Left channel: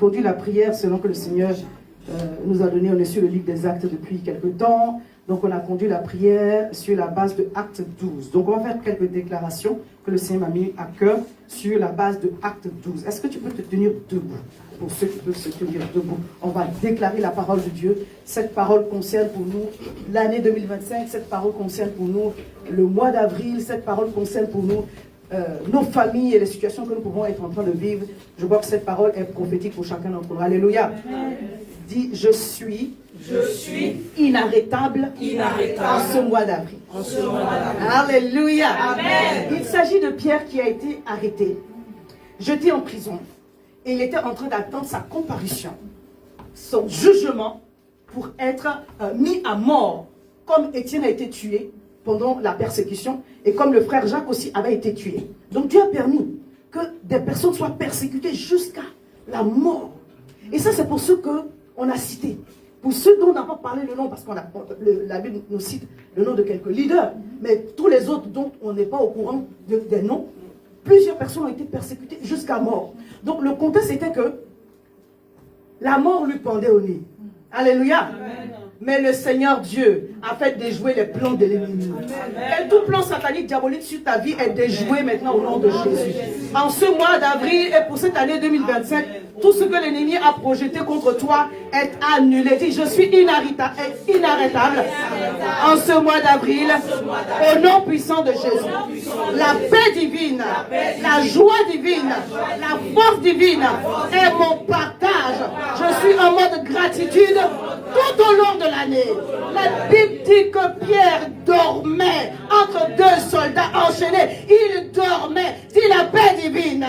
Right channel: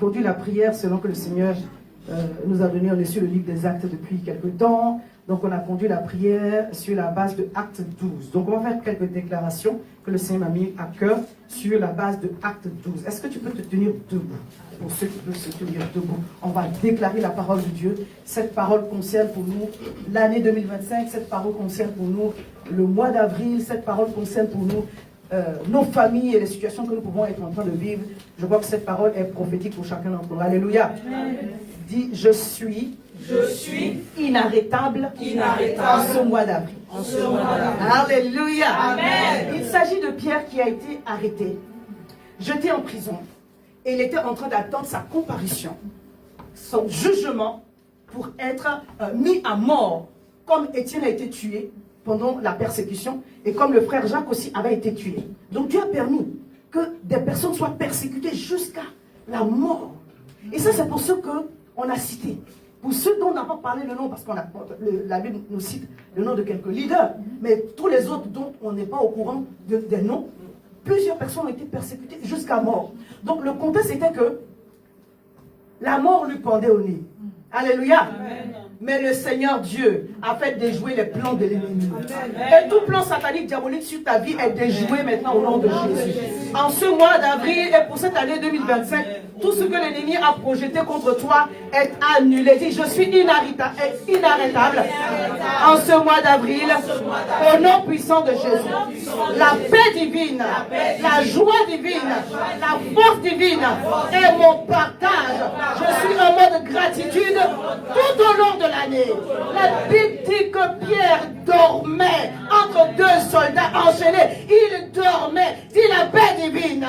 conduit la prière selon que le Seigneur nous a donné. On est sur le livre des Actes depuis quelque temps. Donc on a conduit la prière sur la base de Acte 12. Donc on va faire quelques déclarations que le Seigneur m'a mis à cœur sur la base de Acte 12. Est-ce que tu peux te tenir debout? Pour ceux qui peuvent se tenir debout, on va déclarer la parole de Dieu. Cette parole concerne pour nous l'année 2025. Cette parole concerne pour nous le mois d'avril. Cette parole concerne pour nous nos familles et les situations que nous pouvons être en train de vivre. Je vois que cette parole est prophétique pour chacun d'entre nous. Alléluia. Dis, je suis inarrêtable en ce mois d'avril. Alléluia. Amen. Il s'agit de Pierre qui a été arrêté, jeté en prison. Et il était en train d'attendre sa comparution, son jugement pour être mis à mort, comme Étienne a été tué pendant la persécution et comme le frère Jacques aussi avait été tué. Donc Dieu a permis que des personnes soient persécutées jusqu'à la mort. Et ça, c'est pour ceux qu'on a cités. Pour ceux dont on n'a pas parlé le nom, parce que la Bible nous cite le nom de quelques leaders, mais tous les autres dont on n'est pas au courant des noms, plusieurs personnes ont été persécutées jusqu'à mort. Donc le contexte était que la mort lui pendait au nez. Alléluia. Amen. Mais le Seigneur Dieu a fait déjouer les plans de l'ennemi. Et tout plan satanique, diabolique sur ta vie est déjoué maintenant au nom de Jésus. En ce mois d'avril et pour cette année 2025, tout ce que l'ennemi a projeté contre toi est annulé. Dis, je suis inarrêtable en ce mois d'avril, au nom puissant de Jésus. La paix divine, la joie divine, la force divine est mon partage. Je suis en mode gratitude tout au long de l'année. La Bible dit que Pierre dormait entre deux soldats enchaînés. Il dormait. Dis, la paix divine,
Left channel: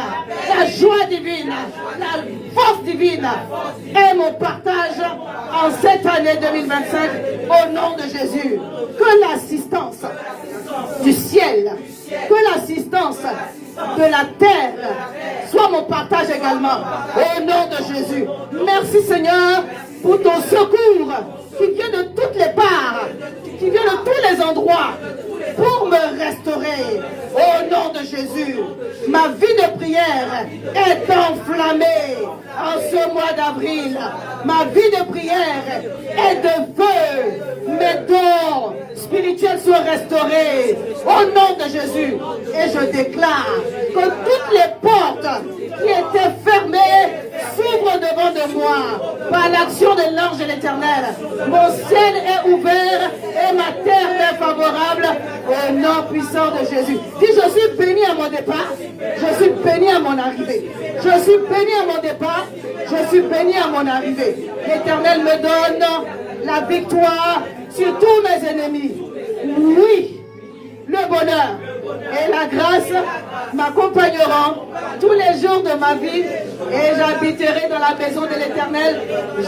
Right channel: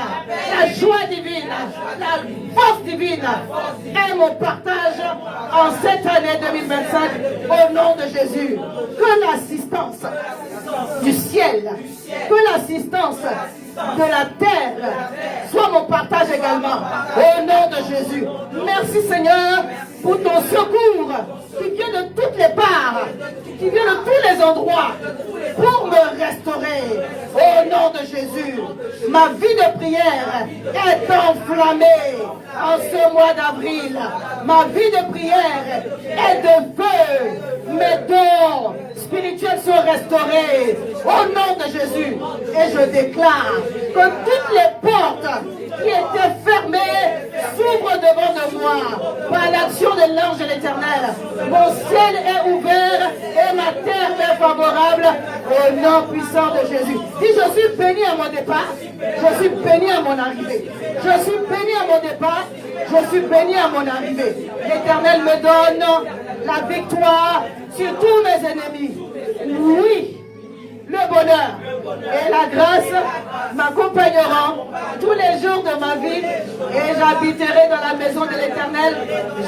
la joie divine, la force divine est mon partage en cette année 2025 au nom de Jésus. Que l'assistance du ciel, que l'assistance de la terre soit mon partage également au nom de Jésus. Merci Seigneur pour ton secours qui vient de toutes les parts, qui vient de tous les endroits pour me restaurer au nom de Jésus. Ma vie de prière est enflammée en ce mois d'avril. Ma vie de prière est de feu. Mes dons spirituels sont restaurés au nom de Jésus. Et je déclare que toutes les portes qui étaient fermées s'ouvrent devant de moi par l'action de l'ange de l'Éternel. Mon ciel est ouvert et ma terre est favorable au nom puissant de Jésus. Dis, je suis béni à mon départ, je suis béni à mon arrivée. Je suis béni à mon départ, je suis béni à mon arrivée. L'Éternel me donne la victoire sur tous mes ennemis. Oui, le bonheur et la grâce m'accompagneront tous les jours de ma vie et j'habiterai dans la maison de l'Éternel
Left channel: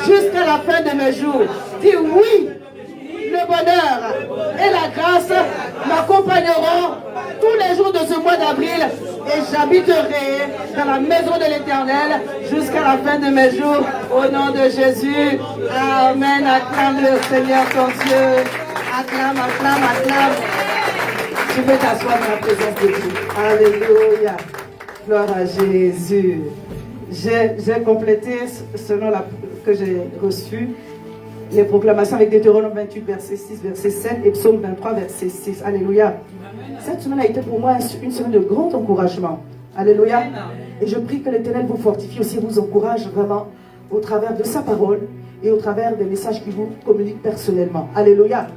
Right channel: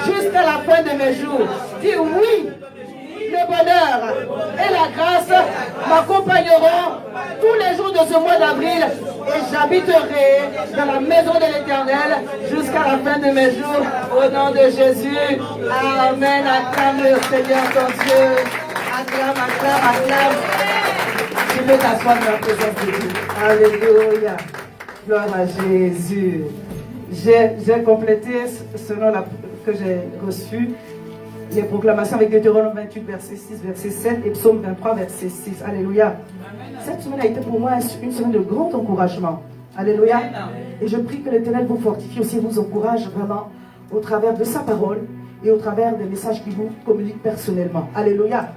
jusqu'à la fin de mes jours. Dis oui, le bonheur et la grâce m'accompagneront tous les jours de ce mois d'avril et j'habiterai dans la maison de l'Éternel jusqu'à la fin de mes jours au nom de Jésus. Amen. Acclame le Seigneur ton Dieu. Acclame, acclame, acclame. Tu peux t'asseoir dans la présence de Dieu. Alléluia. Gloire à Jésus. J'ai complété selon que j'ai reçu les proclamations avec Deutéronome 28, verset 6, verset 7 et Psaume 23, verset 6. Alléluia. Cette semaine a été pour moi une semaine de grand encouragement. Alléluia. Et je prie que l'Éternel vous fortifie aussi, vous encourage vraiment au travers de sa parole et au travers des messages qu'il vous communique personnellement. Alléluia.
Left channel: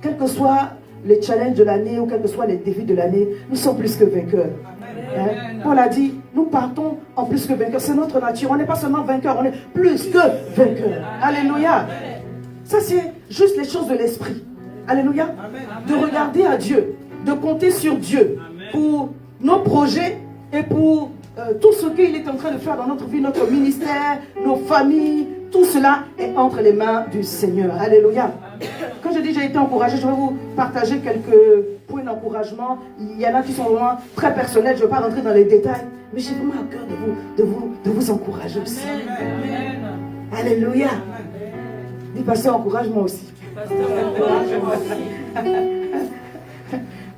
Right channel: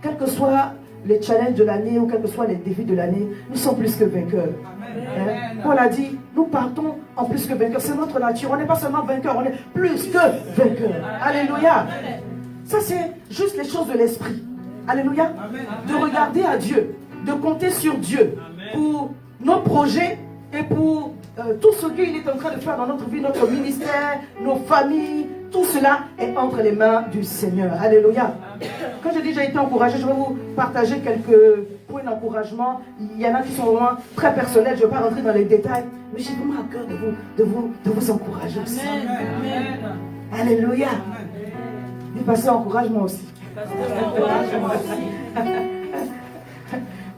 Quels que soient les challenges de l'année ou quels que soient les défis de l'année, nous sommes plus que vainqueurs. Hein? Paul a dit, nous partons en plus que vainqueurs. C'est notre nature. On n'est pas seulement vainqueurs, on est plus que vainqueurs. Alléluia. Ça, c'est juste les choses de l'esprit. Alléluia. De regarder à Dieu, de compter sur Dieu pour nos projets et pour tout ce qu'il est en train de faire dans notre vie, notre ministère, nos familles. Tout cela est entre les mains du Seigneur. Alléluia. Quand je dis j'ai été encouragé, je vais vous partager quelques points d'encouragement. Il y en a qui sont vraiment très personnels. Je ne vais pas rentrer dans les détails. Mais j'ai vraiment à cœur de vous encourager aussi. Amen. Alléluia. Et passer encouragement aussi.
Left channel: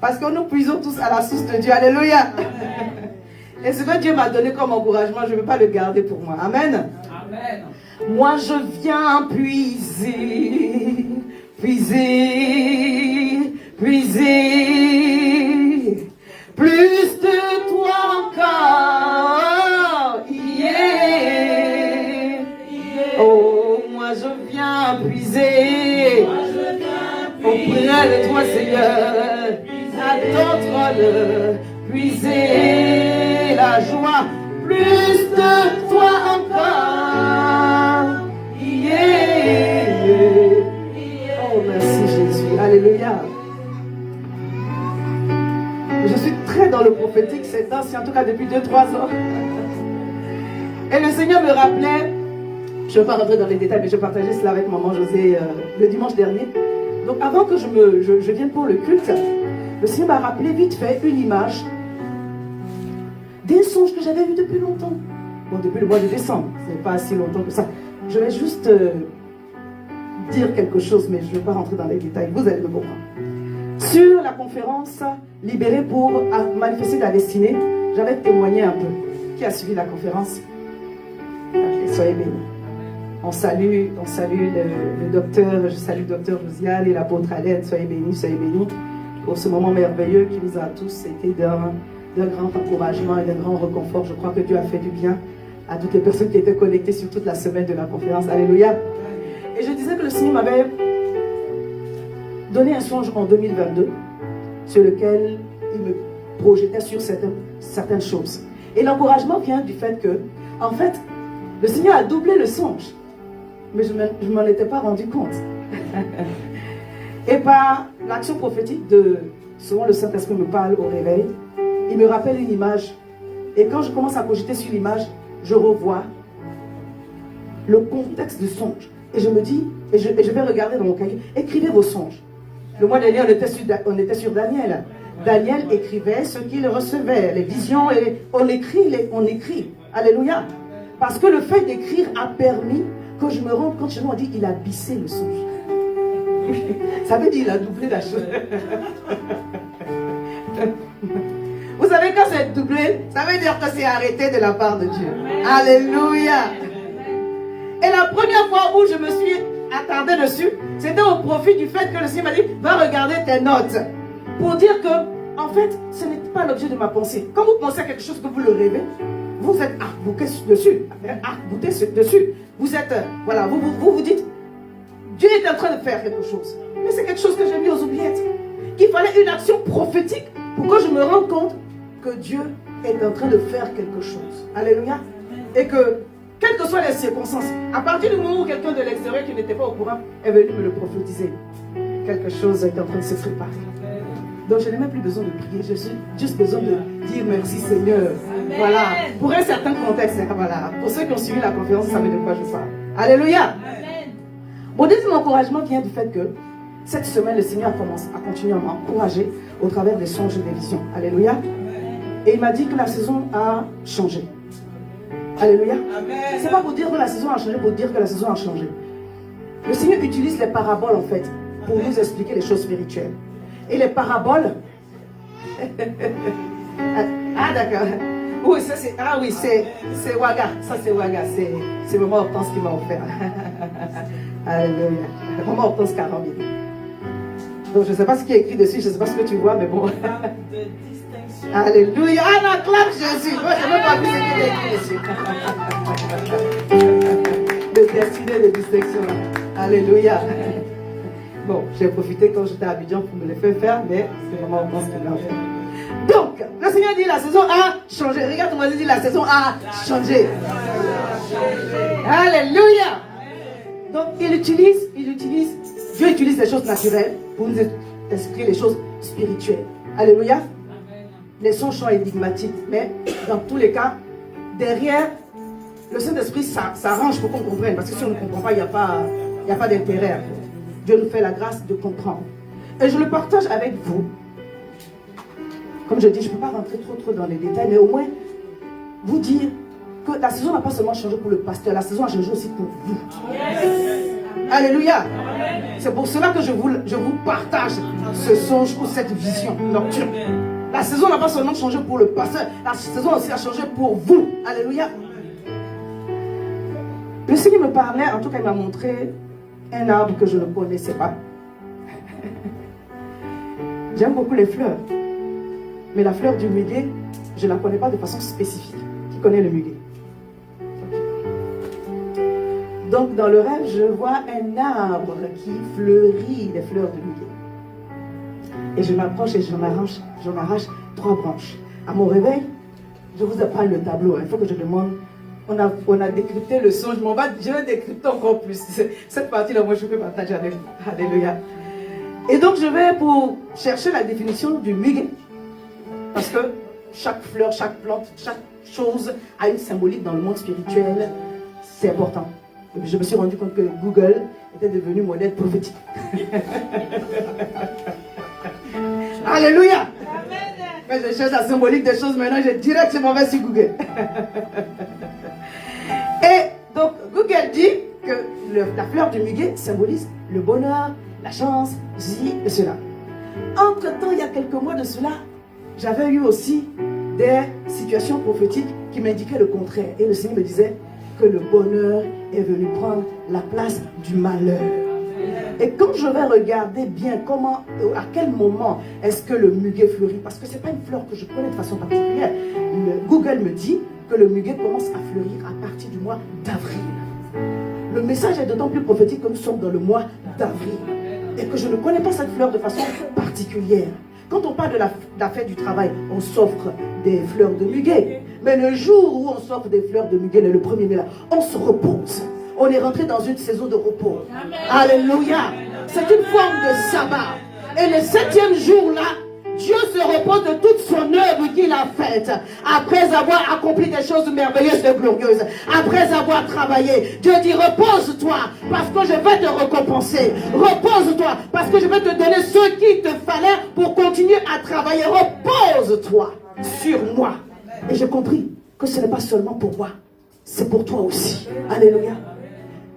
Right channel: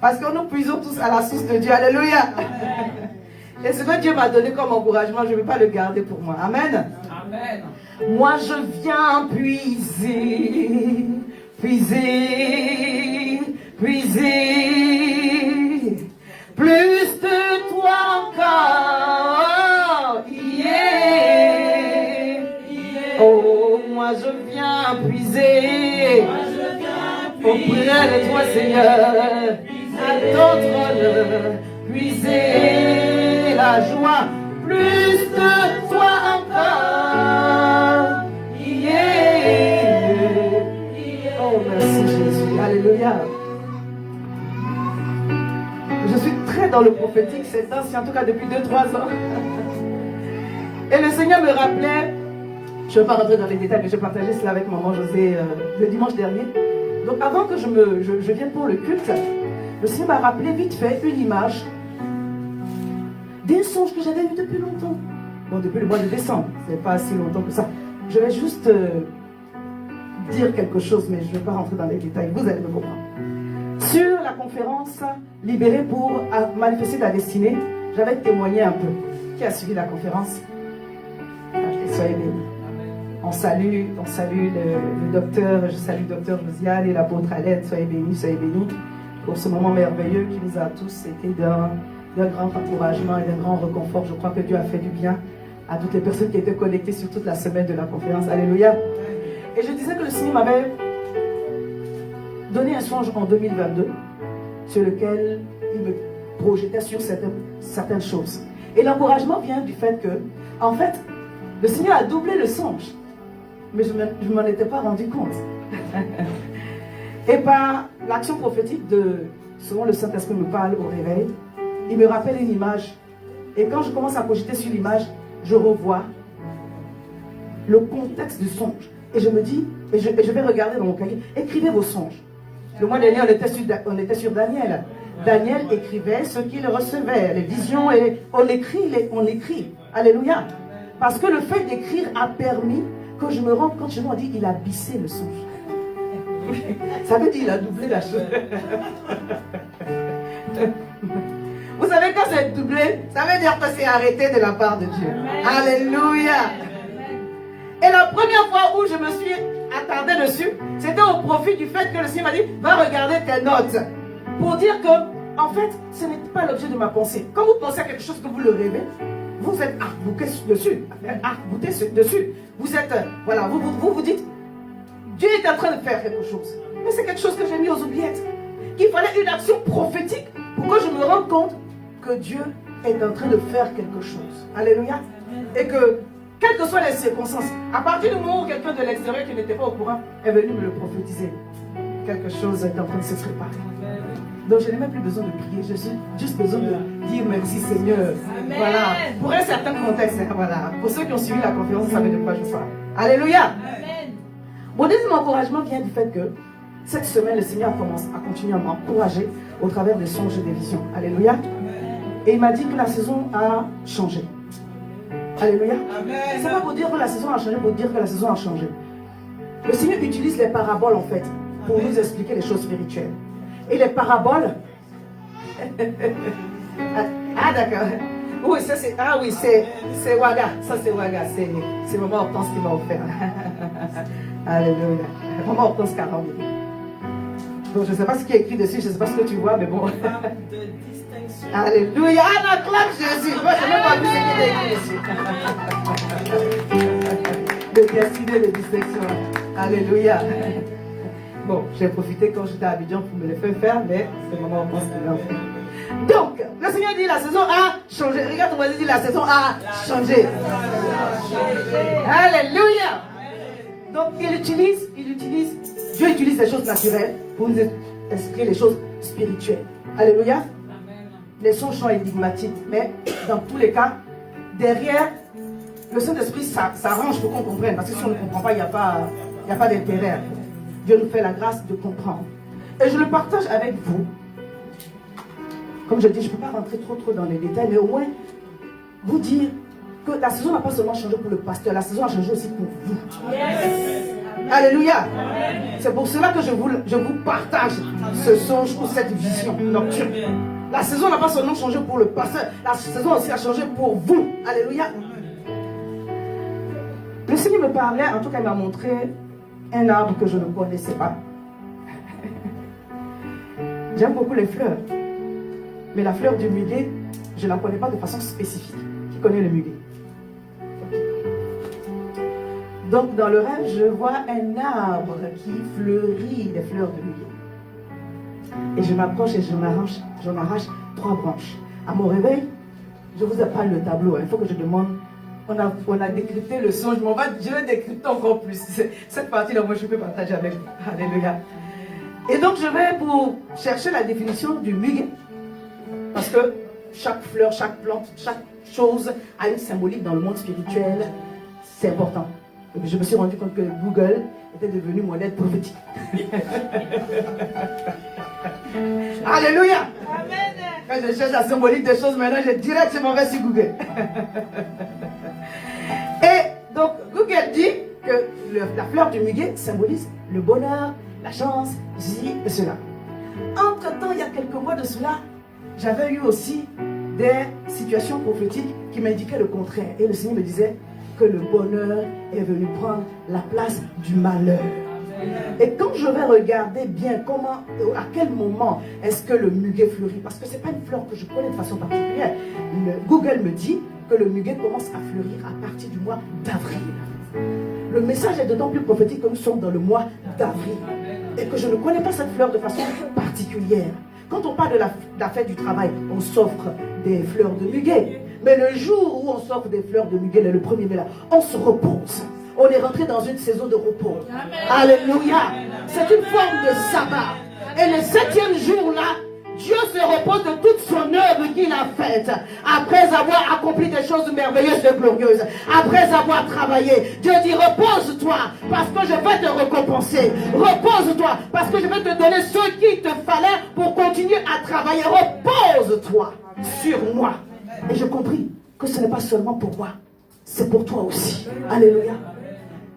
Parce que nous puisons tous à la source de Dieu. Alléluia. Et ce que Dieu m'a donné comme encouragement, je ne veux pas le garder pour moi. Amen. Amen. Moi, je viens puiser, puiser, puiser. Plus de toi encore. Yeah. Oh, moi, je viens puiser. Auprès de toi, Seigneur, à ton trône, puiser la joie, plus de toi encore. Yeah. Oh, merci Jésus. Alléluia. Je suis très dans le prophétique ces temps-ci, en tout cas depuis 2-3 ans. Et le Seigneur me rappelait, je ne vais pas rentrer dans les détails, mais je partageais cela avec maman José le dimanche dernier. Donc avant que je vienne pour le culte, le Seigneur m'a rappelé vite fait une image d'un songe que j'avais vu depuis longtemps. Donc depuis le mois de décembre, ce n'est pas si longtemps que ça. Je vais juste dire quelque chose, mais je ne vais pas rentrer dans les détails, vous allez me comprendre. Sur la conférence Libérée pour manifester ta destinée, j'avais témoigné un peu. Qui a suivi la conférence? Soyez bénis. On salue le docteur, je salue le docteur Josiane et l'apôtre Alette, soyez bénis pour ce moment merveilleux qui nous a tous été d'un grand encouragement et d'un grand réconfort. Je crois que Dieu a fait du bien à toutes les personnes qui étaient connectées sur toute la semaine de la conférence. Alléluia. Et je disais que le Seigneur m'avait donné un songe en 2022 sur lequel il me projetait sur certaines choses. Et l'encouragement vient du fait que, en fait, le Seigneur a doublé le songe. Mais je ne m'en étais pas rendu compte. Et par l'action prophétique souvent le Saint-Esprit me parle au réveil, il me rappelle une image. Et quand je commence à projeter sur l'image, je revois le contexte du songe. Et je me dis, et je vais regarder dans mon cahier, écrivez vos songes. Le mois dernier, on était sur Daniel. Daniel écrivait ce qu'il recevait, les visions, et on écrit. Alléluia. Parce que le fait d'écrire a permis que je me rende compte, chez moi, on dit, il a bissé le songe. Ça veut dire qu'il a doublé la chose. Vous savez, quand c'est doublé, ça veut dire que c'est arrêté de la part de Dieu. Alléluia. Et la première fois où je me suis attardé dessus, c'était au profit du fait que le Seigneur m'a dit, va regarder tes notes. Pour dire que, en fait, ce n'est pas l'objet de ma pensée. Quand vous pensez à quelque chose que vous le rêvez, vous êtes arc-bouté dessus. Vous êtes, voilà, vous dites, Dieu est en train de faire quelque chose. Mais c'est quelque chose que j'ai mis aux oubliettes. Il fallait une action prophétique pour que je me rende compte que Dieu est en train de faire quelque chose. Alléluia. Et que, quelles que soient les circonstances, à partir du moment où quelqu'un de l'extérieur qui n'était pas au courant est venu me le prophétiser, quelque chose est en train de se préparer. Donc je n'ai même plus besoin de prier, j'ai juste besoin de dire merci Seigneur. Amen. Voilà, pour un certain contexte, voilà. Pour ceux qui ont suivi la conférence, vous savez de quoi je parle. Alléluia. Amen. Mon deuxième encouragement vient du fait que cette semaine, le Seigneur commence à continuer à m'encourager au travers des songes et des visions. Alléluia. Amen. Et il m'a dit que la saison a changé. Alléluia. C'est pas pour dire que la saison a changé, pour dire que la saison a changé. Le Seigneur utilise les paraboles en fait pour nous expliquer les choses spirituelles. Et les paraboles. Ah d'accord. Oui, ça c'est. Ah oui, c'est Waga. Ça c'est Waga. C'est Maman Hortense qui m'a offert. Alléluia. Maman Hortense 40 000. Donc je ne sais pas ce qui est écrit dessus, je ne sais pas ce que tu vois, mais bon. Alléluia. Ah, la clame Jésus. Moi, je n'ai même pas vu ce qui est écrit dessus. De destiné de distinction. Alléluia. Bon, j'ai profité quand j'étais à Abidjan pour me les faire, mais c'est vraiment en pense qu'il l'a fait. Donc, le Seigneur dit la saison a changé. Regarde, on va dire la saison a changé. Alléluia. Donc, Dieu utilise les choses naturelles pour nous expliquer les choses spirituelles. Alléluia. Les songes sont énigmatiques, mais dans tous les cas, derrière, le Saint-Esprit s'arrange pour qu'on comprenne. Parce que si on ne comprend pas, il n'y a pas d'intérêt. Dieu nous fait la grâce de comprendre. Et je le partage avec vous. Comme je dis, je ne peux pas rentrer trop dans les détails, mais au moins vous dire que la saison n'a pas seulement changé pour le pasteur, la saison a changé aussi pour vous. Yes. Alléluia. C'est pour cela que je vous partage ce songe ou cette vision nocturne. La saison n'a pas seulement changé pour le pasteur, la saison aussi a changé pour vous. Alléluia. Le Seigneur me parlait, en tout cas il m'a montré un arbre que je ne connaissais pas. J'aime beaucoup les fleurs. Mais la fleur du muguet, je ne la connais pas de façon spécifique. Qui connaît le muguet? Donc dans le rêve, je vois un arbre qui fleurit des fleurs de muguet. Et je m'approche et j'en arrache 3 branches. À mon réveil, je vous apprends le tableau. Il faut que je demande. On a décrypté le son. Je vais décrypter encore plus. Cette partie-là, moi, je peux partager avec vous. Alléluia. Et donc, je vais pour chercher la définition du muguet. Parce que chaque fleur, chaque plante, chaque chose a une symbolique dans le monde spirituel. C'est important. Et puis, je me suis rendu compte que Google était devenu modèle prophétique. Alléluia. Quand je cherche la symbolique des choses, maintenant, je directement vais sur Google. Et donc, Google dit que la fleur du muguet symbolise le bonheur, la chance, ceci et cela. Entre-temps, il y a quelques mois de cela, j'avais eu aussi des situations prophétiques qui m'indiquaient le contraire. Et le Seigneur me disait que le bonheur est venu prendre la place du malheur. Et quand je vais regarder bien comment, à quel moment est-ce que le muguet fleurit, parce que ce n'est pas une fleur que je connais de façon particulière, Google me dit que le muguet commence à fleurir à partir du mois d'avril. Le message est d'autant plus prophétique que nous sommes dans le mois d'avril et que je ne connais pas cette fleur de façon particulière. Quand on parle de la fête du travail, on s'offre des fleurs de muguet. Mais le jour où on s'offre des fleurs de muguet, le 1er mai, là, on se repose. On est rentré dans une saison de repos. Amen. Alléluia. C'est une forme de sabbat. Et le 7e jour-là, Dieu se repose de toute son œuvre qu'il a faite. Après avoir accompli des choses merveilleuses et glorieuses. Après avoir travaillé. Dieu dit, repose-toi parce que je vais te récompenser. Repose-toi parce que je vais te donner ce qu'il te fallait pour continuer à travailler. Repose-toi sur moi. Et j'ai compris que ce n'est pas seulement pour moi. C'est pour toi aussi. Alléluia.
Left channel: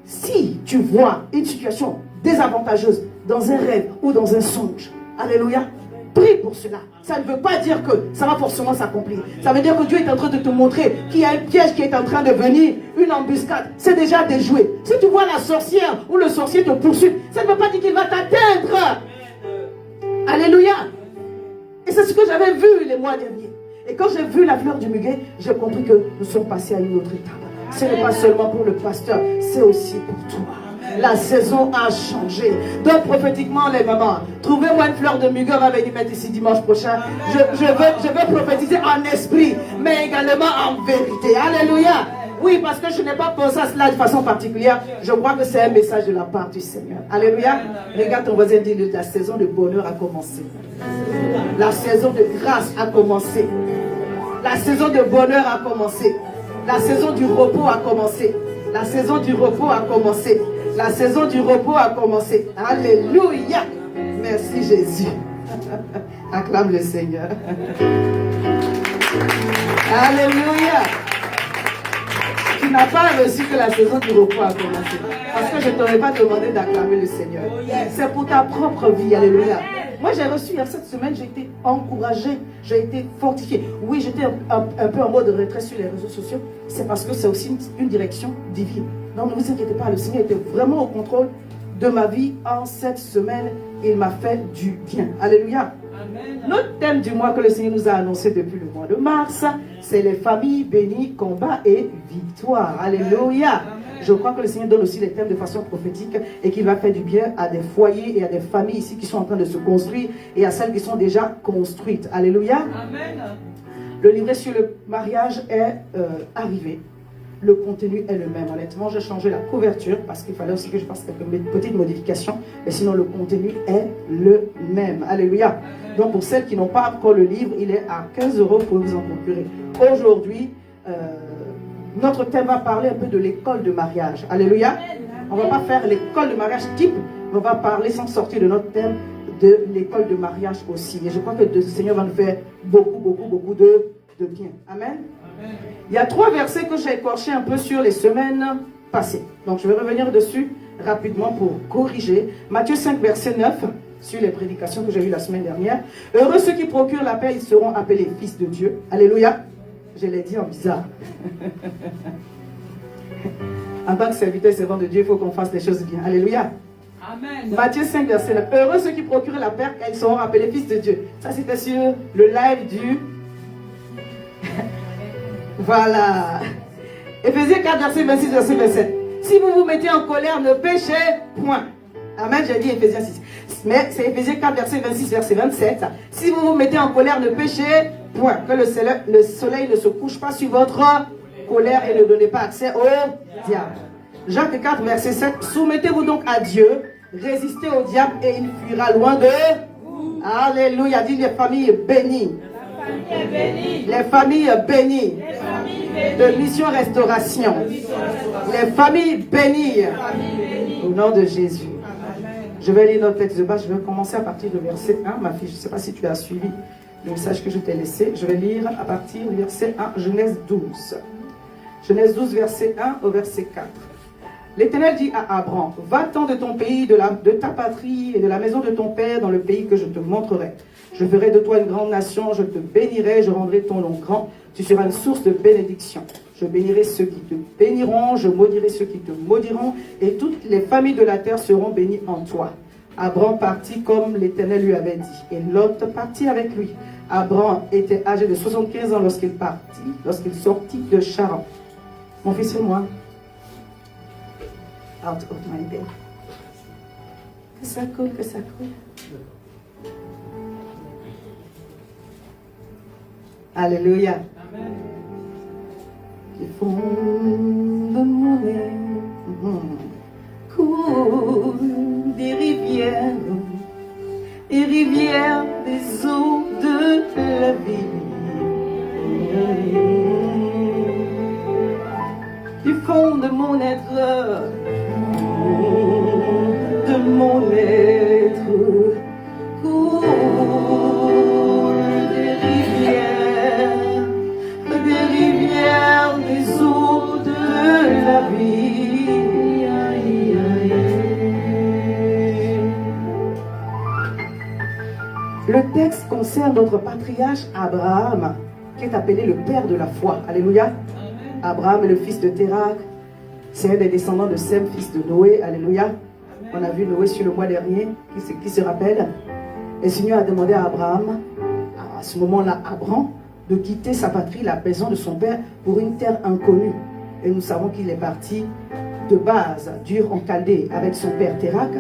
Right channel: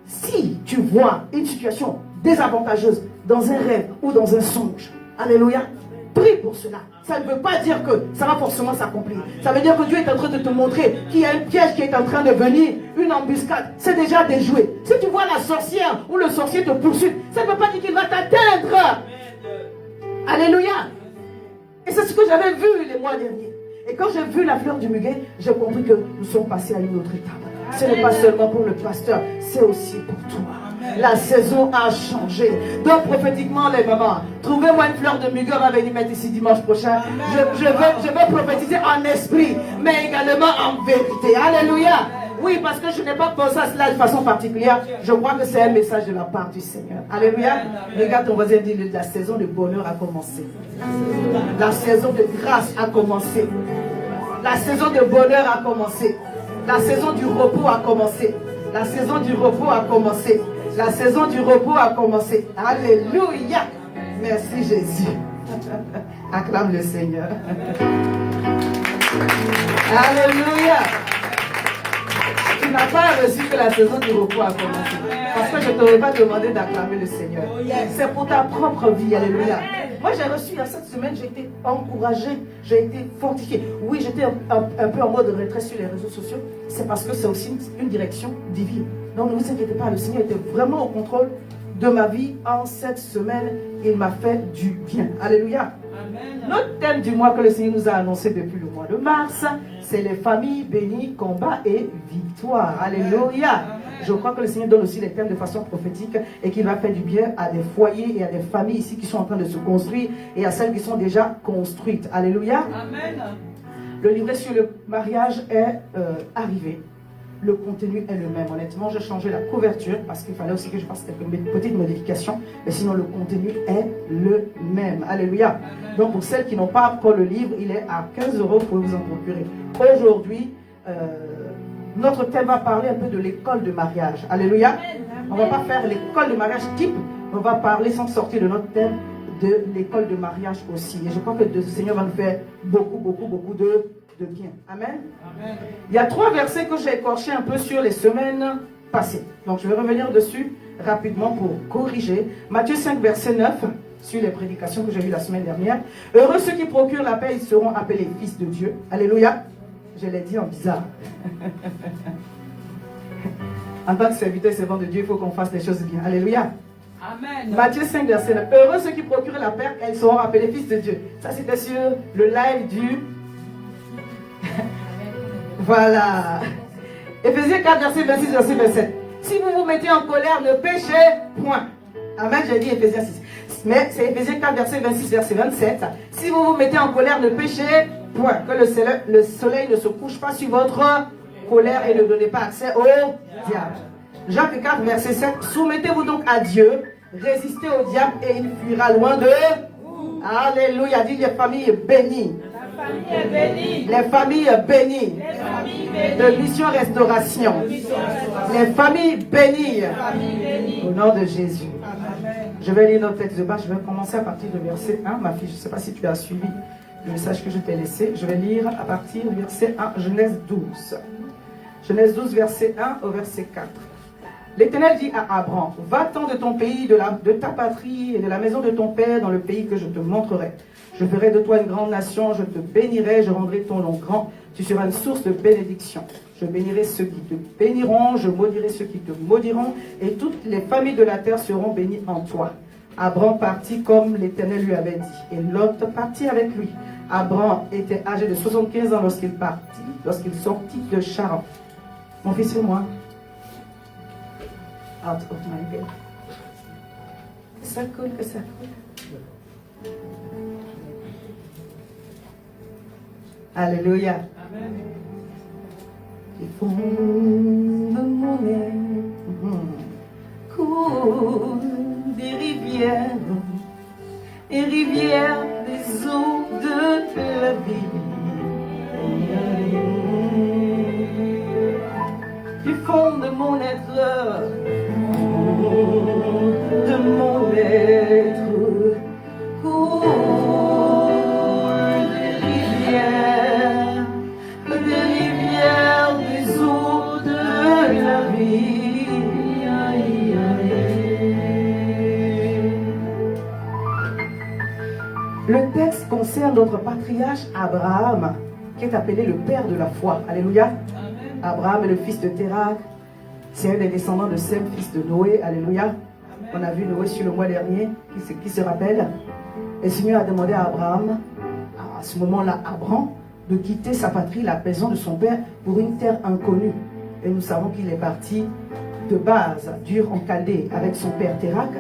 Si tu vois une situation désavantageuse dans un rêve ou dans un songe, alléluia, prie pour cela. Ça ne veut pas dire que ça va forcément s'accomplir. Ça veut dire que Dieu est en train de te montrer qu'il y a un piège qui est en train de venir, une embuscade. C'est déjà déjoué. Si tu vois la sorcière ou le sorcier te poursuivre, ça ne veut pas dire qu'il va t'atteindre. Alléluia. Et c'est ce que j'avais vu les mois derniers. Et quand j'ai vu la fleur du muguet, j'ai compris que nous sommes passés à une autre étape. Ce n'est pas seulement pour le pasteur, c'est aussi pour toi. La saison a changé. Donc prophétiquement, les mamans, trouvez-moi une fleur de muguet, on va venir mettre ici dimanche prochain. Je veux prophétiser en esprit, mais également en vérité. Alléluia. Oui, parce que je n'ai pas pensé à cela de façon particulière. Je crois que c'est un message de la part du Seigneur. Alléluia. Regarde ton voisin, dit, la saison de bonheur a commencé. La saison de grâce a commencé. La saison de bonheur a commencé. La saison du repos a commencé. La saison du repos a commencé. La saison du repos a commencé. Alléluia. Merci Jésus. Acclame le Seigneur. Alléluia. Tu n'as pas reçu que la saison du repos a commencé. Parce que je ne t'aurais pas demandé d'acclamer le Seigneur. C'est pour ta propre vie. Alléluia. Moi, j'ai reçu, cette semaine, j'ai été encouragée, j'ai été fortifiée. Oui, j'étais un peu en mode retrait sur les réseaux sociaux. C'est parce que c'est aussi une direction divine. Donc, ne vous inquiétez pas, le Seigneur était vraiment au contrôle de ma vie en cette semaine. Il m'a fait du bien. Alléluia. Amen. Notre thème du mois que le Seigneur nous a annoncé depuis le mois de mars, c'est les familles bénies, combat et victoire. Alléluia. Amen. Je crois que le Seigneur donne aussi les thèmes de façon prophétique et qu'il va faire du bien à des foyers et à des familles ici qui sont en train de se construire et à celles qui sont déjà construites. Alléluia. Amen. Le livret sur le mariage est arrivé. Le contenu est le même. Honnêtement, j'ai changé la couverture parce qu'il fallait aussi que je fasse quelques petites modifications. Mais sinon, le contenu est le même. Alléluia. Donc, pour celles qui n'ont pas encore le livre, il est à 15 € pour vous en procurer. Aujourd'hui, notre thème va parler un peu de l'école de mariage. Alléluia. On ne va pas faire l'école de mariage type. On va parler sans sortir de notre thème de l'école de mariage aussi. Et je crois que le Seigneur va nous faire beaucoup de bien. Amen. Amen. Il y a 3 versets que j'ai écorchés un peu sur les semaines passées. Donc je vais revenir dessus rapidement pour corriger. Matthieu 5, verset 9. sur les prédications que j'ai eues la semaine dernière. Heureux ceux qui procurent la paix, ils seront appelés fils de Dieu. Alléluia. Je l'ai dit en bizarre. En tant que serviteur et servant de Dieu, il faut qu'on fasse les choses bien. Alléluia. Amen. Matthieu 5, verset 9. Heureux ceux qui procurent la paix, elles seront appelés fils de Dieu. Ça, c'était sur le live du... Voilà. Éphésiens 4, verset 26, verset 27. Si vous vous mettez en colère, ne péchez point. Amen, j'ai dit Éphésiens 6. Mais c'est Éphésiens 4, verset 26, verset 27. Si vous vous mettez en colère, ne péchez point. Que le soleil ne se couche pas sur votre colère et ne donnez pas accès au diable. Jacques 4, verset 7. Soumettez-vous donc à Dieu, résistez au diable et il fuira loin de vous. Alléluia, dit les familles bénies. Les familles bénies. De Mission Restauration. Les familles bénies. Au nom de Jésus. Je vais lire notre texte de bas. Je vais commencer à partir du verset 1. Ma fille, je ne sais pas si tu as suivi le message que je t'ai laissé. Je vais lire à partir du verset 1, Genèse 12. Genèse 12, verset 1 au verset 4. L'Éternel dit à Abraham, va-t'en de ton pays, de ta patrie et de la maison de ton père dans le pays que je te montrerai. Je ferai de toi une grande nation, je te bénirai, je rendrai ton nom grand. Tu seras une source de bénédiction. Je bénirai ceux qui te béniront, je maudirai ceux qui te maudiront, et toutes les familles de la terre seront bénies en toi. Abraham partit comme l'Éternel lui avait dit, et Lot partit avec lui. Abraham était âgé de 75 ans lorsqu'il sortit de Charan. Mon fils, fais-moi. Out of my bed. Que ça coule, que ça coule. Alléluia. Du fond de mon âme coulent des rivières des eaux de la vie. Du fond de mon être, coulent des rivières des eaux de la vie. Le texte concerne notre patriarche Abraham, qui est appelé le père de la foi. Alléluia. Abraham est le fils de Térak. C'est un des descendants de Sem, fils de Noé. Alléluia. On a vu Noé sur le mois dernier. Qui se rappelle? Et le Seigneur a demandé à Abraham, à ce moment-là, Abraham, de quitter sa patrie, la maison de son père, pour une terre inconnue. Et nous savons qu'il est parti de base, d'Ur en Chaldée, avec son père Térak.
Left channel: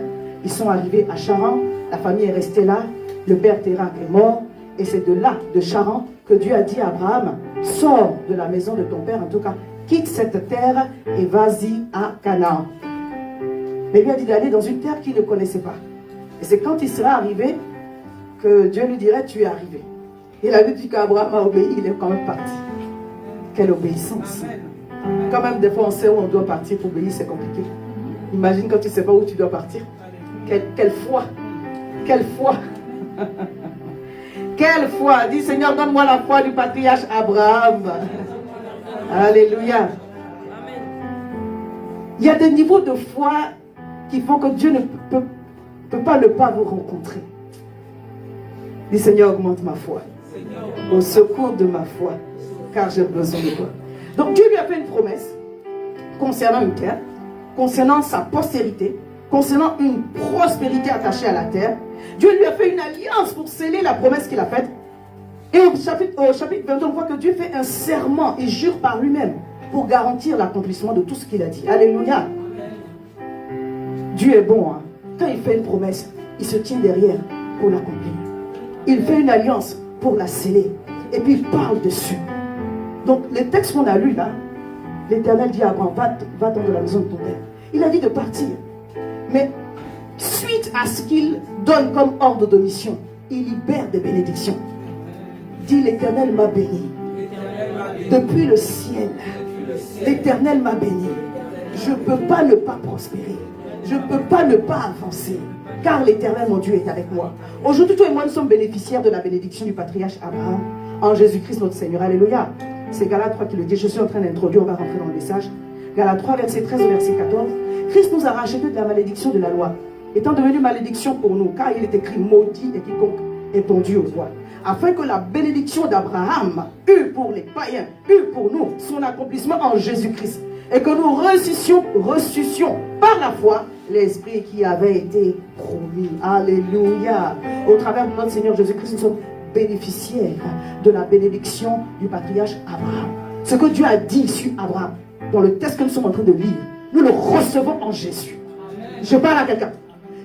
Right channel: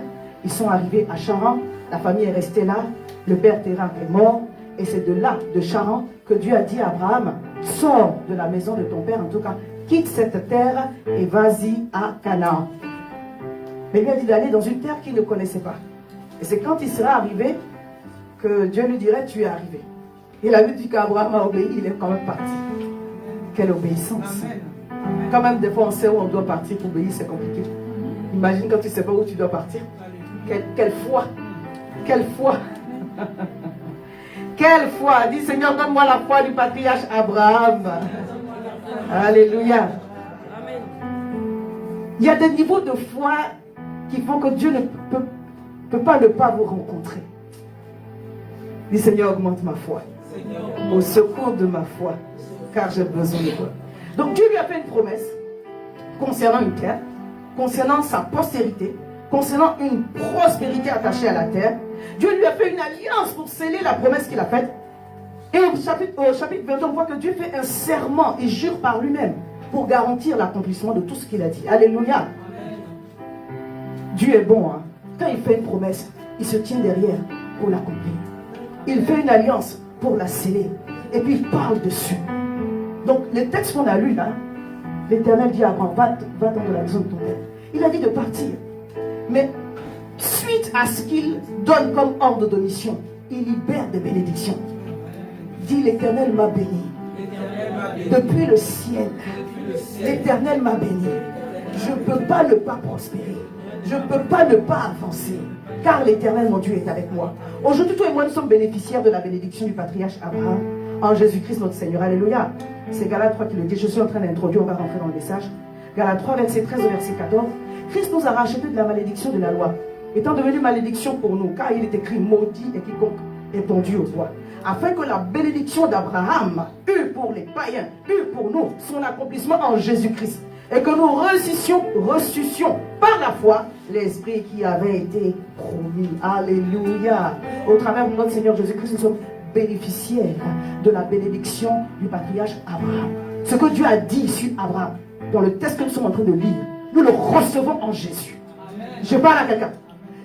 Ils sont arrivés à Charan. La famille est restée là. Le père Térak est mort. Et c'est de là, de Charan, que Dieu a dit à Abraham, sors de la maison de ton père, en tout cas, quitte cette terre et vas-y à Canaan. Mais il lui a dit d'aller dans une terre qu'il ne connaissait pas. Et c'est quand il sera arrivé que Dieu lui dirait, tu es arrivé. Il avait dit qu'Abraham a obéi, il est quand même parti. Quelle obéissance. Quand même, des fois, on sait où on doit partir pour obéir, c'est compliqué. Imagine quand tu ne sais pas où tu dois partir. Quelle foi. Quelle foi. Quelle foi. Dis, Seigneur, donne-moi la foi du patriarche Abraham. Alléluia. Amen. Il y a des niveaux de foi qui font que Dieu ne peut pas ne pas vous rencontrer. Dis, Seigneur, augmente ma foi. Au secours de ma foi, car j'ai besoin de toi. Donc Dieu lui a fait une promesse concernant une terre, concernant sa postérité, concernant une prospérité attachée à la terre. Dieu lui a fait une alliance pour sceller la promesse qu'il a faite. Et au chapitre 22, on voit que Dieu fait un serment, il jure par lui-même pour garantir l'accomplissement de tout ce qu'il a dit. Alléluia. Dieu est bon. Hein? Quand il fait une promesse, il se tient derrière pour l'accomplir. Il fait une alliance pour la sceller. Et puis il parle dessus. Donc les textes qu'on a lus là, l'Éternel dit à Abraham, va-t'en de la maison de ton père. Il a dit de partir. Mais suite à ce qu'il donne comme ordre de mission, il libère des bénédictions. Dit l'Éternel m'a béni. Depuis le ciel, l'Éternel m'a béni. Je ne peux pas ne pas prospérer. Je ne peux pas ne pas avancer. Car l'Éternel, mon Dieu, est avec moi. Aujourd'hui, toi et moi, nous sommes bénéficiaires de la bénédiction du patriarche Abraham en Jésus-Christ notre Seigneur. Alléluia. C'est Galates 3 qui le dit. Je suis en train d'introduire, on va rentrer dans le message. Galates 3, verset 13 au verset 14. Christ nous a rachetés de la malédiction de la loi. étant devenu malédiction pour nous, car il est écrit maudit et quiconque est pendu au roi. Afin que la bénédiction d'Abraham eût pour les païens, eût pour nous son accomplissement en Jésus-Christ. Et que nous ressuscitions par la foi l'esprit qui avait été promis. Alléluia. Au travers de notre Seigneur Jésus-Christ, nous sommes bénéficiaires de la bénédiction du patriarche Abraham. Ce que Dieu a dit sur Abraham, dans le texte que nous sommes en train de lire, nous le recevons en Jésus. Je parle à quelqu'un.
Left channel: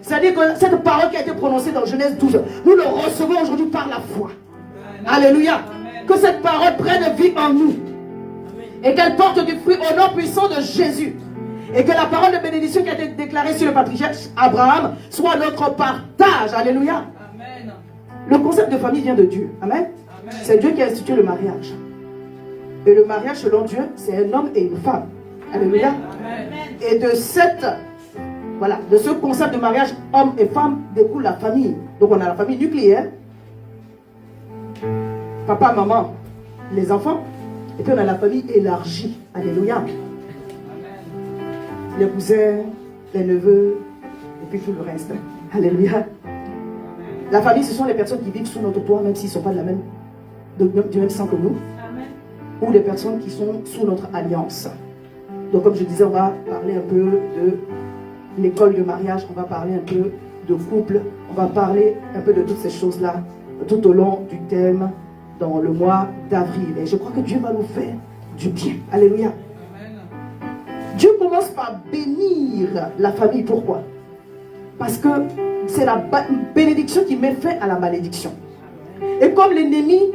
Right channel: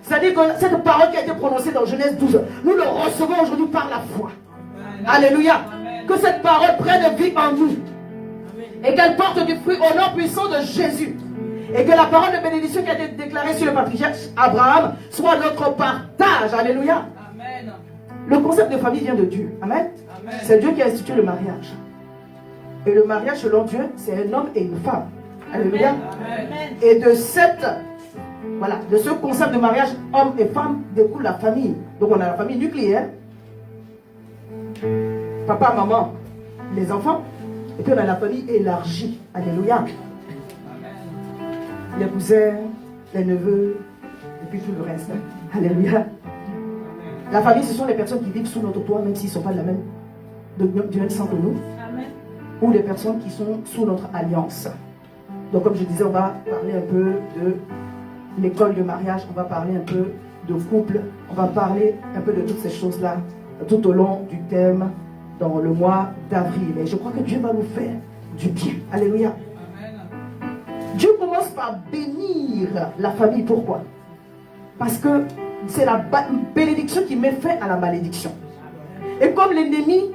C'est-à-dire que cette parole qui a été prononcée dans Genèse 12, nous le recevons aujourd'hui par la foi. Alléluia. Que cette parole prenne vie en nous. Et qu'elle porte du fruit au nom puissant de Jésus. Et que la parole de bénédiction qui a été déclarée sur le patriarche Abraham soit notre partage. Alléluia. Amen. Le concept de famille vient de Dieu. Amen. C'est Dieu qui a institué le mariage. Et le mariage selon Dieu, c'est un homme et une femme. Alléluia. Amen. Et de de ce concept de mariage, homme et femme, découle la famille. Donc on a la famille nucléaire. Papa, maman, les enfants. Et puis on a la famille élargie. Alléluia. Les cousins, les neveux, et puis tout le reste. Alléluia. La famille, ce sont les personnes qui vivent sous notre toit, même s'ils ne sont pas du même sang que nous. Amen. Ou les personnes qui sont sous notre alliance. Donc comme je disais, on va parler un peu de l'école de mariage, on va parler un peu de couple, on va parler un peu de toutes ces choses-là tout au long du thème dans le mois d'avril. Et je crois que Dieu va nous faire du bien. Alléluia. Amen. Dieu commence par bénir la famille. Pourquoi? Parce que c'est la bénédiction qui met fin à la malédiction. Et comme l'ennemi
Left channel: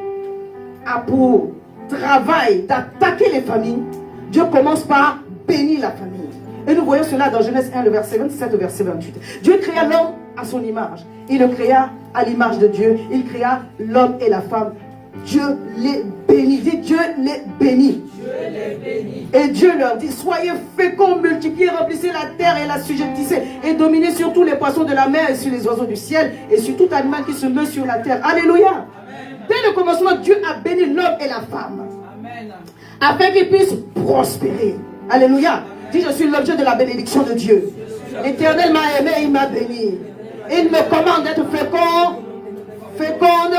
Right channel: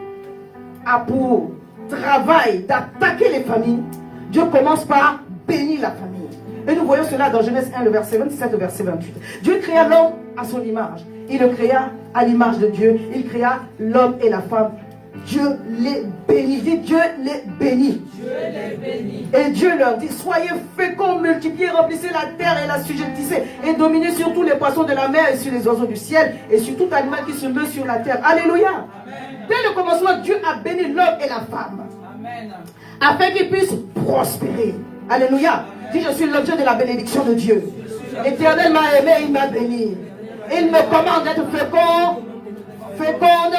a pour travail d'attaquer les familles, Dieu commence par bénir la famille. Et nous voyons cela dans Genèse 1, le verset 27 au verset 28. Dieu créa l'homme à son image. Il le créa à l'image de Dieu. Il créa l'homme et la femme. Dieu les bénit. Dit Dieu les bénit. Dieu les bénit. Et Dieu leur dit, soyez féconds, multipliez, remplissez la terre et la sujettissez, et dominez sur tous les poissons de la mer et sur les oiseaux du ciel et sur tout animal qui se meut sur la terre. Alléluia. Amen. Dès le commencement, Dieu a béni l'homme et la femme. Amen. Afin qu'ils puissent prospérer. Alléluia. Amen. Dis, je suis l'objet de la bénédiction de Dieu. L'Éternel m'a aimé, il m'a béni. Il me commande d'être féconde,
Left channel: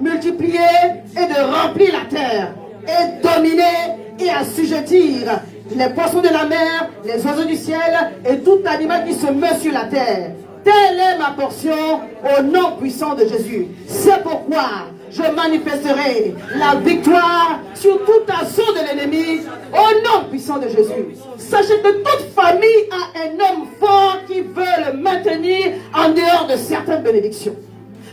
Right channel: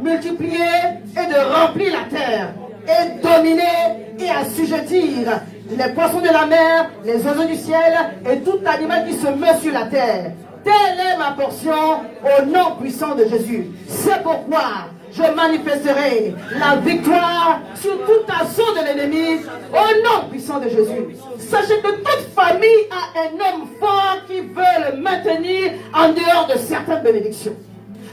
multiplier et de remplir la terre et dominer et assujettir les poissons de la mer, les oiseaux du ciel et tout animal qui se meut sur la terre. Telle est ma portion au nom puissant de Jésus. C'est pourquoi je manifesterai la victoire sur tout assaut de l'ennemi au nom puissant de Jésus. Sachez que toute famille a un homme fort qui veut le maintenir en dehors de certaines bénédictions.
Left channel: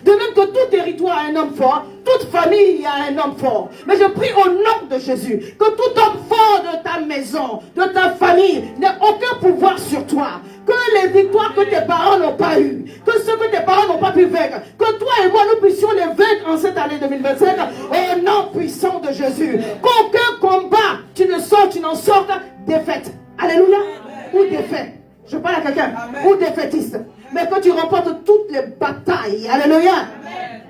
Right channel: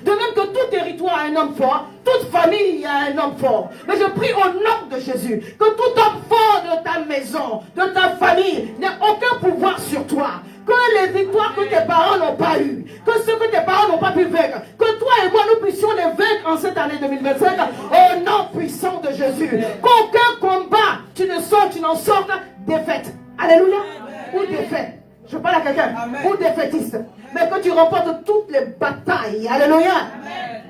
De même que tout territoire a un homme fort, toute famille a un homme fort. Mais je prie au nom de Jésus que tout homme fort de ta maison, de ta famille, n'ait aucun pouvoir sur toi. Que les victoires que tes parents n'ont pas eues, que ceux que tes parents n'ont pas pu vaincre, que toi et moi nous puissions les vaincre en cette année 2025 au nom puissant de Jésus. Qu'aucun combat, tu n'en sortes défaite. Alléluia. Ou défaite. Je parle à quelqu'un. Ou défaitiste. Mais que tu remportes toutes les batailles. Alléluia. Amen.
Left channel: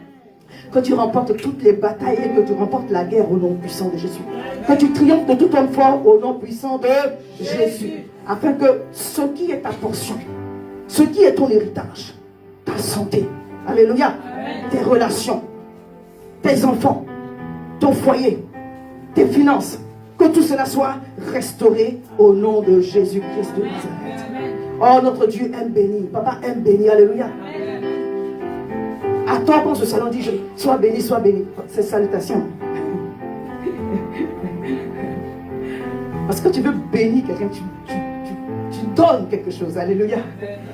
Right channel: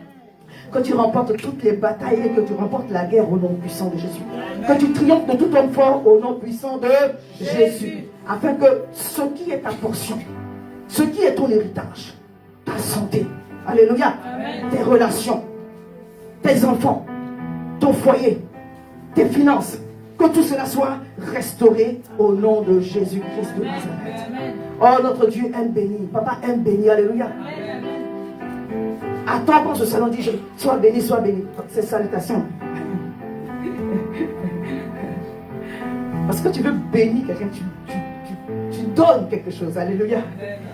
Que tu remportes toutes les batailles et que tu remportes la guerre au nom puissant de Jésus. Amen. Que tu triomphes de tout homme fort au nom puissant de Jésus. Afin que ce qui est ta portion, ce qui est ton héritage, ta santé, alléluia, amen, tes relations, tes enfants, ton foyer, tes finances, que tout cela soit restauré au nom de Jésus-Christ de Nazareth. Oh, notre Dieu aime béni. Papa aime béni. Alléluia. À toi, quand ce salon dit, sois béni, sois béni. C'est salutation. Parce que tu veux bénir quelqu'un, tu donnes quelque chose. Alléluia.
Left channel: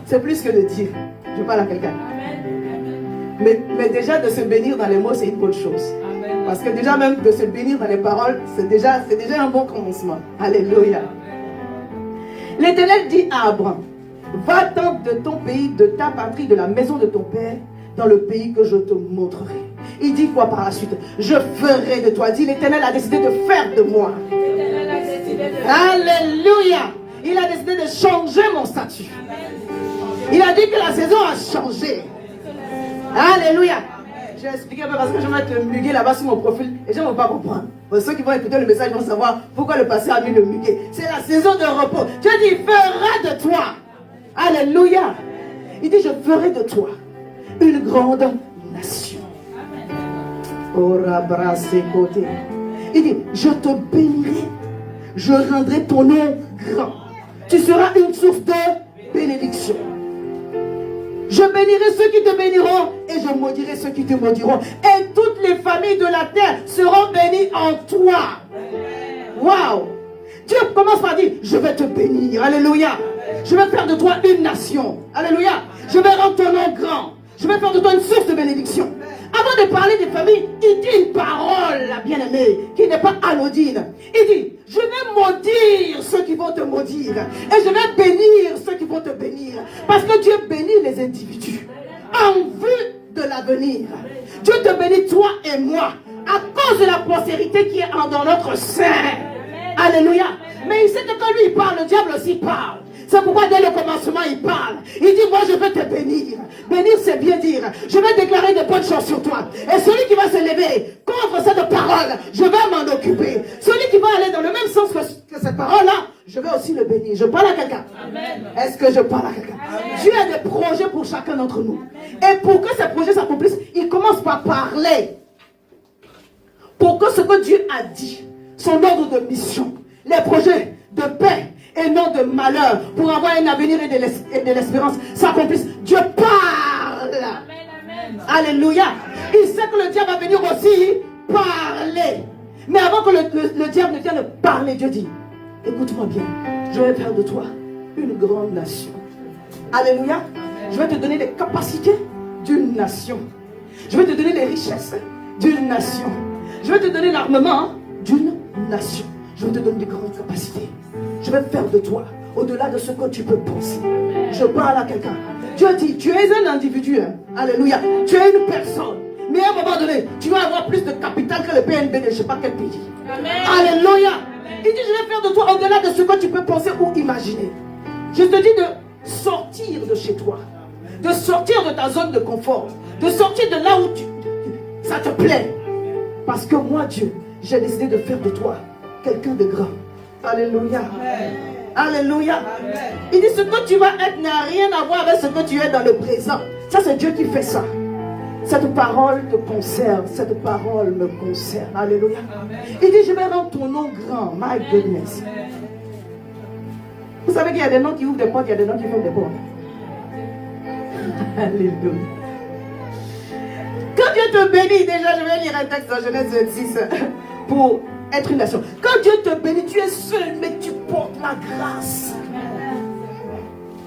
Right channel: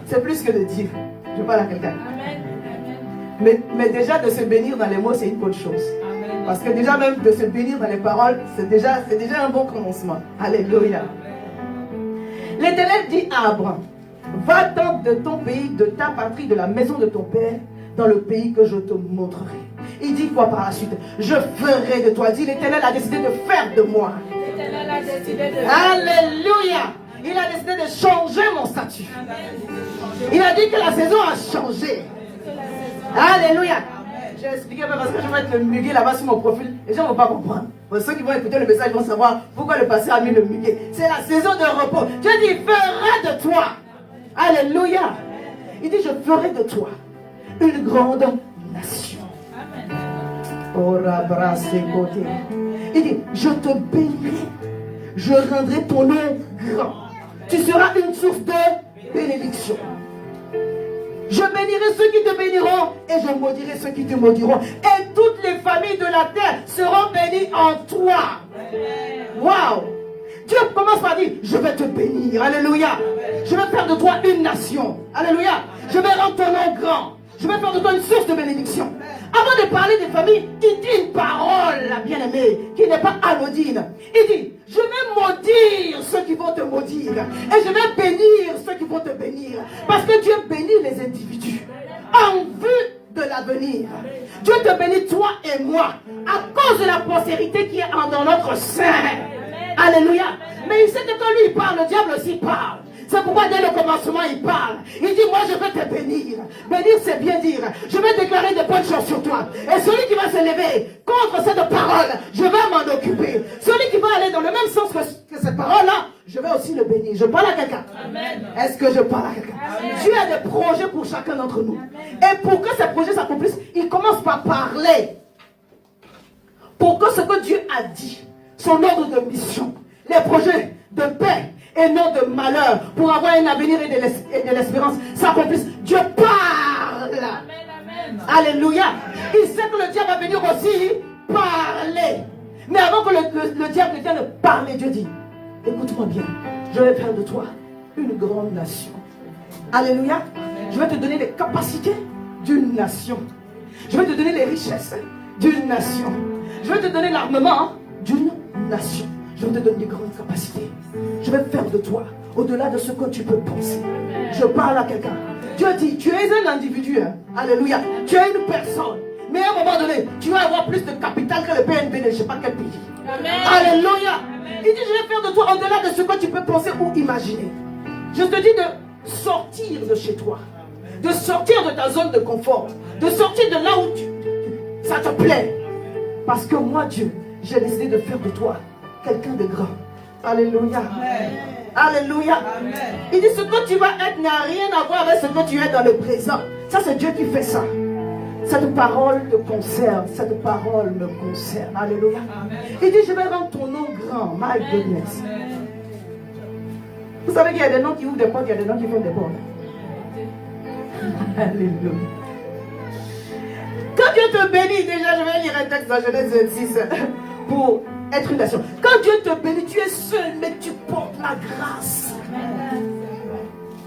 C'est plus que de dire. Je parle à quelqu'un. Mais déjà de se bénir dans les mots, c'est une bonne chose. Parce que déjà même de se bénir dans les paroles, c'est déjà un bon commencement. Alléluia. L'Éternel dit à Abraham, va donc de ton pays, de ta patrie, de la maison de ton père, dans le pays que je te montrerai. Il dit quoi par la suite? Je ferai de toi. Dit l'Éternel a décidé de faire de moi. Alléluia. Il a décidé de changer mon statut. Il a dit que la saison a changé. Alléluia. Je vais expliquer un peu parce que je vais mettre le muguet là-bas sur mon profil. Les gens ne vont pas comprendre. Pour ceux qui vont écouter le message, ils vont savoir pourquoi le pasteur a mis le muguet. C'est la saison de repos. Dieu dit, il fera de toi. Alléluia. Il dit, je ferai de toi une grande nation. Il dit, je te bénirai, je rendrai ton nom grand. Tu seras une source de bénédiction. Je bénirai ceux qui te béniront et je maudirai ceux qui te maudiront. Et toutes les familles de la terre seront bénies en toi. Waouh! Dieu commence par dire, je vais te bénir. Alléluia. Je vais faire de toi une nation. Alléluia. Je vais rendre ton nom grand. Je vais faire de toi une source de bénédiction. Avant de parler des familles, il dit une parole, la bien-aimée, qui n'est pas anodine. Il dit, je vais maudire ceux qui vont te maudire. Et je vais bénir ceux qui vont te bénir. Parce que Dieu bénit les individus en vue de l'avenir. Dieu te bénit, toi et moi, à cause de la postérité qui est dans notre sein. Alléluia. Mais il sait que quand lui il parle, le diable aussi parle. C'est pourquoi dès le commencement il parle. Il dit, moi je vais te bénir. Bénir c'est bien dire. Je vais déclarer de bonnes choses sur toi. Et celui qui va se lever contre cette parole, je vais m'en occuper. Celui qui va aller dans le même sens que cette parole-là, je vais aussi le bénir. Je parle à quelqu'un. Est-ce que je parle à quelqu'un? Dieu a des projets pour chacun d'entre nous. Et pour que ces projets s'accomplissent, il commence par parler. Pour que ce que Dieu a dit, son ordre de mission, les projets de paix et non de malheur, pour avoir un avenir et de l'espérance, s'accomplissent. Dieu parle. Alléluia. Il sait que le diable va venir aussi parler. Mais avant que le diable ne vienne parler, Dieu dit, écoute-moi bien, je vais faire de toi une grande nation. Alléluia. Je vais te donner les capacités d'une nation. Je vais te donner les richesses d'une nation. Je vais te donner l'armement d'une nation. Je vais te donner des grandes capacités. Je vais faire de toi au-delà de ce que tu peux penser. Je parle à quelqu'un. Dieu dit, tu es un individu. Hein? Alléluia. Tu es une personne. Mais à un moment donné, tu vas avoir plus de capital que le PNB de je ne sais pas quel pays. Amen. Alléluia. Amen. Il dit, je vais faire de toi au-delà de ce que tu peux penser ou imaginer. Je te dis de sortir de chez toi. De sortir de ta zone de confort. De sortir de là où ça te plaît. Parce que moi, Dieu, j'ai décidé de faire de toi quelqu'un de grand. Alléluia. Amen. Alléluia. Amen. Il dit, ce que tu vas être n'a rien à voir avec ce que tu es dans le présent. Ça, c'est Dieu qui fait ça. Cette parole te concerne. Cette parole me concerne. Alléluia. Amen. Il dit, je vais rendre ton nom grand. My goodness. Amen. Vous savez qu'il y a des noms qui ouvrent des portes, il y a des noms qui font des portes. Alléluia. Quand Dieu te bénit, déjà, je vais lire un texte dans Genèse 26 pour être une nation. Quand Dieu te bénit, tu es seul, mais tu portes la grâce.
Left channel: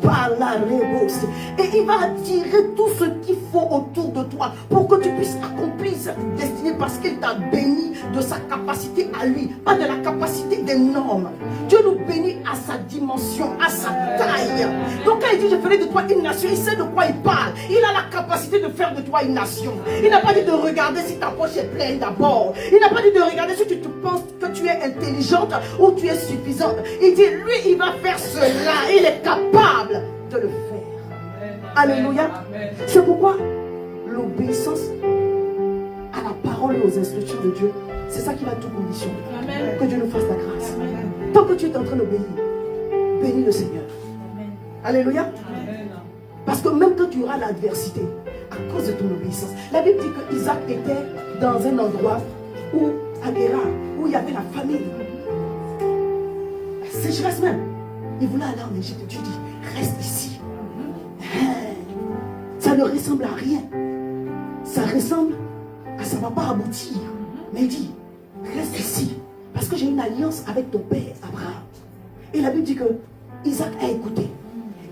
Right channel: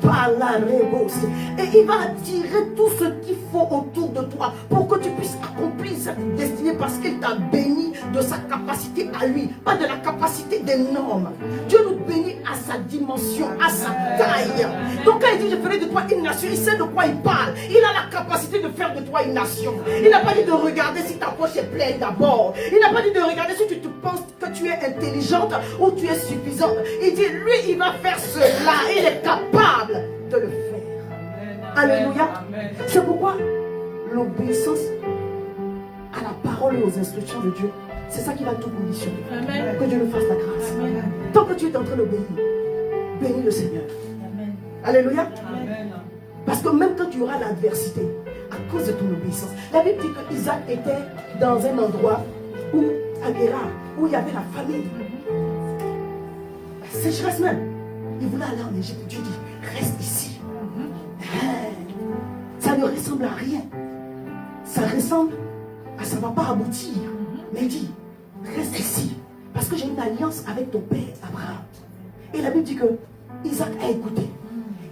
Par la réponse. Et il va attirer tout ce qu'il faut autour de toi pour que tu puisses accomplir cette destinée parce qu'il t'a béni de sa capacité à lui, pas de la capacité des normes. Dieu nous bénit à sa dimension, à sa taille. Donc quand il dit je ferai de toi une nation, il sait de quoi il parle. Il a la capacité de faire de toi une nation. Il n'a pas dit de regarder si ta poche est pleine d'abord. Il n'a pas dit de regarder si tu penses que tu es intelligente ou tu es suffisante. Il dit lui il va faire cela. Il est capable de le faire. Alléluia. C'est pourquoi l'obéissance à la parole et aux instructions de Dieu, c'est ça qui va tout conditionner. Amen. Que Dieu nous fasse la grâce. Amen. Tant que tu es en train d'obéir, bénis le Seigneur. Amen. Alléluia. Amen. Parce que même quand tu auras l'adversité, à cause de ton obéissance, la Bible dit que Isaac était dans un endroit où, à Guérar, où il y avait la famine. La sécheresse même. Il voulait aller en Égypte. Dieu dit, reste ici. Ça ne ressemble à rien. Ça ressemble à ça ne va pas aboutir. Mais il dit, reste ici. Parce que j'ai une alliance avec ton père Abraham. Et la Bible dit que Isaac a écouté.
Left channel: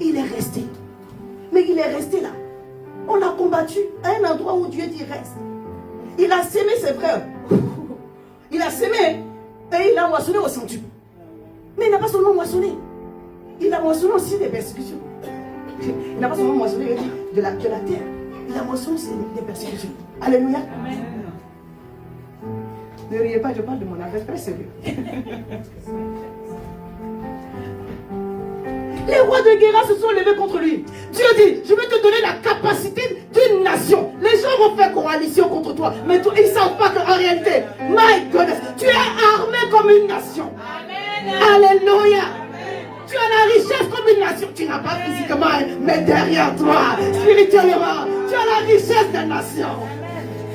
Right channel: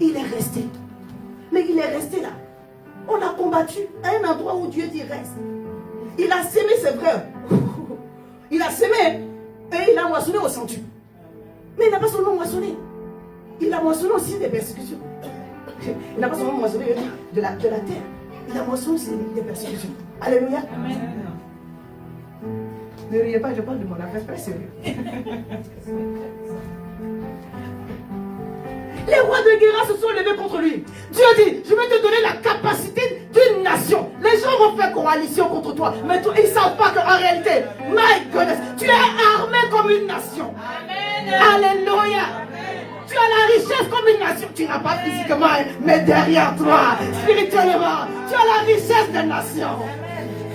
Il est resté. Mais il est resté là. On a combattu à un endroit où Dieu dit reste. Il a sémé ses frères. Il a sémé et il a moissonné au centuple. Mais il n'a pas seulement moissonné. Il a moissonné aussi des persécutions. Il n'a pas seulement moissonné de la terre. Il a moissonné aussi des persécutions. Alléluia. Amen. Ne riez pas, je parle de mon affaire très sérieux. Les rois de Guéra se sont levés contre lui. Dieu dit, je vais te donner la capacité d'une nation. Les gens vont faire coalition contre toi. Mais toi, ils ne savent pas qu'en réalité, my goodness, tu es armé comme une nation. Amen. Alléluia. Tu as la richesse comme une nation. Tu n'as pas physiquement, mais derrière toi, spirituellement, tu as la richesse des nations.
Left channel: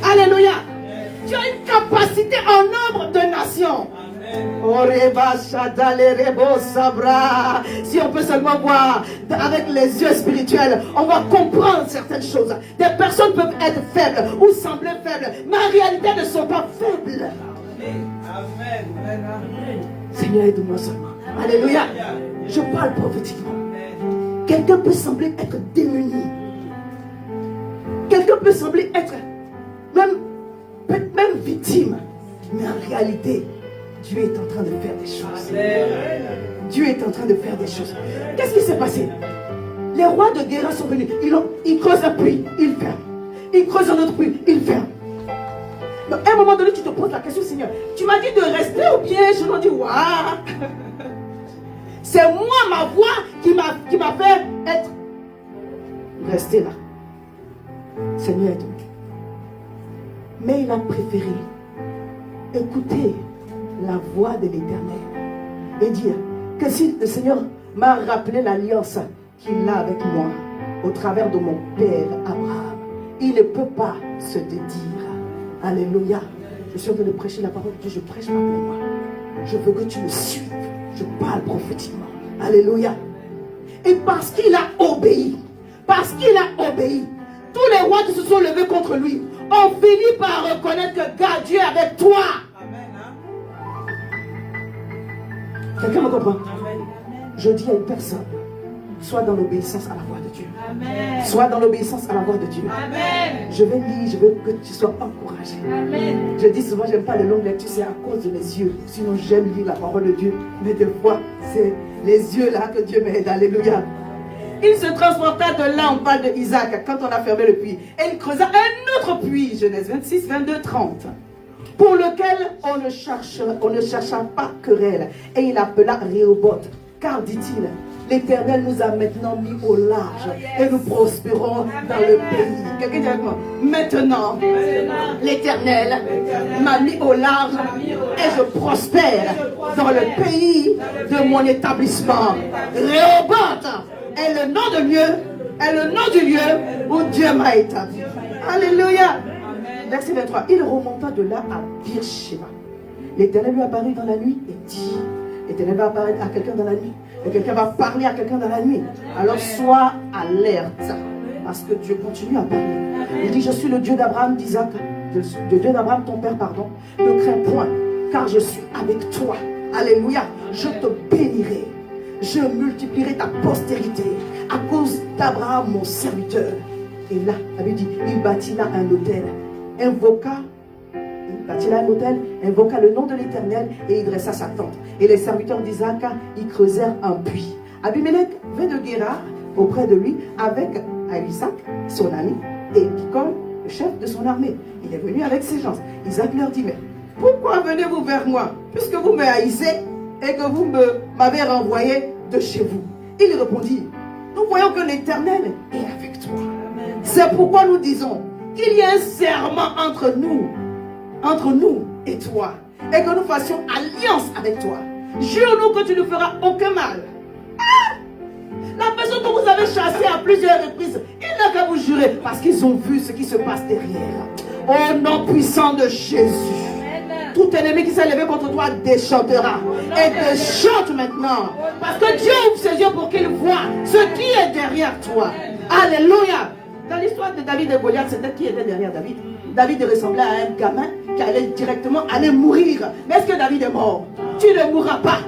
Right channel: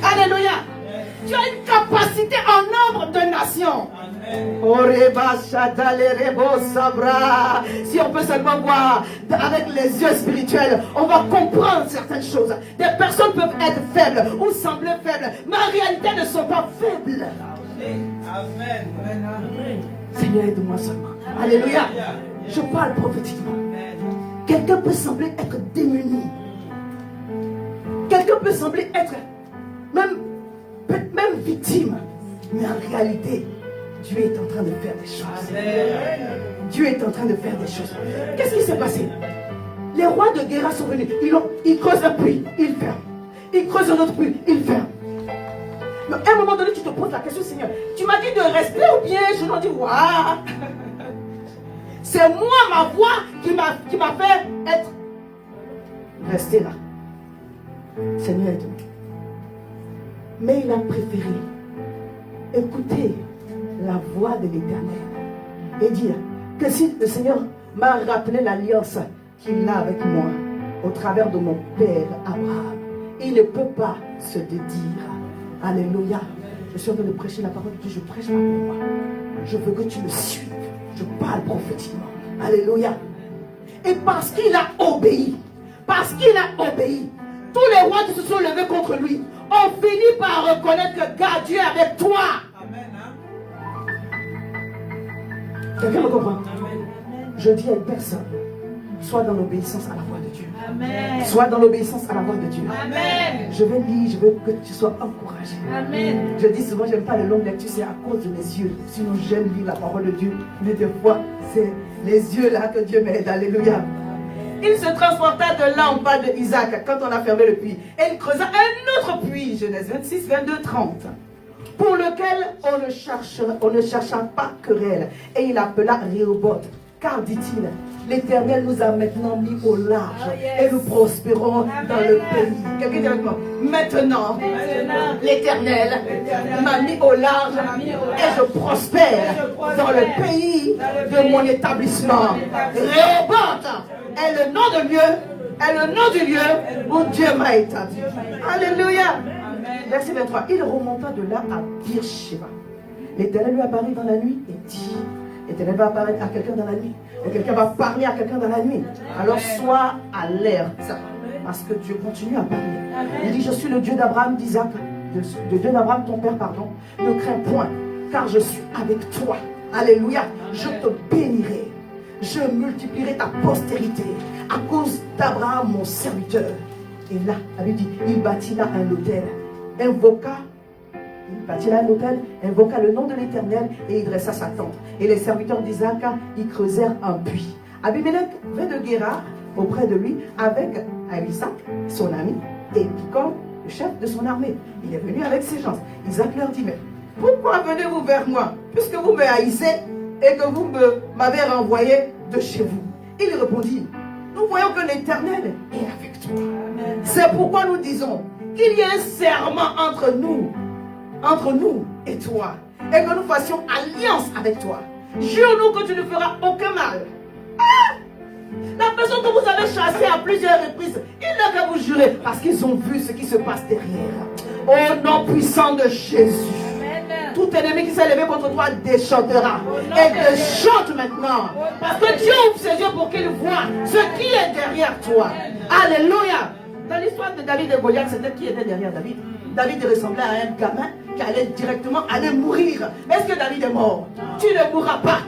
Alléluia. Tu as une capacité en nombre de nations. Si on peut seulement voir avec les yeux spirituels, on va comprendre certaines choses. Des personnes peuvent être faibles ou sembler faibles, mais en réalité ne sont pas faibles. Amen. Seigneur, aide-moi seulement. Alléluia. Je parle prophétiquement. Quelqu'un peut sembler être démuni. Quelqu'un peut sembler être même victime. Mais en réalité, Dieu est en train de faire des choses. Dieu est en train de faire des choses. Qu'est-ce qui s'est passé? Les rois de Guéra sont venus. Ils creusent un puits, ils ferment. Ils creusent un autre puits, ils ferment. Donc, à un moment donné, tu te poses la question, Seigneur, tu m'as dit de rester ou bien je leur dis, waouh. C'est moi, ma voix, qui m'a fait être. Rester là. Seigneur, aide-moi. Mais il a préféré écouter la voix de l'Éternel et dire que si le Seigneur m'a rappelé l'alliance qu'il a avec moi au travers de mon père Abraham, il ne peut pas se dédire. Alléluia. Je suis en train de prêcher la parole de Dieu, je prêche pas pour moi. Je veux que tu me suives. Je parle prophétiquement. Alléluia. Et parce qu'il a obéi, tous les rois qui se sont levés contre lui ont fini par reconnaître que Dieu est avec toi. Quelqu'un me comprend? Je dis à une personne, sois dans l'obéissance à la voix de Dieu. Amen. Sois dans l'obéissance à la voix de Dieu. Amen. Je vais lire, je veux que tu sois encouragé. Amen. Je dis souvent, je n'aime pas les longues lectures, c'est à cause de mes yeux. Sinon, j'aime lire la parole de Dieu. Mais des fois, c'est les yeux là que Dieu m'aide. Alléluia. Il se transporta de là en bas de Isaac quand on a fermé le puits. Et il creusa un autre puits, Genèse 26, 22, 30. Pour lequel on ne chercha pas querelle. Et il appela Rehoboth. Car, dit-il, l'Éternel nous a maintenant mis au large et nous prospérons dans le pays. Quelqu'un dit avec moi, maintenant, l'Éternel m'a mis au large et je prospère dans le pays de mon établissement. Rehoboth est le nom de Dieu, est le nom du lieu où Dieu m'a établi. Alléluia. Verset 23. Il remonta de là à Beersheba. L'Éternel lui apparut dans la nuit et dit, l'Éternel va apparaître à quelqu'un dans la nuit. Et quelqu'un va parler à quelqu'un dans la nuit. Alors sois alerte. Parce que Dieu continue à parler. Il dit, je suis le Dieu d'Abraham, d'Isaac, de Dieu d'Abraham, ton père, pardon. Ne crains point, car je suis avec toi. Alléluia. Je te bénirai. Je multiplierai ta postérité à cause d'Abraham, mon serviteur. Et là, la Bible dit, il bâtit là un autel. Il bâtit là un autel, invoqua le nom de l'Éternel et il dressa sa tente. Et les serviteurs d'Isaac, ils creusèrent un puits. Abimelech vint de Guérar auprès de lui avec Isaac, son ami, et Picol, le chef de son armée. Il est venu avec ses gens. Isaac leur dit, mais pourquoi venez-vous vers moi, puisque vous me haïssez et que vous m'avez renvoyé de chez vous? Il répondit, nous voyons que l'Éternel est avec toi. C'est pourquoi nous disons qu'il y a un serment entre nous et toi, et que nous fassions alliance avec toi. Jure-nous que tu ne feras aucun mal. Ah! La personne que vous avez chassée à plusieurs reprises, il n'a qu'à vous jurer, parce qu'ils ont vu ce qui se passe derrière. Au nom puissant de Jésus. Tout ennemi qui s'est levé contre toi déchantera. Et déchante maintenant. Parce que Dieu ouvre ses yeux pour qu'il voit ce qui est derrière toi. Alléluia. Dans l'histoire de David et Goliath, c'était qui était derrière David? David ressemblait à un gamin qui allait directement mourir. Mais est-ce que David est mort? Tu ne mourras pas.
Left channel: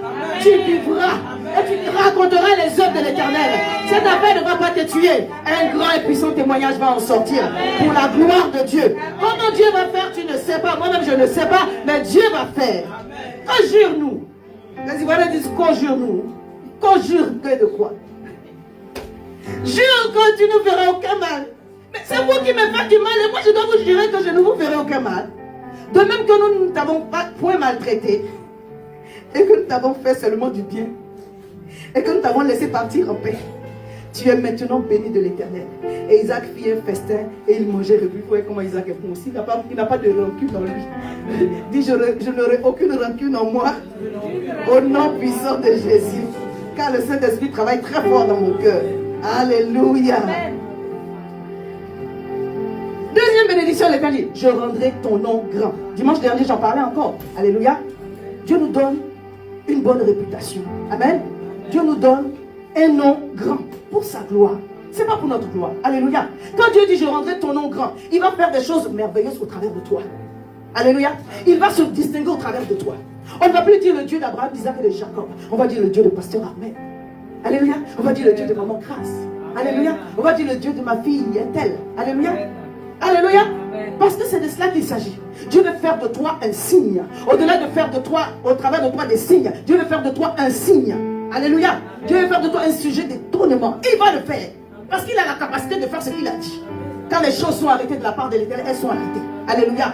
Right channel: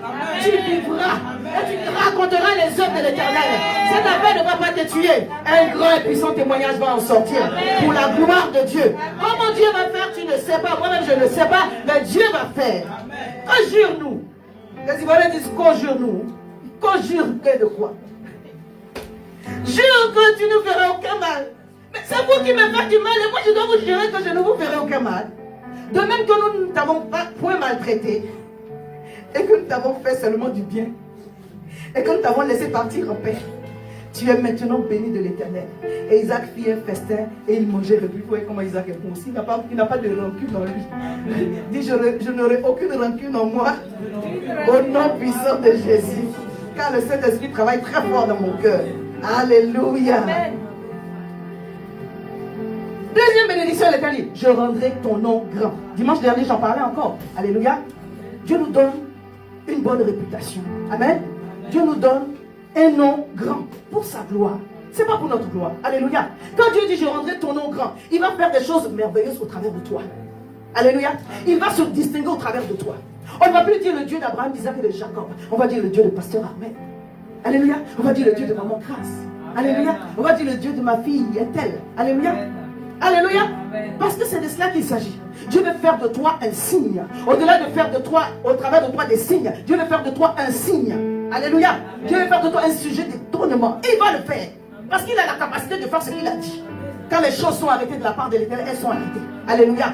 Tu vivras. Et tu raconteras les œuvres de l'Éternel. Cette affaire ne va pas te tuer. Un grand et puissant témoignage va en sortir. Pour la gloire de Dieu. Comment Dieu va faire, tu ne sais pas. Moi-même, je ne sais pas. Mais Dieu va faire. Conjure-nous. Les Ivoiriens disent conjure-nous. Conjure de quoi? Jure que tu ne feras aucun mal. Mais c'est vous qui me faites du mal et moi je dois vous jurer que je ne vous ferai aucun mal. De même que nous ne t'avons pas point maltraité et que nous t'avons fait seulement du bien et que nous t'avons laissé partir en paix. Tu es maintenant béni de l'Éternel. Et Isaac fit un festin et il mangeait réduit. Vous voyez comment Isaac est bon aussi. Il n'a pas de rancune en lui. Il dit, je n'aurai aucune rancune en moi. Au nom puissant de Jésus. car le Saint-Esprit travaille très fort dans mon cœur. Alléluia. Deuxième bénédiction, l'Éternel dit, je rendrai ton nom grand. Dimanche dernier, j'en parlais encore. Alléluia. Dieu nous donne une bonne réputation. Amen. Dieu nous donne un nom grand pour sa gloire. C'est pas pour notre gloire. Alléluia. Quand Dieu dit, je rendrai ton nom grand, il va faire des choses merveilleuses au travers de toi. Alléluia. Il va se distinguer au travers de toi. On ne va plus dire le Dieu d'Abraham, d'Isaac et de Jacob. On va dire le Dieu de pasteur Ahmed. Alléluia. On va dire le Dieu de maman Grâce. Alléluia. On va dire le Dieu de ma fille Ethel. Alléluia. Alléluia. Parce que c'est de cela qu'il s'agit. Dieu veut faire de toi un signe. Au-delà de faire de toi, au travers de toi des signes, Dieu veut faire de toi un signe. Alléluia. Dieu veut faire de toi un sujet d'étonnement. Et il va le faire. Parce qu'il a la capacité de faire ce qu'il a dit. Quand les choses sont arrêtées de la part de l'Éternel, elles sont arrêtées. Alléluia.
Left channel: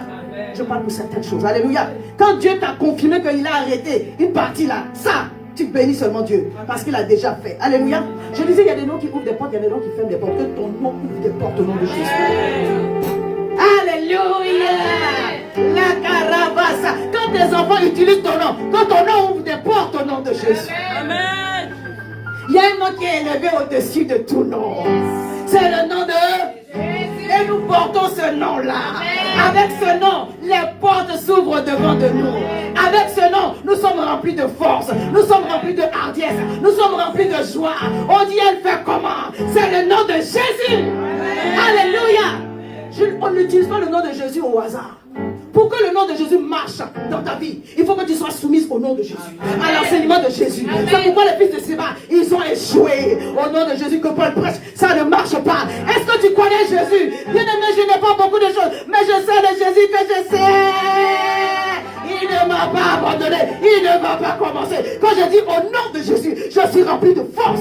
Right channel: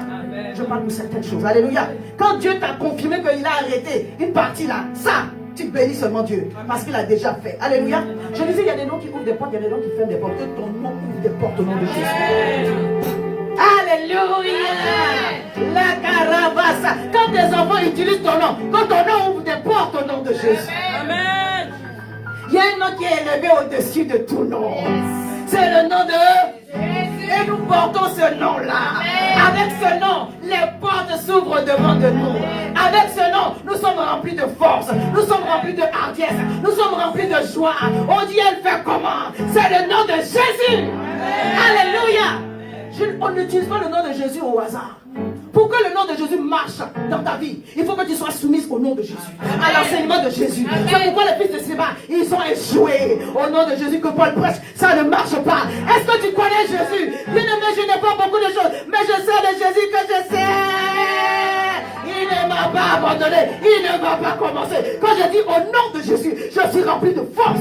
Je parle pour certaines choses. Alléluia. Quand Dieu t'a confirmé qu'il a arrêté une partie là, ça, tu bénis seulement Dieu. Parce qu'il a déjà fait. Alléluia. Je disais, il y a des noms qui ouvrent des portes, il y a des noms qui ferment des portes. Que ton nom ouvre des portes au nom de Jésus. Alléluia. La carabassa. Quand tes enfants utilisent ton nom, quand ton nom ouvre des portes au nom de Jésus. Amen. Il y a un nom qui est élevé au-dessus de tout nom. C'est le nom de Jésus. Et nous portons ce nom-là. Avec ce nom, les portes s'ouvrent devant de nous. Avec ce nom, nous sommes remplis de force. Nous sommes remplis de hardiesse. Nous sommes remplis de joie. On dit, elle fait comment? C'est le nom de Jésus. Alléluia. On n'utilise pas le nom de Jésus au hasard. Pour que le nom de Jésus marche dans ta vie, il faut que tu sois soumise au nom de Jésus, à l'enseignement de Jésus. C'est pourquoi les fils de Séba, ils ont échoué au nom de Jésus que Paul prêche. Ça ne marche pas. Est-ce que tu connais Jésus? Bien aimé, je n'ai pas beaucoup de choses, mais je sais de Jésus que je sais. Il ne m'a pas abandonné. Il ne m'a pas commencé. Quand je dis au nom de Jésus, je suis rempli de force.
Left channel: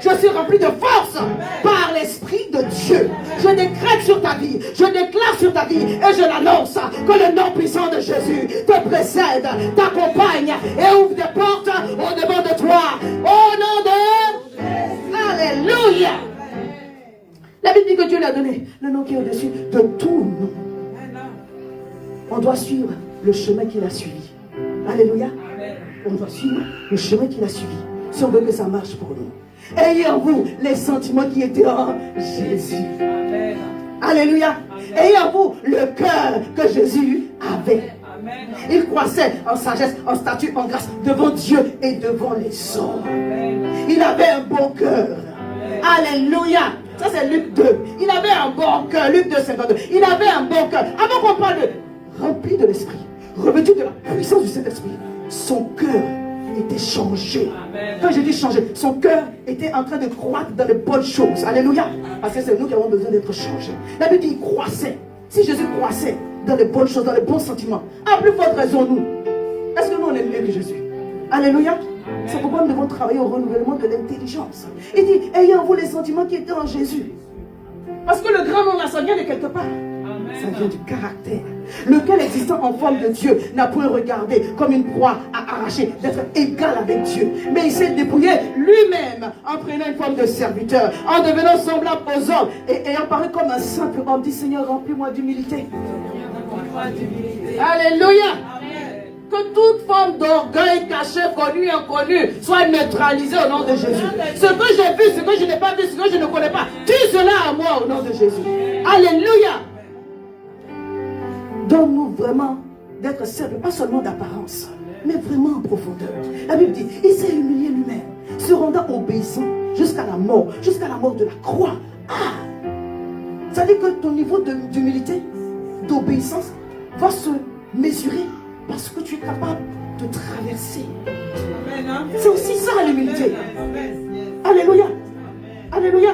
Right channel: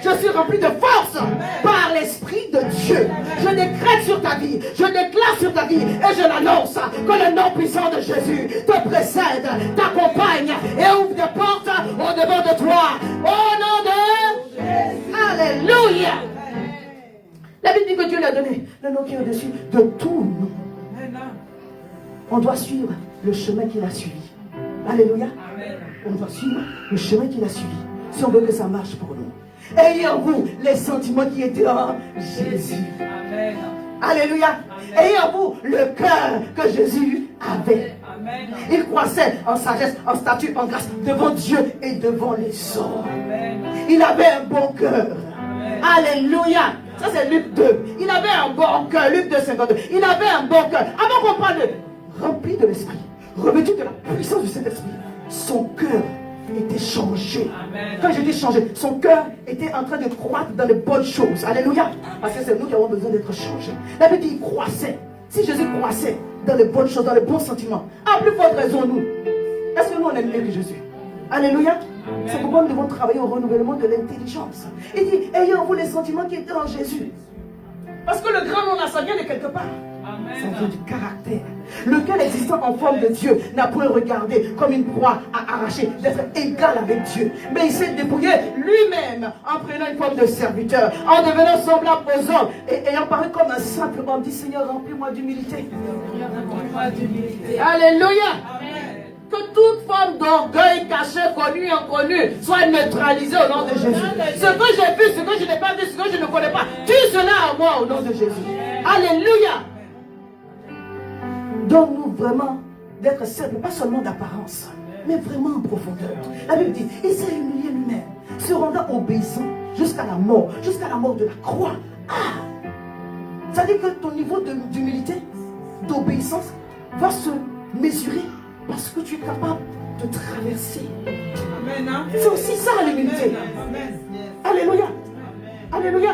Je suis rempli de force par l'Esprit de Dieu. Je décrète sur ta vie. Je déclare sur ta vie et je l'annonce que le nom puissant de Jésus te précède, t'accompagne et ouvre des portes au devant de toi. Au nom de Jésus. Alléluia. La Bible dit que Dieu lui a donné le nom qui est au-dessus de tout nom. On doit suivre le chemin qu'il a suivi. Alléluia. On doit suivre le chemin qu'il a suivi. Si on veut que ça marche pour nous. Ayez en vous les sentiments qui étaient en Jésus. Amen. Alléluia. Ayez en vous le cœur que Jésus avait. Amen. Il croissait en sagesse, en statut, en grâce devant Dieu et devant les hommes. Amen. Il avait un bon cœur. Amen. Alléluia. Ça c'est Luc 2. Il avait un bon cœur. Luc 2, 52. Il avait un bon cœur. Avant qu'on parle de rempli de l'esprit, revêtu de la puissance du Saint-Esprit, son cœur était changé. Amen. Quand je dis changé, son cœur était en train de croître dans les bonnes choses. Alléluia. Parce que c'est nous qui avons besoin d'être changés. La Bible dit, il croissait. Si Jésus croissait dans les bonnes choses, dans les bons sentiments, à plus forte raison nous. Est-ce que nous on aime mieux que Jésus? Alléluia. C'est pourquoi nous devons travailler au renouvellement de l'intelligence. Il dit, ayez en vous les sentiments qui étaient en Jésus. Parce que le grand nom là, ça vient de quelque part. Ça vient du caractère. Lequel existant en forme de Dieu n'a point regardé comme une proie à arracher d'être égal avec Dieu. Mais il s'est dépouillé lui-même en prenant une forme de serviteur, en devenant semblable aux hommes et ayant paru comme un simple homme. Dit Seigneur, remplis-moi d'humilité. Alléluia. Que toute forme d'orgueil caché, connu, inconnu, soit neutralisée au nom de Jésus. Ce que j'ai vu, ce que je n'ai pas vu, ce que je ne connais pas, tue cela à moi au nom de Jésus. Alléluia. Donne-nous vraiment d'être simples, pas seulement d'apparence, mais vraiment en profondeur. La Bible dit, il s'est humilié lui-même, se rendant obéissant jusqu'à la mort de la croix. Ah! Ça dit que ton niveau d'humilité, d'obéissance, va se mesurer parce que tu es capable de traverser. C'est aussi ça l'humilité. Alléluia. Alléluia.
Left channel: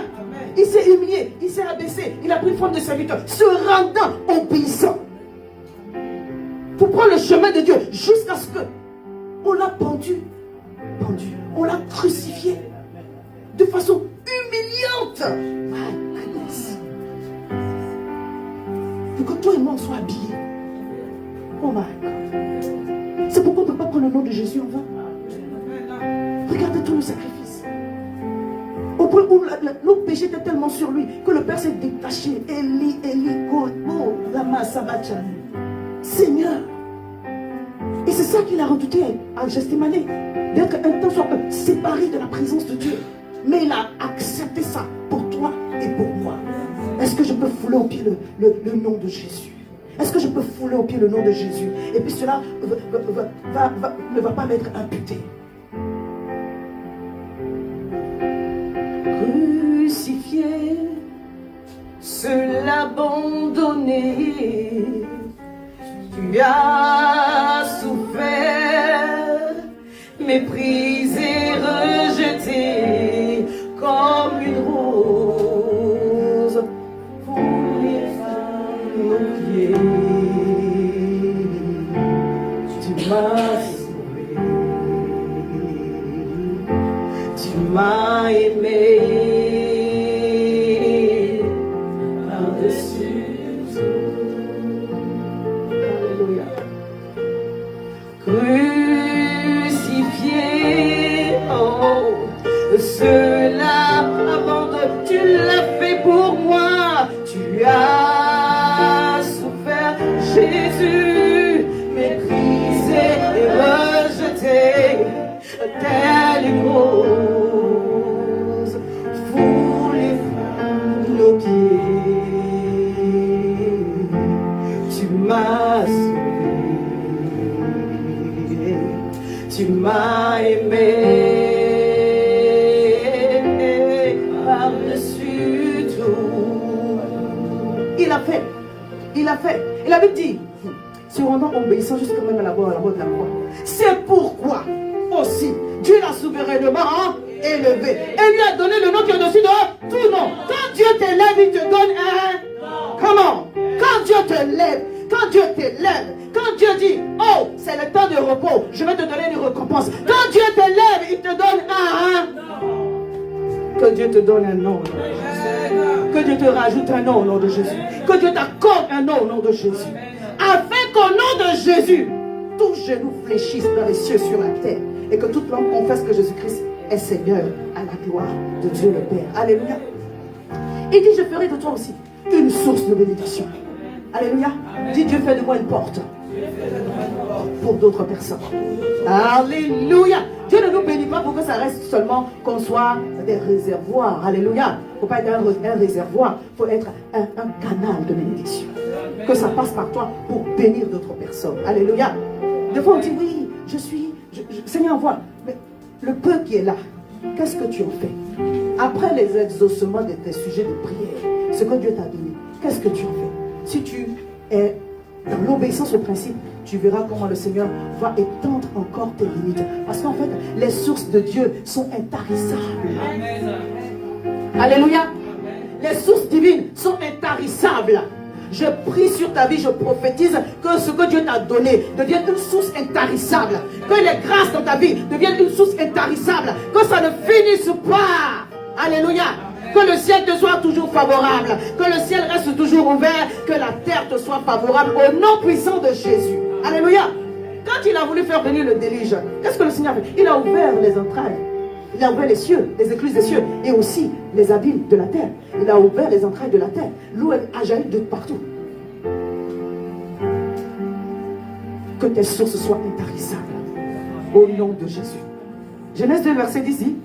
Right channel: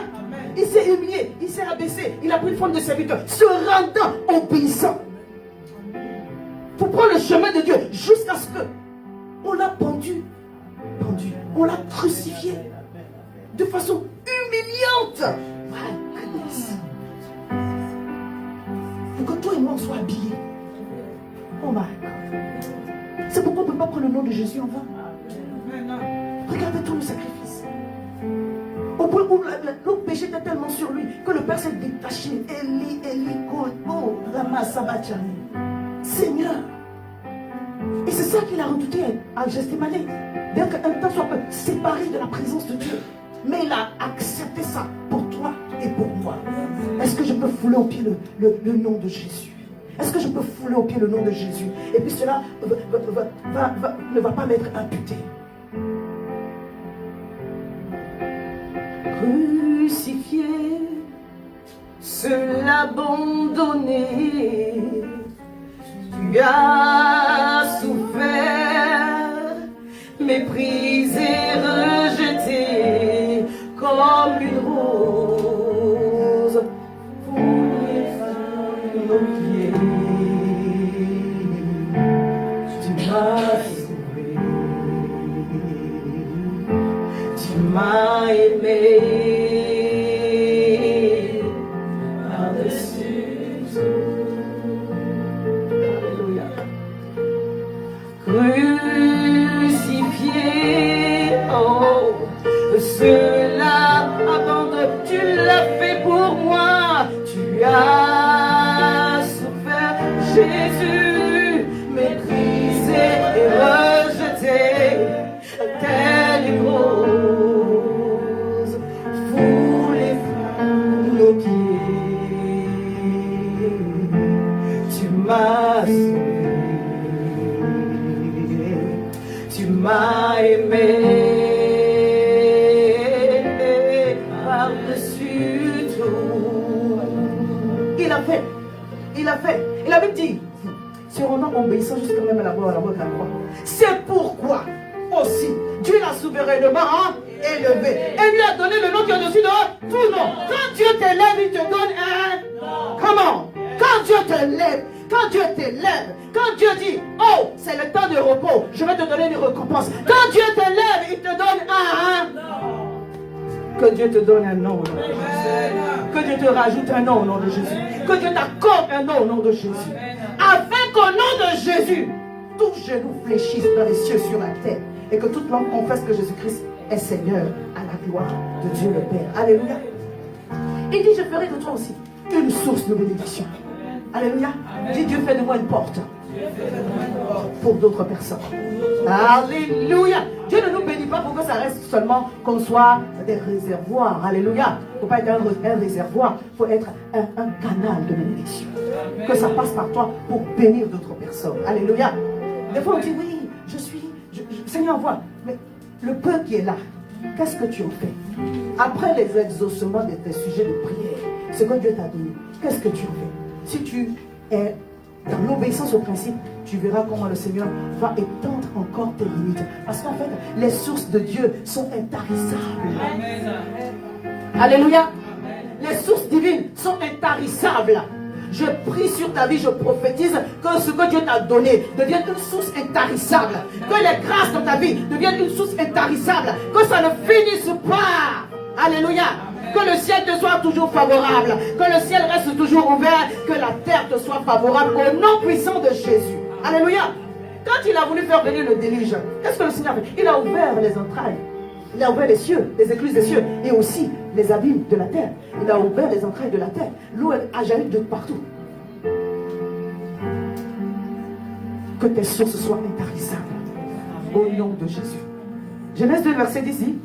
Il s'est humilié, il s'est abaissé, il a pris une forme de serviteur, se rendant obéissant. Pour prendre le chemin de Dieu jusqu'à ce que on l'a pendu, on l'a crucifié de façon humiliante. My goodness. Pour que toi et moi on soit habillés. Oh my God. C'est pourquoi on ne peut pas prendre le nom de Jésus en vain. Regardez tous nos sacrifices. Au point où nos péchés étaient tellement sur lui que le Père s'est détaché. Eli, Kobo, Lama Sabachani. Seigneur. Et c'est ça qu'il a redouté à Gethsémane, d'être un temps soit peu séparé de la présence de Dieu. Mais il a accepté ça pour toi et pour moi. Est-ce que je peux fouler au pied le nom de Jésus? Est-ce que je peux fouler au pied le nom de Jésus? Et puis cela ne va pas m'être imputé. Crucifié, seul abandonné, tu as souffert, méprisé, rejeté, comme une rose foulée à nos pieds. Tu m'as sauvé, tu m'as aimé. Crucifié, oh, cela abandonne, tu l'as fait pour moi, tu as souffert, Jésus, méprisé et rejeté, telle une rose, foulée par nos pieds, tu m'as sauvé. Tu m'as aimé par-dessus tout. Il a fait. Il a fait. Et la Bible dit, si on rend obéissant jusqu'à même à la mort de la croix. C'est pourquoi aussi Dieu l'a souverainement élevé. Et lui a donné le nom qui est au-dessus de tout nom. Quand Dieu t'élève, il te donne un... Comment? Quand Dieu te lève, quand Dieu t'élève, quand Dieu dit, oh, c'est le temps de repos, je vais te donner des récompenses. Quand Dieu te lève, il te donne un... Que Dieu te donne un nom. Que Dieu te rajoute un nom au nom de Jésus. Que Dieu t'accorde un nom au nom de Jésus. Afin qu'au nom de Jésus, tout genou fléchisse dans les cieux sur la terre. Et que toute langue confesse que Jésus-Christ est Seigneur à la gloire de Dieu le Père. Alléluia. Il dit, je ferai de toi aussi une source de bénédiction. Alléluia. Dis, Dieu fait de moi une porte pour d'autres personnes. Alléluia. Dieu ne nous bénit pas pour que ça reste seulement qu'on soit des réservoirs. Alléluia. Il ne faut pas être un réservoir. Il faut être un canal de bénédiction. Que ça passe par toi pour bénir d'autres personnes. Alléluia. Des fois on dit, oui, Seigneur, envoie. Mais le peu qui est là, qu'est-ce que tu en fais? Après les exaucements de tes sujets de prière, ce que Dieu t'a donné, qu'est-ce que tu en fais? Si tu es dans l'obéissance au principe, tu verras comment le Seigneur va étendre encore tes limites. Parce qu'en fait, les sources de Dieu sont intarissables. Alléluia. Les sources divines sont intarissables. Je prie sur ta vie, je prophétise que ce que Dieu t'a donné devienne une source intarissable. Que les grâces de ta vie deviennent une source intarissable. Que ça ne finisse pas. Alléluia. Que le ciel te soit toujours favorable. Que le ciel reste toujours ouvert. Que la terre te soit favorable au nom puissant de Jésus. Alléluia. Quand il a voulu faire venir le déluge, qu'est-ce que le Seigneur a fait? Il a ouvert les entrailles. Il a ouvert les cieux, les écluses des cieux et aussi les abîmes de la terre. Il a ouvert les entrailles de la terre. L'eau a jailli de partout. Que tes sources soient intarissables au nom de Jésus. Genèse 2, verset 10 dit,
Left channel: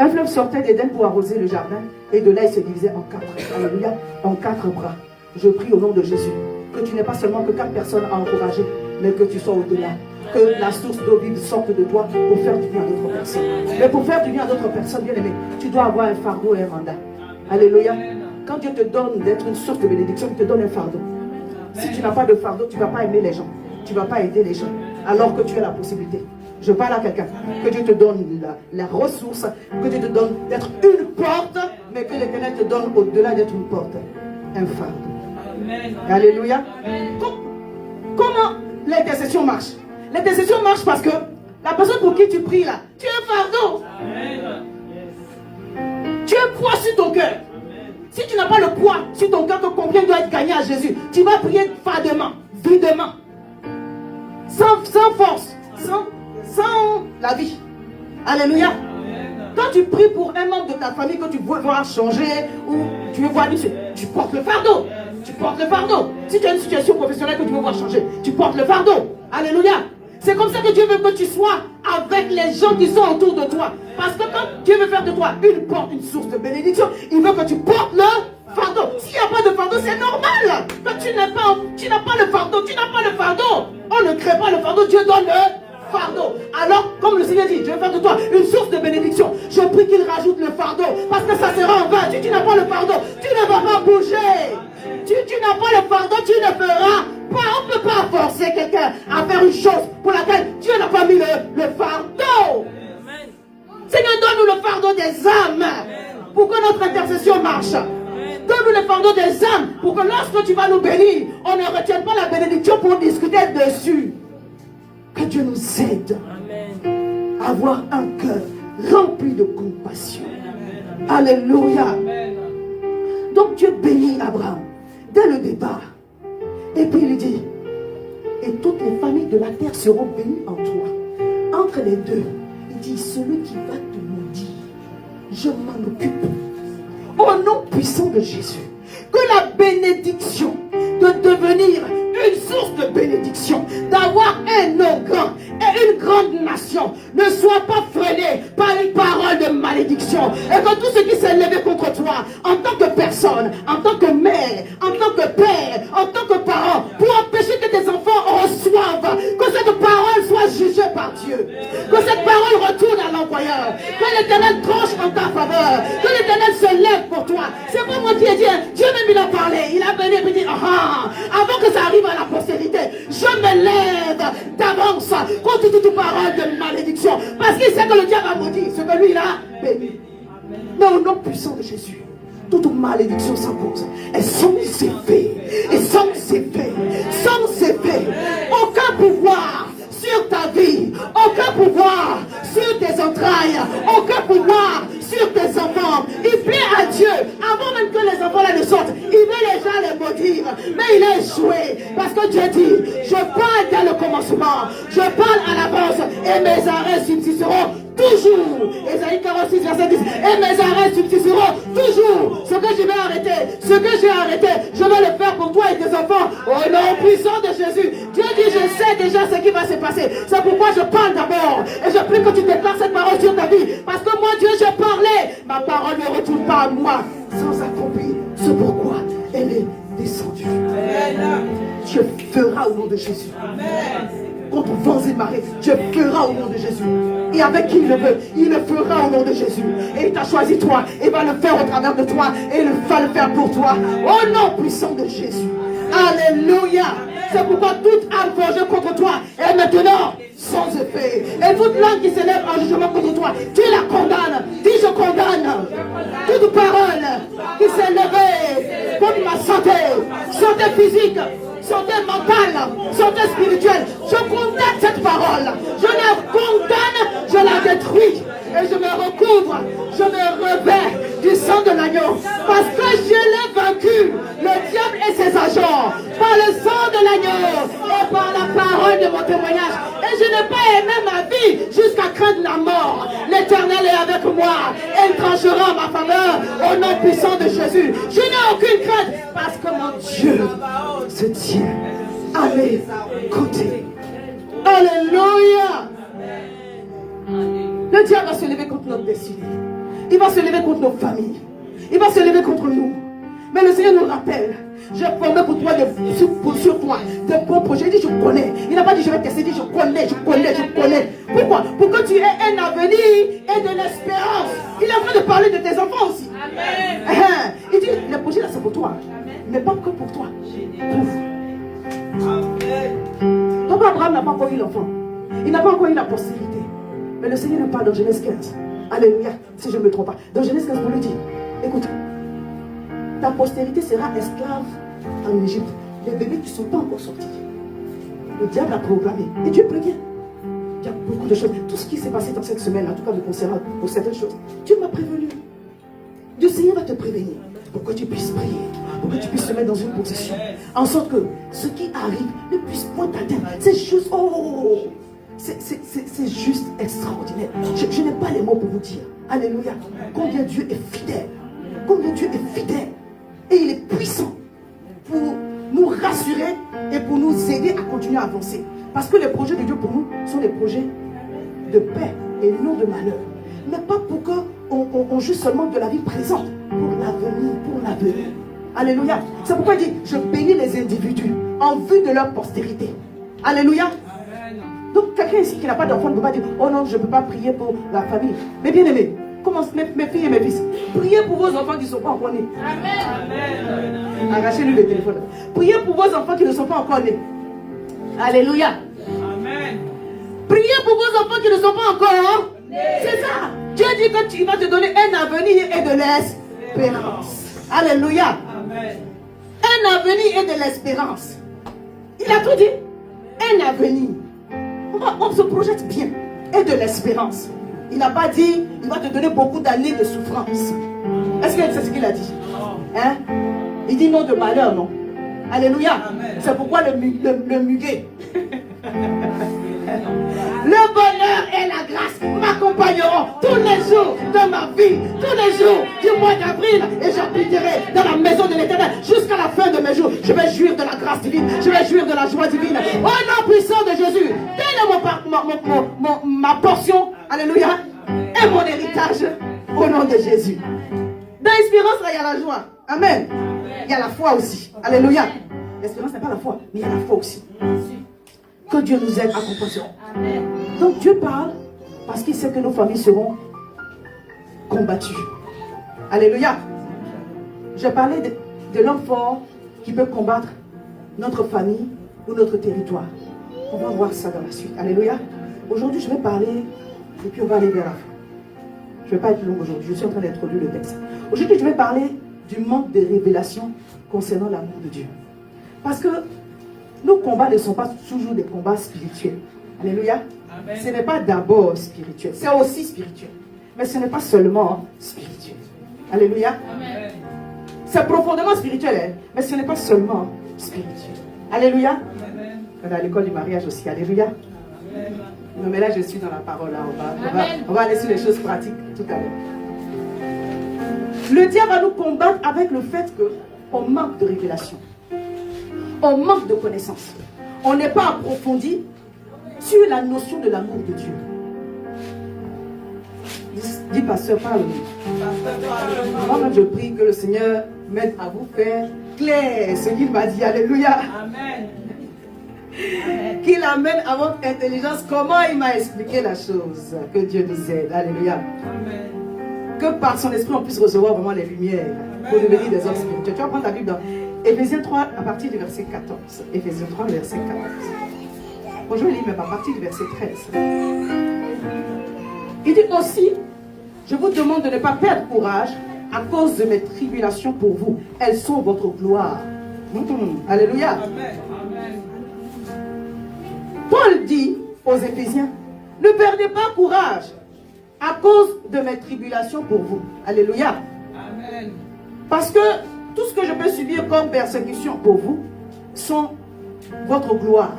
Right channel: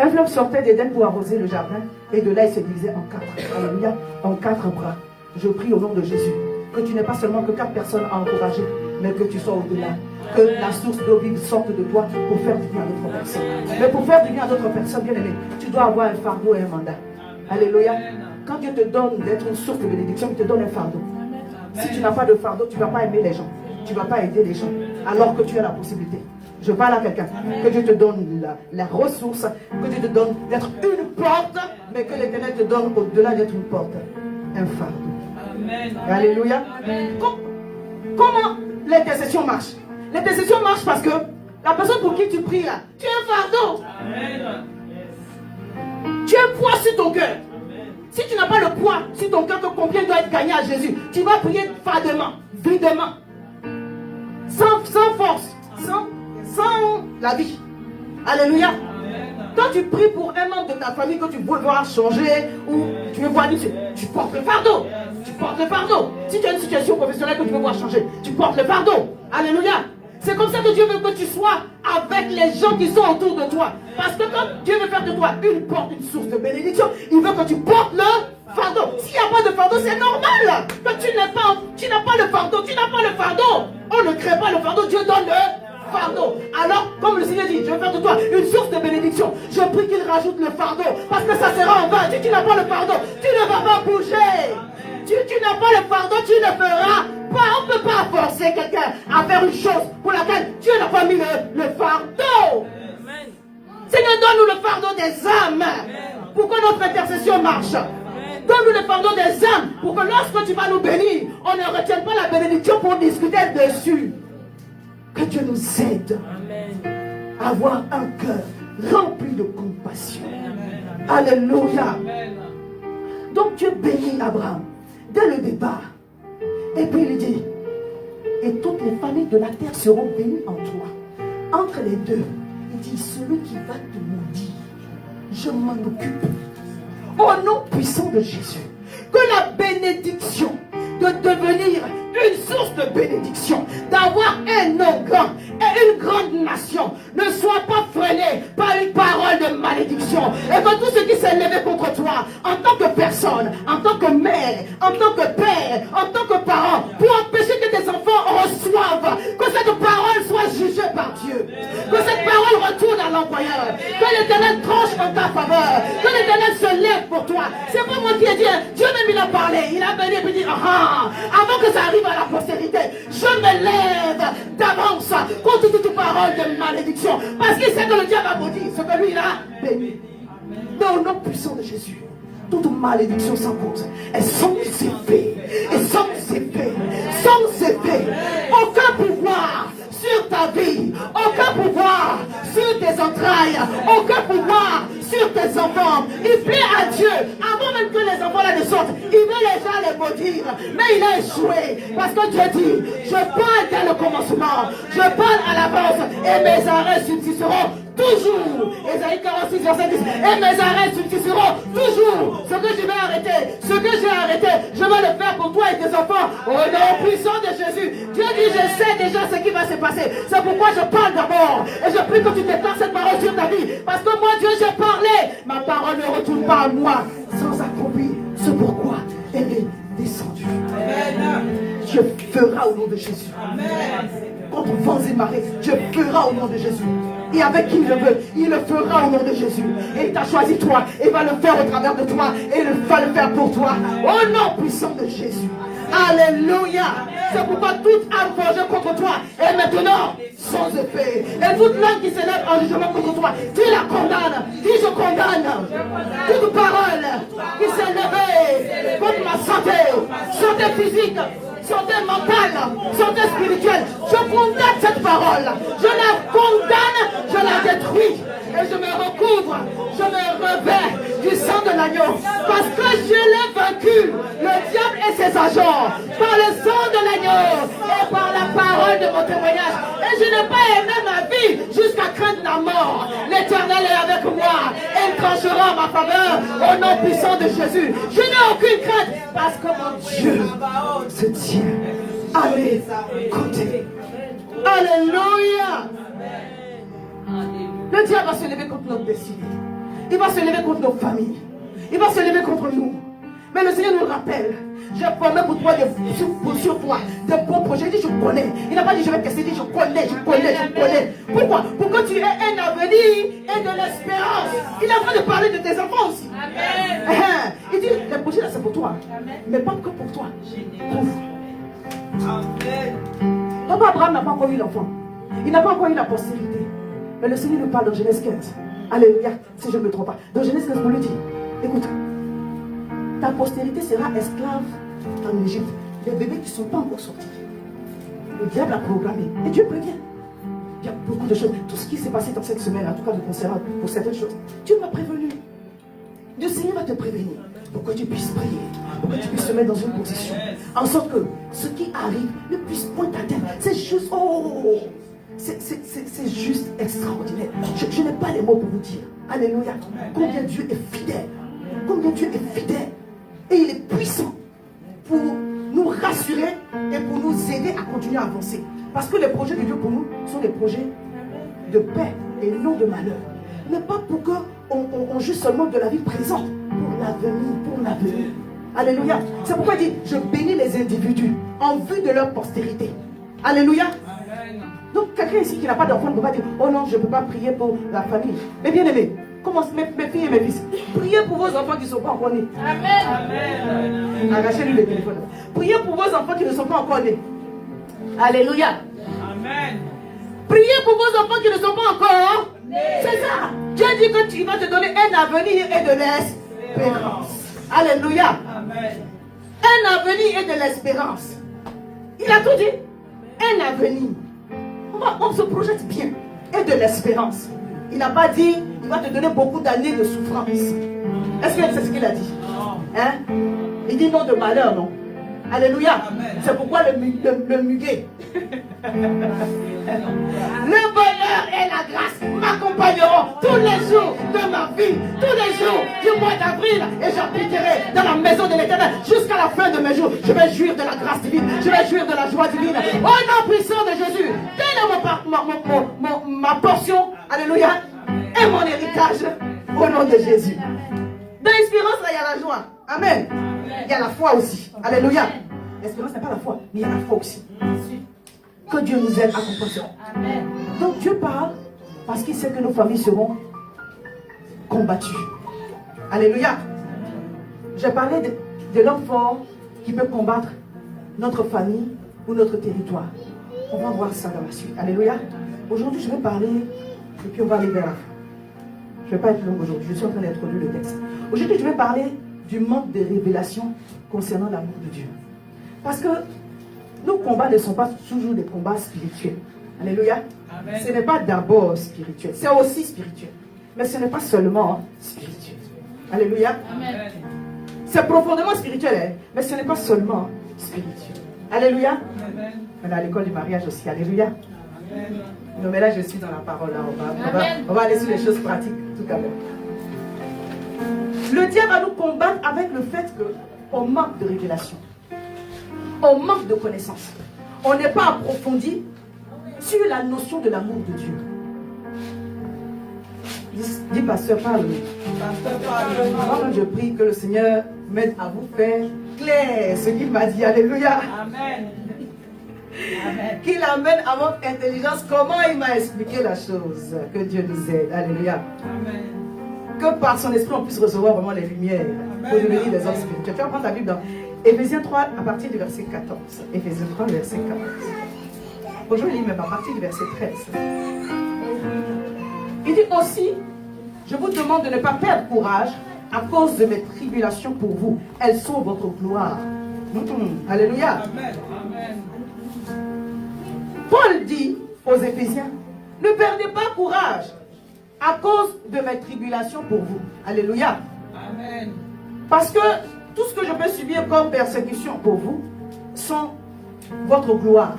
un fleuve sortait d'Éden pour arroser le jardin et de là il se divisait en 4. Alléluia, en 4 bras. Je prie au nom de Jésus que tu n'aies pas seulement que 4 personnes à encourager, mais que tu sois au-delà. Que la source d'eau vive sorte de toi pour faire du bien à d'autres personnes. Mais pour faire du bien à d'autres personnes, bien aimé, tu dois avoir un fardeau et un mandat. Alléluia. Quand Dieu te donne d'être une source de bénédiction, il te donne un fardeau. Si tu n'as pas de fardeau, tu ne vas pas aimer les gens. Tu ne vas pas aider les gens. Alors que tu as la possibilité. Je parle à quelqu'un. Que Dieu te donne la ressource. Que Dieu te donne d'être une porte. Mais que l'Éternel te donne au-delà d'être une porte. Un fardeau. Amen. Alléluia. Comment l'intercession marche? L'intercession marche parce que la personne pour qui tu pries là, tu as un fardeau. Amen. Tu as un poids sur ton cœur. Si tu n'as pas le poids sur ton cœur que combien doit être gagné à Jésus, tu vas prier fadement, videment, sans force, sans la vie. Alléluia. Quand tu pries pour un membre de ta famille que tu veux voir changer ou tu veux voir tu portes le fardeau. Tu portes le fardeau. Si tu as une situation professionnelle que tu veux voir changer, tu portes le fardeau. Alléluia. C'est comme ça que Dieu veut que tu sois avec les gens qui sont autour de toi. Parce que quand Dieu veut faire de toi une porte, une source de bénédiction, il veut que tu portes le fardeau. S'il n'y a pas de fardeau, c'est normal. Quand tu n'as pas le fardeau, tu n'as pas le fardeau. On ne crée pas le fardeau, Dieu donne le fardeau. Alors, comme le Seigneur dit, je vais faire de toi une source de bénédiction. Je prie qu'il rajoute le fardeau, parce que ça sera en vain. Si tu n'as pas le fardeau, tu ne vas pas bouger. Tu n'as pas le fardeau, tu ne feras pas. On ne peut pas forcer quelqu'un à faire une chose pour laquelle Dieu n'a pas mis le fardeau. Amen. Seigneur, donne-nous le fardeau des âmes pour que notre intercession marche. Donne-nous le fardeau des âmes pour que lorsque tu vas nous bénir, on ne retienne pas la bénédiction pour discuter dessus. Que Dieu nous aide à avoir un cœur rempli de compassion. Alléluia. Donc Dieu bénit Abraham dès le départ. Et puis il dit, et toutes les familles de la terre seront bénies en toi. Entre les deux, il dit, celui qui va te maudire, je m'en occupe. Au nom puissant de Jésus, que la bénédiction de devenir une source de bénédiction, d'avoir un nom grand et une grande nation ne soit pas freinée par une parole de malédiction. Et que tout ce qui s'est levé contre toi, en tant que personne, en tant que mère, en tant que père, en tant que parent, pour empêcher que tes enfants reçoivent, que cette parole soit jugée par Dieu, que cette parole retourne à l'employeur, que l'Éternel tranche en ta faveur, que l'Éternel se lève pour toi. C'est pas moi qui ai dit, Dieu même il a parlé, il a béni, il dit, avant que ça arrive à la postérité, je me lève d'avance contre toute parole de malédiction, parce qu'il sait que le diable a maudit ce que lui il a béni. Mais au nom puissant de Jésus, toute malédiction s'impose. Et sans effet, sans effet, aucun pouvoir sur ta vie, aucun pouvoir sur tes entrailles, aucun pouvoir sur tes enfants. Il plaît à Dieu, avant même que les enfants là ne sortent, il veut déjà les maudire, mais il a échoué, parce que Dieu dit, je parle dès le commencement, je parle à l'avance, et mes arrêts subsisteront toujours. Ésaïe 46, verset 10, et mes arrêts subsisteront toujours. Ce que je vais arrêter, ce que j'ai arrêté, je vais le faire pour toi et tes enfants, au nom puissant de Jésus. Dieu dit, je sais déjà ce qui va se passer. C'est pourquoi je parle d'abord, et je prie que tu déclares cette parole sur ta vie, parce que moi Dieu j'ai parlé, ma parole ne retourne pas à moi sans accomplir ce pourquoi elle est descendue. Dieu fera au nom de Jésus. Contre vents et marées, Dieu fera au nom de Jésus. Et avec qui il le veut, il le fera au nom de Jésus. Et il t'a choisi toi, et va le faire au travers de toi, et il va le faire pour toi, au nom puissant de Jésus. Alléluia. C'est pourquoi toute âme forgée contre toi est maintenant sans effet. Et toute langue qui s'élève en jugement contre toi, tu la condamnes. Dis je condamne toute parole qui s'est levée contre ma santé physique, santé mentale, santé spirituelle. Je condamne cette parole. Je la condamne, je la détruis. Et je me recouvre, je me revêt du sang de l'agneau. Parce que je l'ai vaincu, le diable et ses agents, par le sang de l'agneau et par la parole de mon témoignage. Et je n'ai pas aimé ma vie jusqu'à craindre la mort. L'Éternel est avec moi et il tranchera en ma faveur au nom puissant de Jésus. Je n'ai aucune crainte parce que mon Dieu se tient à mes côtés. Alléluia. Le diable va se lever contre notre destinée. Il va se lever contre nos familles. Il va se lever contre nous. Mais le Seigneur nous rappelle, je promets pour toi sur toi de bons projets. Il dit je connais. Il n'a pas dit je vais tester, il dit je connais. Pourquoi? Pour que tu aies un avenir et de l'espérance. Il est en train de parler de tes enfants aussi. Amen. Il dit les projets là c'est pour toi. Mais pas que pour toi. Pour vous. Papa Abraham n'a pas encore eu l'enfant. Il n'a pas encore eu la postérité. Mais le Seigneur nous parle dans Genèse 15. Alléluia, si je ne me trompe pas. Dans Genèse 15, vous le dit. Écoute, ta postérité sera esclave en Égypte. Les bébés qui ne sont pas encore sortis. Le diable a programmé. Et Dieu prévient. Il y a beaucoup de choses. Tout ce qui s'est passé dans cette semaine, en tout cas, me concernant pour certaines choses, Dieu m'a prévenu. Le Seigneur va te prévenir. Pour que tu puisses prier. Pour que tu puisses te mettre dans une position. En sorte que ce qui arrive ne puisse point t'atteindre. C'est juste. C'est juste extraordinaire. Je n'ai pas les mots pour vous dire. Alléluia. Combien Dieu est fidèle. Combien Dieu est fidèle. Et il est puissant pour nous rassurer et pour nous aider à continuer à avancer. Parce que les projets de Dieu pour nous sont des projets de paix et non de malheur. Mais pas pour qu'on juge seulement de la vie présente, pour l'avenir. Alléluia. C'est pourquoi il dit, je bénis les individus en vue de leur postérité. Alléluia. Donc quelqu'un ici qui n'a pas d'enfant ne peut pas dire, oh non, je ne peux pas prier pour la famille. Mais bien aimé, commence mes filles et mes fils. Priez pour vos enfants qui ne sont pas encore nés. Amen. Arrachez-lui le téléphone. Priez pour vos enfants qui ne sont pas encore nés. Alléluia. Amen. Priez pour vos enfants qui ne sont pas encore nés. C'est ça. Dieu dit que tu vas te donner un avenir et de l'espérance. Alléluia. Amen. Un avenir et de l'espérance. Il a tout dit. Un avenir. On se projette bien. Et de l'espérance. Il n'a pas dit, il va te donner beaucoup d'années de souffrance. Est-ce que c'est ce qu'il a dit? Hein? Il dit non de malheur, non? Alléluia. C'est pourquoi le muguet. Le bonheur et la grâce m'accompagneront tous les jours de ma vie, tous les jours du mois d'avril, et j'habiterai dans la maison de l'Éternel jusqu'à la fin de mes jours. Je vais jouir de la grâce divine, je vais jouir de la joie divine. Au nom puissant de Jésus, donnez-moi ma portion, alléluia, et mon héritage au nom de Jésus. Dans l'espérance, là, il y a la joie. Amen. Il y a la foi aussi. Alléluia. L'espérance n'est pas la foi, mais il y a la foi aussi. Que Dieu nous aide à comprendre ça. Donc Dieu parle parce qu'il sait que nos familles seront combattues. Alléluia. J'ai parlé de l'homme fort qui peut combattre notre famille ou notre territoire. On va voir ça dans la suite. Alléluia. Aujourd'hui, je vais parler et puis on va aller vers la fin. Je ne vais pas être long aujourd'hui. Je suis en train d'introduire le texte. Aujourd'hui, je vais parler du manque de révélation concernant l'amour de Dieu. Parce que nos combats ne sont pas toujours des combats spirituels. Alléluia. Amen. Ce n'est pas d'abord spirituel. C'est aussi spirituel. Mais ce n'est pas seulement spirituel. Alléluia. Amen. C'est profondément spirituel, hein? Mais ce n'est pas seulement spirituel. Alléluia. Amen. On est à l'école du mariage aussi. Alléluia. Amen. Non, mais là, je suis dans la parole. Là. On va aller sur les choses pratiques tout à l'heure. Le diable va nous combattre avec le fait qu'on manque de révélation. On manque de connaissances. On n'est pas approfondi sur la notion de l'amour de Dieu. Dis pasteur, parle. Moi, je prie que le Seigneur m'aide à vous faire clair ce qu'il m'a dit. Alléluia. Amen. Qu'il amène à votre intelligence comment il m'a expliqué la chose. Que Dieu nous aide. Alléluia. Amen. Que par son esprit on puisse recevoir vraiment les lumières pour devenir des hommes spirituels. Tu vas prendre ta Bible dans Éphésiens 3 à partir du verset 14. Éphésiens 3 verset 14. Bon, je vais lire même à partir du verset 13. Il dit aussi, je vous demande de ne pas perdre courage à cause de mes tribulations pour vous. Elles sont votre gloire. Alléluia. Amen. Paul dit aux Éphésiens, ne perdez pas courage à cause de mes tribulations pour vous. Alléluia. Amen. Parce que tout ce que je peux subir comme persécution pour vous sont votre gloire.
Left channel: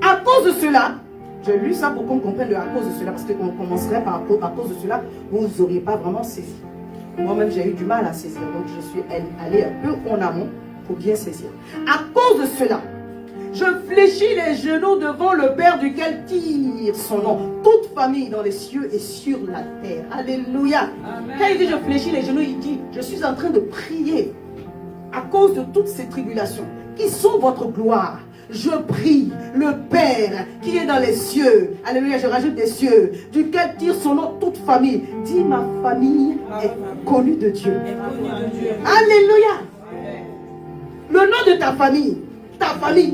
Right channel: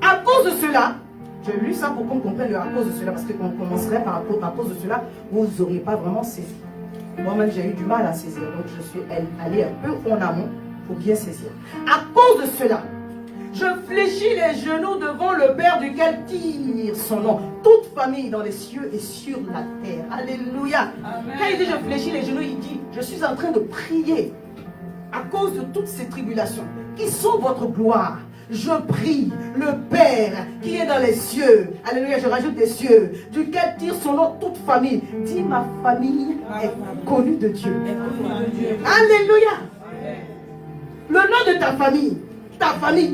À cause de cela, j'ai lu ça pour qu'on comprenne à cause de cela, parce qu'on commencerait par à cause de cela, vous n'auriez pas vraiment saisi. Moi-même, j'ai eu du mal à saisir, donc je suis allé un peu en amont pour bien saisir. À cause de cela, je fléchis les genoux devant le Père duquel tire son nom. Toute famille dans les cieux et sur la terre. Alléluia. Amen. Quand il dit je fléchis les genoux, il dit je suis en train de prier à cause de toutes ces tribulations qui sont votre gloire. Je prie le Père qui est dans les cieux. Alléluia, je rajoute des cieux. Duquel tire son nom toute famille. Dis ma famille est connue de Dieu. Alléluia. Le nom de ta famille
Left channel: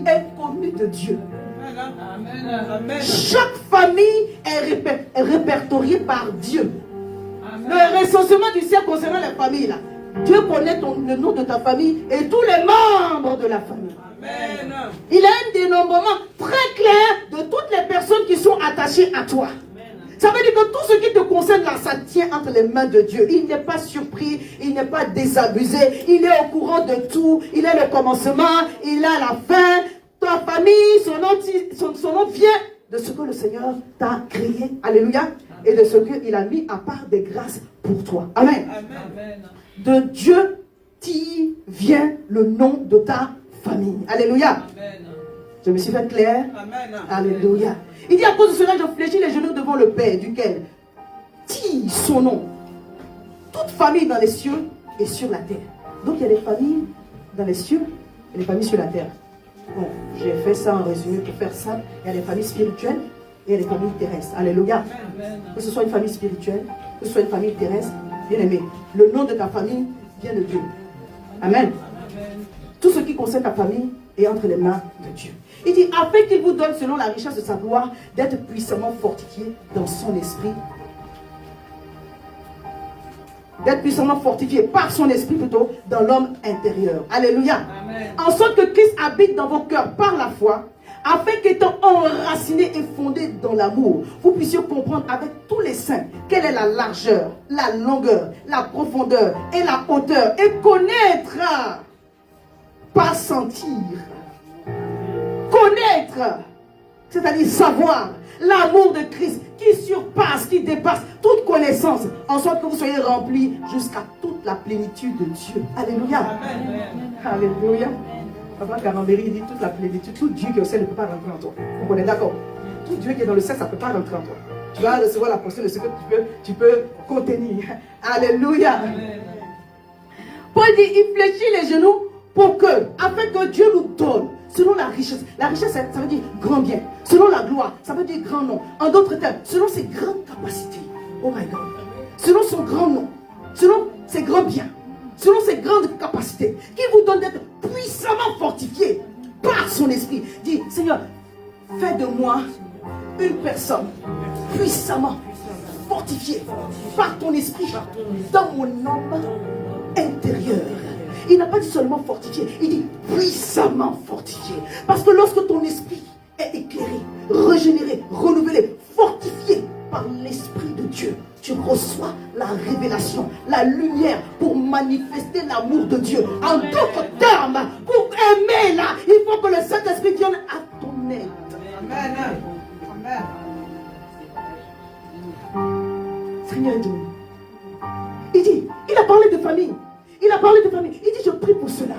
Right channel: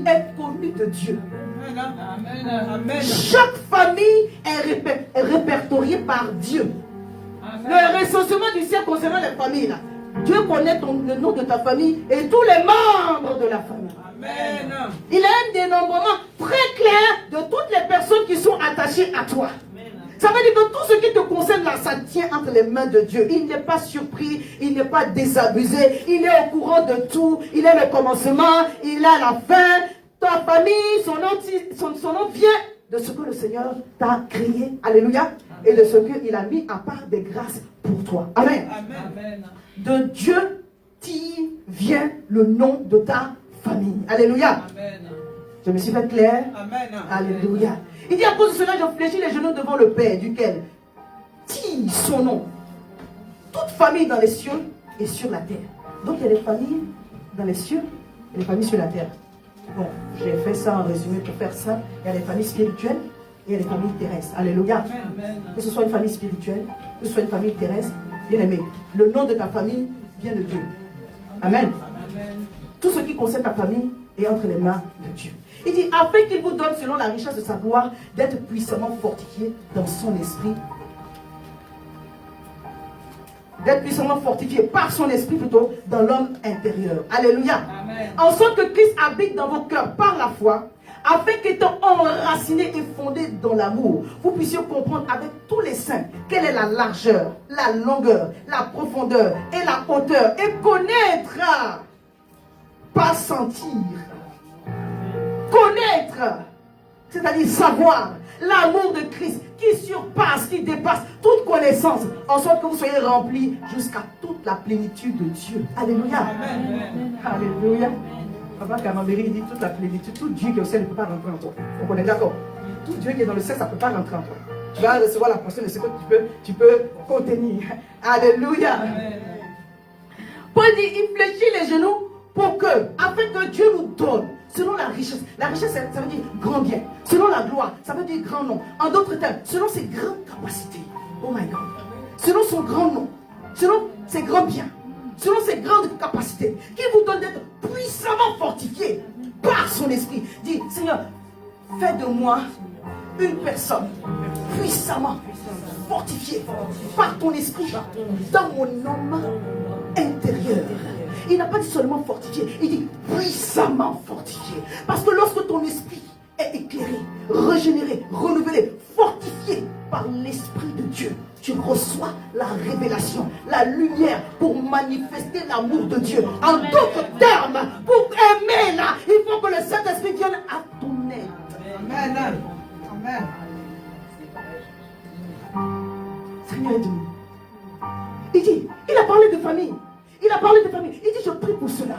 est connue de Dieu. Amen. Chaque famille est répertoriée par Dieu. Amen. Le recensement du ciel concernant les familles, là. Dieu connaît le nom de ta famille et tous les membres de la famille. Amen. Il a un dénombrement très clair de toutes les personnes qui sont attachées à toi. Amen. Ça veut dire que tout ce qui te concerne là, ça tient entre les mains de Dieu. Il n'est pas surpris, il n'est pas désabusé, il est au courant de tout, il est le commencement, il a la fin. Ta famille, son nom vient de ce que le Seigneur t'a créé. Alléluia. Et de ce qu'il a mis à part des grâces pour toi. Amen. Amen. De Dieu vient le nom de ta famille. Alléluia. Amen. Je me suis fait clair? Amen. Alléluia. Il dit à cause de cela, je fléchis les genoux devant le Père, duquel dit son nom. Toute famille dans les cieux et sur la terre. Donc il y a des familles dans les cieux et des familles sur la terre. Bon, j'ai fait ça en résumé pour faire ça. Il y a des familles spirituelles et il y a des familles terrestres. Alléluia. Que ce soit une famille spirituelle, que ce soit une famille terrestre, bien aimé, le nom de ta famille vient de Dieu. Amen. Tout ce qui concerne ta famille est entre les mains de Dieu. Il dit, afin qu'il vous donne, selon la richesse de sa gloire, d'être puissamment fortifié dans son esprit. D'être puissamment fortifié par son esprit plutôt dans l'homme intérieur. Alléluia. Amen. En sorte que Christ habite dans vos cœurs par la foi, afin qu'étant enraciné et fondé dans l'amour, vous puissiez comprendre avec tous les saints quelle est la largeur, la longueur, la profondeur et la hauteur, et connaître, pas sentir, connaître, c'est-à-dire savoir l'amour de Christ qui surpasse, qui dépasse toute connaissance, en sorte que vous soyez remplis jusqu'à toute la plénitude de Dieu. Alléluia. Amen. Alléluia. Papa Camembert dit toute la plénitude, tout Dieu qui est au ciel ne peut pas rentrer en toi. On est d'accord? Tout Dieu qui est dans le ciel, ça ne peut pas rentrer en toi. Tu vas recevoir la portion de ce que tu peux contenir. Alléluia. Amen. Paul dit, il fléchit les genoux pour que, afin que Dieu nous donne, selon la richesse. La richesse, ça veut dire grand bien. Selon la gloire, ça veut dire grand nom. En d'autres termes, selon ses grandes capacités. Oh my God. Selon son grand nom. Selon ses grands biens. Selon ses grandes capacités. Qui vous donne d'être puissamment fortifié par son esprit. Dit, Seigneur, fais de moi une personne puissamment fortifiée par ton esprit dans mon homme intérieur. Il n'a pas dit seulement fortifié, il dit puissamment fortifié. Parce que lorsque ton esprit est éclairé, régénéré, renouvelé, fortifié par l'Esprit de Dieu, tu reçois la révélation, la lumière pour manifester l'amour de Dieu. En d'autres termes, pour aimer là, il faut que le Saint-Esprit vienne à ton aide. Amen. Amen. Seigneur Dieu. Il a parlé de famille. Il a parlé de famille. Il dit, je prie pour cela.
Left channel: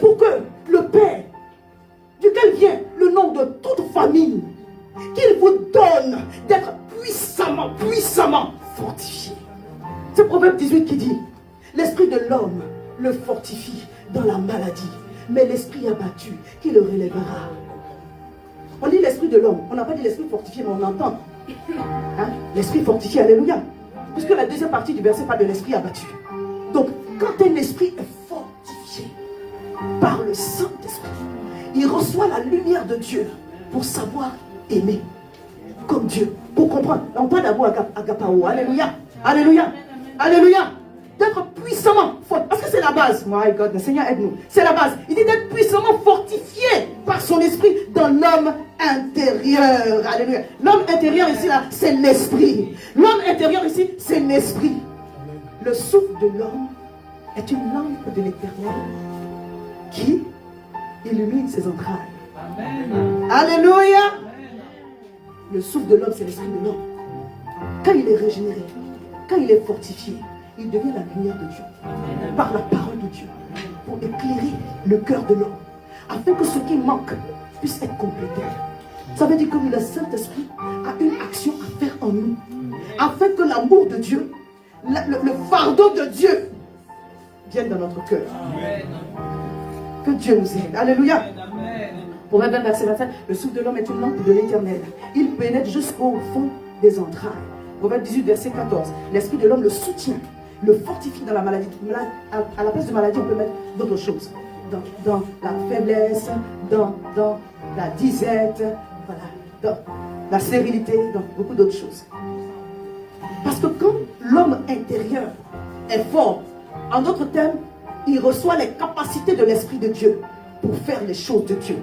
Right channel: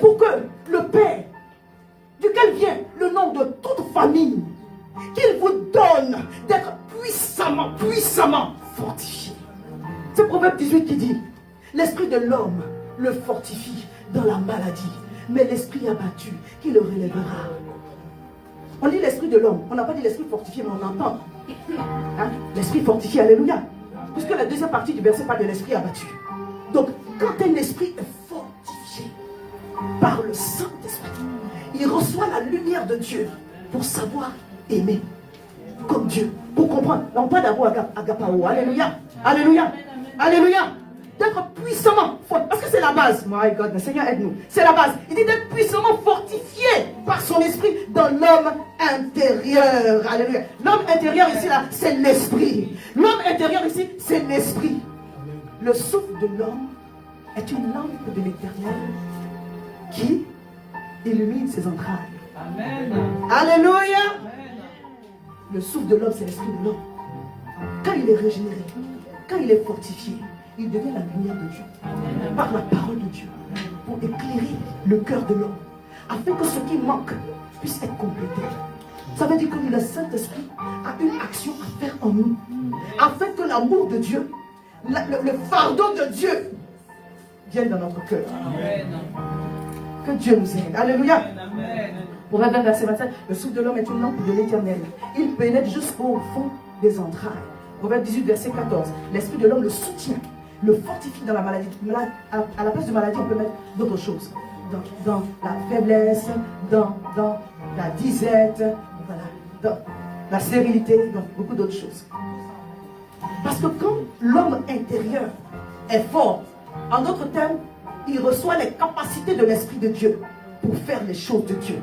Pour que le Père, duquel vient le nom de toute famille, qu'il vous donne d'être puissamment fortifié. C'est Proverbe 18 qui dit, l'esprit de l'homme le fortifie dans la maladie, mais l'esprit abattu qui le relèvera. On dit l'esprit de l'homme. On n'a pas dit l'esprit fortifié, mais on entend. Hein? L'esprit fortifié, alléluia. Puisque la deuxième partie du verset parle de l'esprit abattu. Donc, quand un esprit est fortifié par le Saint-Esprit, il reçoit la lumière de Dieu pour savoir aimer comme Dieu, pour comprendre. On parle d'amour agapao. Alléluia. Alléluia. Alléluia. D'être puissamment fort. Parce que c'est la base. My God, le Seigneur aide-nous. C'est la base. Il dit d'être puissamment fortifié par son esprit dans l'homme intérieur. Alléluia. L'homme intérieur ici, là, c'est l'esprit. L'homme intérieur ici, c'est l'esprit. Le souffle de l'homme est une lampe de l'Éternel qui illumine ses entrailles. Amen. Alléluia. Le souffle de l'homme, c'est l'esprit de l'homme. Quand il est régénéré, quand il est fortifié, il devient la lumière de Dieu. Amen. Par la parole de Dieu. Pour éclairer le cœur de l'homme. Afin que ce qui manque puisse être complété. Ça veut dire que le Saint-Esprit a une action à faire en nous. Afin que l'amour de Dieu, le fardeau de Dieu vienne dans notre cœur. Amen. Que Dieu nous aide. Alléluia. Proverbe 20, verset 25. Le souffle de l'homme est une lampe de l'Éternel. Il pénètre jusqu'au fond des entrailles. Proverbe 18, verset 14. L'esprit de l'homme le soutient, le fortifie dans la maladie. À la place de maladie, on peut mettre d'autres choses. Dans la faiblesse, dans la disette, voilà, dans la stérilité, dans beaucoup d'autres choses. Parce que quand l'homme intérieur est fort, en d'autres termes, il reçoit les capacités de l'Esprit de Dieu pour faire les choses de Dieu.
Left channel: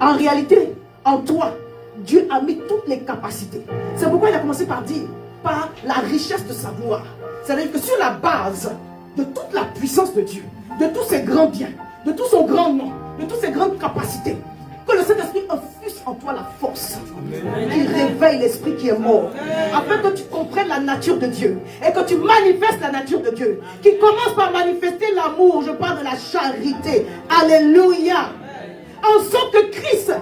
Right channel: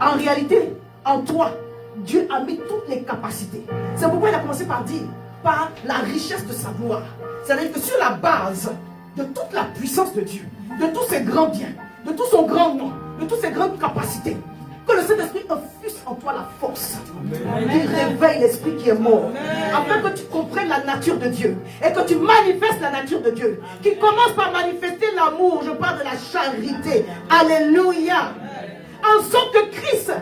En réalité, en toi, Dieu a mis toutes les capacités. C'est pourquoi il a commencé par dire, par la richesse de sa gloire. C'est-à-dire que sur la base de toute la puissance de Dieu, de tous ses grands biens, de tout son grand nom, de toutes ses grandes capacités, que le Saint-Esprit infuse en toi la force. Il réveille l'esprit qui est mort. Afin que tu comprennes la nature de Dieu. Et que tu manifestes la nature de Dieu. Qui commence par manifester l'amour. Je parle de la charité. Alléluia. En sorte que Christ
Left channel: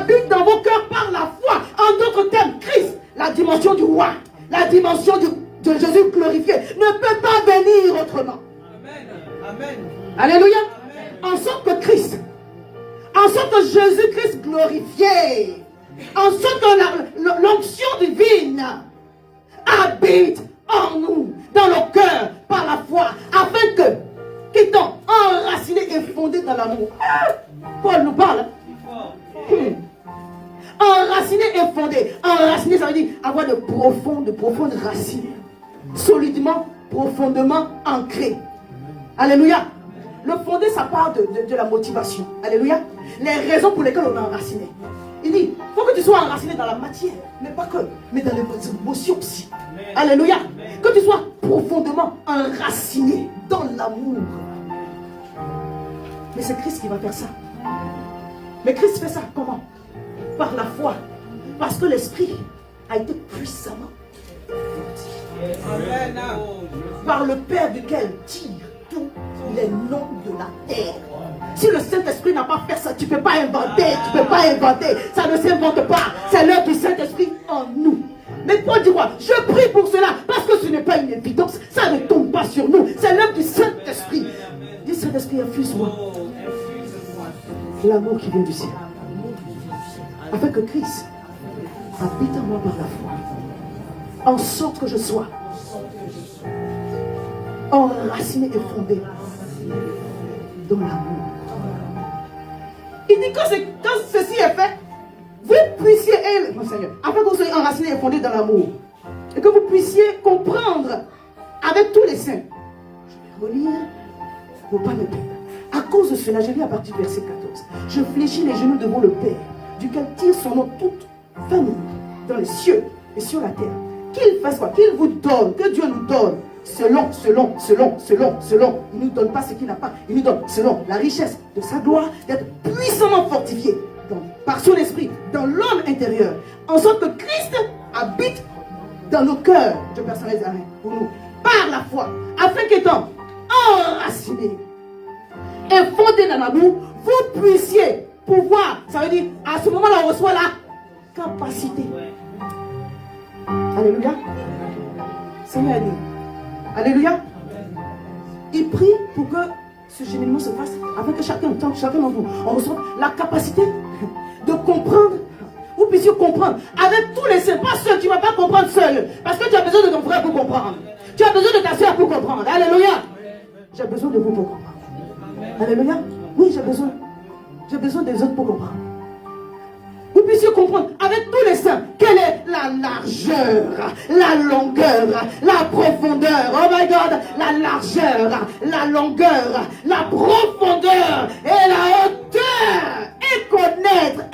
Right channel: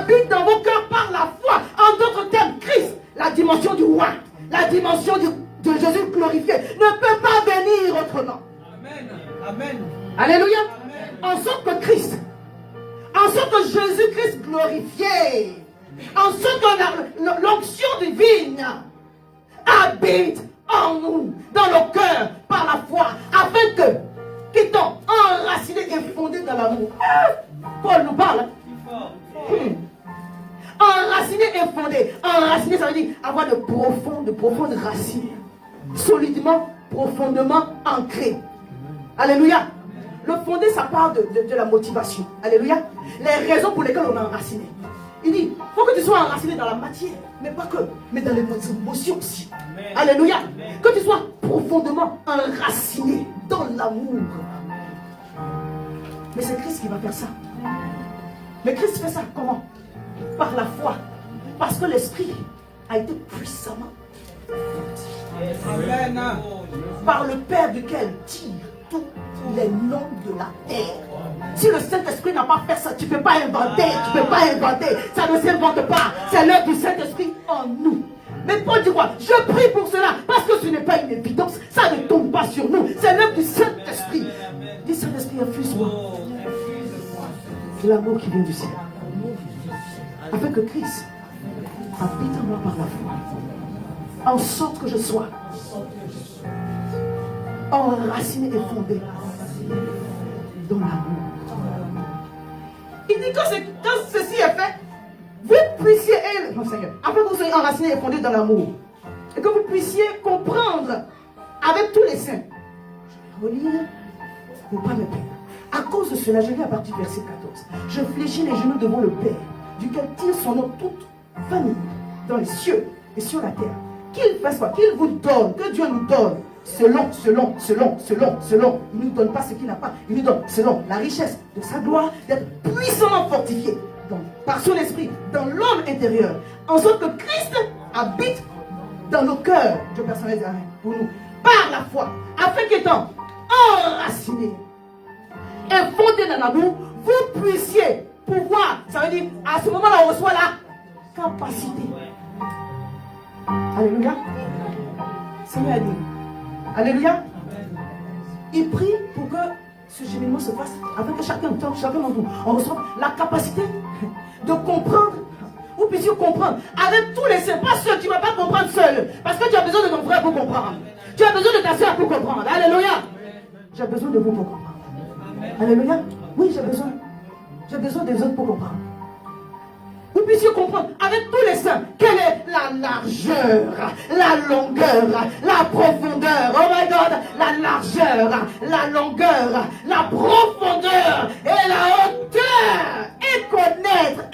habite dans vos cœurs par la foi. En d'autres termes, Christ, la dimension du roi, la dimension de Jésus glorifié, ne peut pas venir autrement. Amen. Amen. Alléluia. En sorte que Christ, en sorte que Jésus-Christ glorifié, en sorte que l'onction divine habite en nous, dans nos cœurs, par la foi, afin que, qu'étant enracinés et fondés dans l'amour. Paul nous parle. Enraciné et fondé. Enraciné, ça veut dire avoir de profondes racines. Solidement, profondément ancré. Alléluia. Le fondé, ça part de la motivation. Alléluia. Les raisons pour lesquelles on est enraciné. Il dit, il faut que tu sois enraciné dans la matière, mais pas que, mais dans les émotions aussi. Alléluia. Que tu sois profondément enraciné dans l'amour. Mais c'est Christ qui va faire ça. Mais Christ fait ça comment? Par la foi. Parce que l'Esprit a été puissamment par le Père duquel tire tous les noms de la terre. Si le Saint-Esprit n'a pas fait ça, tu ne peux pas inventer. Tu ne peux pas inventer. Ça ne s'invente pas. C'est l'œuvre du Saint-Esprit en nous. Mais Paul dit quoi? Je prie pour cela parce que ce n'est pas une évidence. Ça ne tombe pas sur nous. C'est l'œuvre du Saint-Esprit. Dis Saint-Esprit, infuse-moi l'amour qui vient du ciel. Afin que Christ habite en moi par la foi. En sorte que je sois enraciné et fondé dans l'amour. Il dit que quand ceci est fait, vous puissiez, mon Seigneur, afin que vous soyez enracinés et fondés dans l'amour, et que vous puissiez comprendre avec tous les saints. Je vais relire pour ne pas me perdre. À cause de cela, je lis à partir du verset 14. Je fléchis les genoux devant le Père, duquel tire son nom toute famille, dans les cieux et sur la terre. Qu'il fasse quoi? Qu'il vous donne, que Dieu nous donne, selon. Il ne nous donne pas ce qu'il n'a pas. Il nous donne, selon la richesse de sa gloire, d'être puissamment fortifié par son esprit, dans l'homme intérieur, en sorte que Christ habite dans nos cœurs. Je personnalise pour nous, par la foi, afin qu'étant enracinés et fondés dans l'amour, vous puissiez pouvoir, ça veut dire, à ce moment-là, on reçoit la capacité. Alléluia. Seigneur aide-nous. Alléluia. Il prie pour que ce cheminement se fasse afin que chacun d'entre vous, on reçoit la capacité de comprendre. Vous puissiez comprendre avec tous les saints, pas seul. Tu ne vas pas comprendre seul. Parce que tu as besoin de ton frère pour comprendre. Tu as besoin de ta soeur pour comprendre. Alléluia. J'ai besoin de vous pour comprendre. Alléluia. Oui, j'ai besoin. J'ai besoin des autres pour comprendre. Vous puissiez comprendre avec tous les saints quelle est la largeur, la longueur, la profondeur. Oh my God, la largeur, la longueur, la profondeur et la hauteur. Et connaître.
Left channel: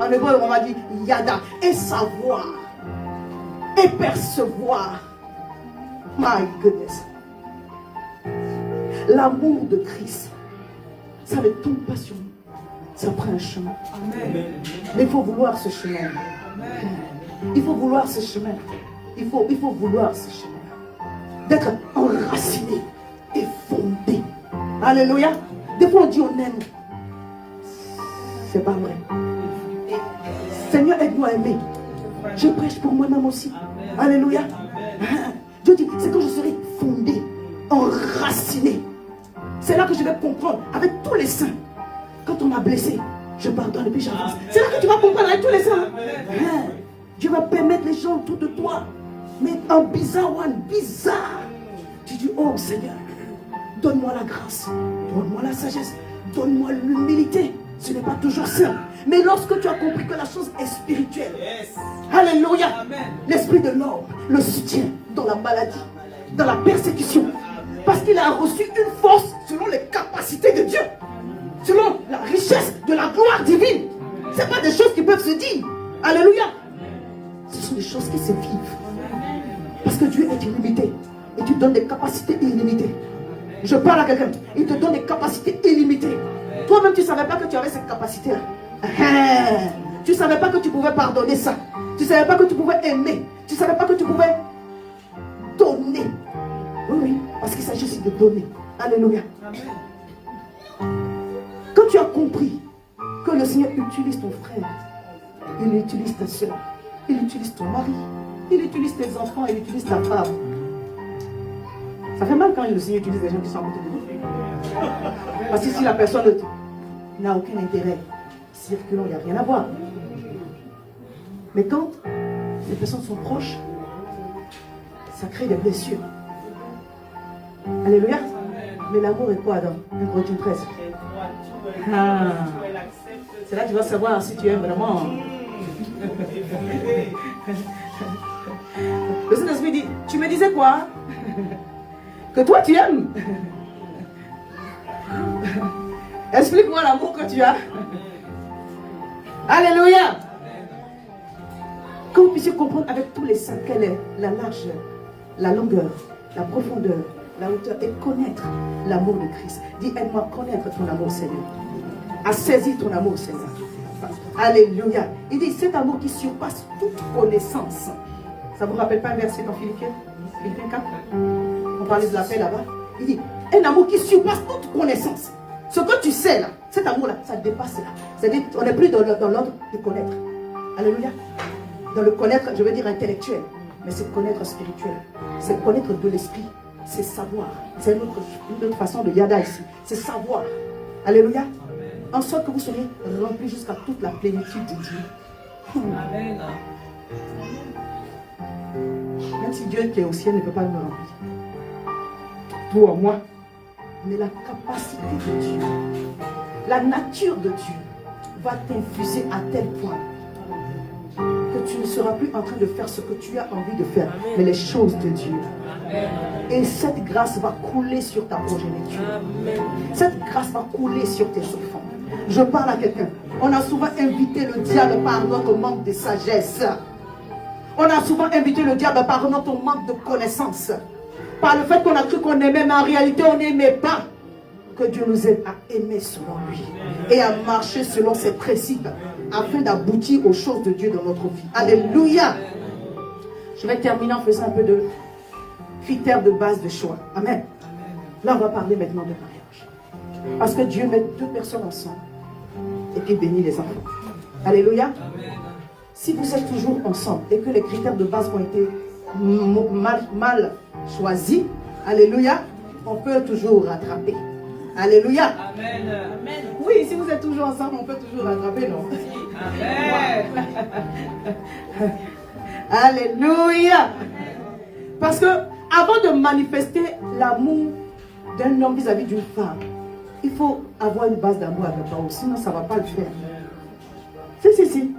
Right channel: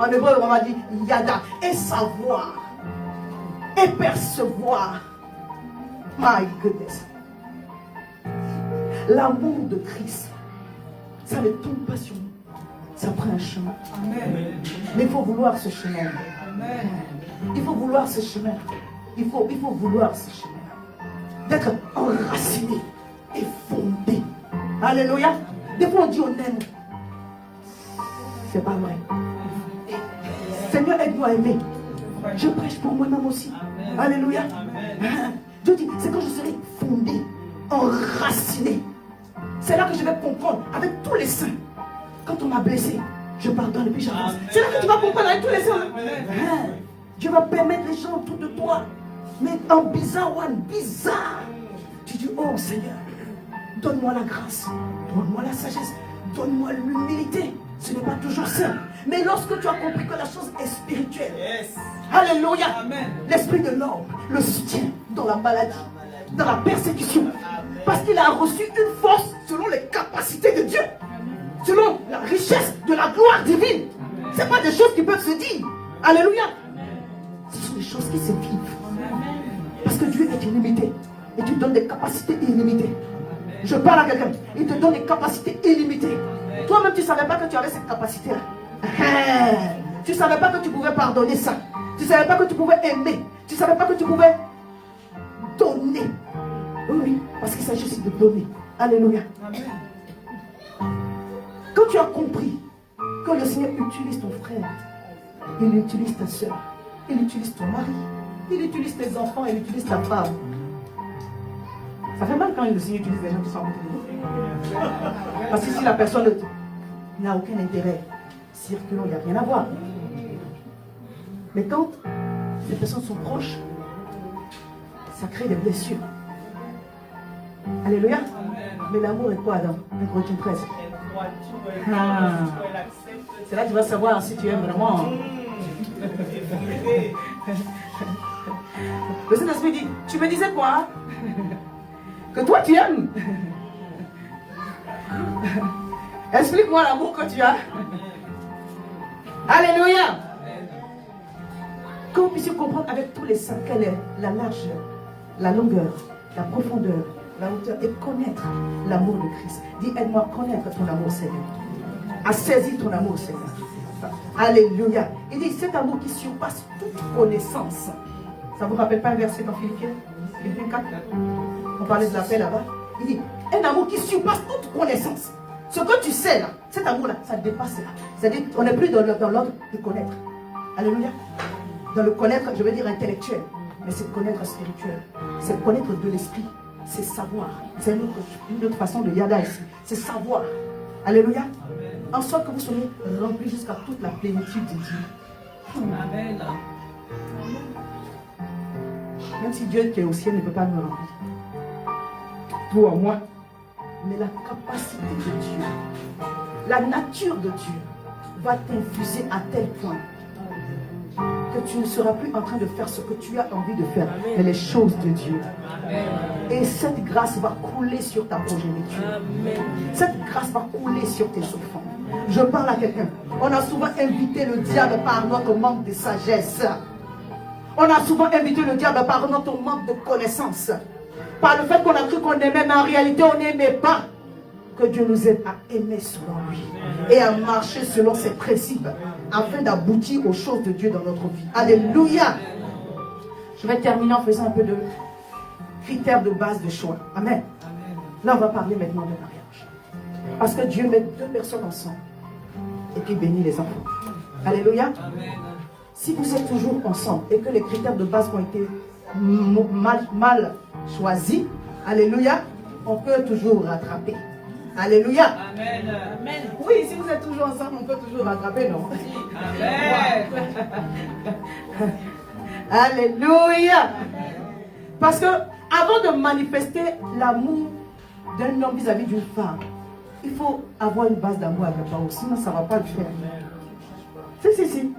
En hébreu, on va dire yada. Et savoir. Et percevoir. My goodness. L'amour de Christ, ça ne tombe pas sur nous. Ça prend un chemin. Amen. Mais il faut vouloir ce chemin. Amen. Il faut vouloir ce chemin. Il faut vouloir ce chemin. D'être enraciné et fondé. Alléluia. Des fois on dit on aime. C'est pas vrai. Seigneur, aide-nous à aimer. Je prêche pour moi-même aussi. Amen. Alléluia. Dieu dit, c'est quand je serai fondé, enraciné. C'est là que je vais comprendre avec tous les saints. Quand on m'a blessé, je pardonne et puis j'avance. C'est là que tu vas comprendre avec tous les saints. Dieu va permettre les gens autour de toi. Mais en bizarre. Tu dis, oh Seigneur, donne-moi la grâce, donne-moi la sagesse, donne-moi l'humilité. Ce n'est pas toujours simple. Mais lorsque tu as compris que la chose est spirituelle, alléluia, l'esprit de l'homme le soutient dans la maladie, dans la persécution. Parce qu'il a reçu une force selon les capacités de Dieu. Selon la richesse de la gloire divine. Ce n'est pas des choses qui peuvent se dire. Alléluia. Ce sont des choses qui se vivent. Parce que Dieu est illimité. Et tu donnes des capacités illimitées. Je parle à quelqu'un. Il te donne des capacités illimitées. Toi-même, tu ne savais pas que tu avais cette capacité-là. Tu ne savais pas que tu pouvais pardonner ça. Tu ne savais pas que tu pouvais aimer. Tu ne savais pas que tu pouvais donner. Oui, parce qu'il s'agit aussi de donner. Alléluia. Quand tu as compris Que le Seigneur utilise ton frère. Il utilise ta soeur. Il utilise ton mari. Il utilise tes enfants. Il utilise ta femme. Ça fait mal quand le Seigneur utilise des gens qui sont en côté de nous. Parce que si la personne n'a aucun intérêt, circulant, il n'y a rien à voir. Mais quand les personnes sont proches, ça crée des blessures. Alléluia. Mais l'amour est quoi dans 1 Corinthiens 13? C'est là que tu vas savoir si tu aimes vraiment. Le Saint-Esprit dit, tu me disais quoi? Que toi tu aimes. Explique-moi l'amour que tu as. Alléluia. Que vous puissiez comprendre avec tous les saints quelle est la largeur, la longueur, la profondeur, la hauteur et connaître l'amour de Christ. Dis, aide-moi à connaître ton amour, Seigneur. À saisir ton amour, Seigneur. Alléluia. Il dit, cet amour qui surpasse toute connaissance. Ça ne vous rappelle pas un verset dans Philippiens 4? On parlait de la paix là-bas. Il dit, un amour qui surpasse toute connaissance. Ce que tu sais là, cet amour-là, ça dépasse là. C'est-à-dire, on n'est plus dans l'ordre de connaître. Alléluia. Dans le connaître, je veux dire intellectuel. Mais c'est connaître spirituel. C'est connaître de l'esprit. C'est savoir. C'est une autre façon de yada ici. C'est savoir. Alléluia. En sorte que vous soyez remplis jusqu'à toute la plénitude de Dieu. Amen. Même si Dieu qui est au ciel ne peut pas me remplir. Pour moi. Mais la capacité de Dieu, la nature de Dieu va t'infuser à tel point que tu ne seras plus en train de faire ce que tu as envie de faire, Amen. Mais les choses de Dieu. Amen. Et cette grâce va couler sur ta progéniture. Amen. Cette grâce va couler sur tes enfants. Je parle à quelqu'un. On a souvent invité le diable par notre manque de sagesse. On a souvent invité le diable par notre manque de connaissance. Par le fait qu'on a cru qu'on aimait, mais en réalité on n'aimait pas. Que Dieu nous aide à aimer selon lui et à marcher selon ses principes afin d'aboutir aux choses de Dieu dans notre vie. Alléluia. Je vais terminer en faisant un peu de critères de base de choix. Amen. Là on va parler maintenant de mariage. Parce que Dieu met deux personnes ensemble et qu'il bénit les enfants. Alléluia. Si vous êtes toujours ensemble et que les critères de base ont été mal choisis, alléluia, on peut toujours rattraper. Alléluia. Amen. Amen. Oui, si vous êtes toujours ensemble, on peut toujours rattraper, non? Amen. Alléluia. Parce que avant de manifester l'amour d'un homme vis-à-vis d'une femme, il faut avoir une base d'amour avec toi, sinon ça ne va pas le faire. Si.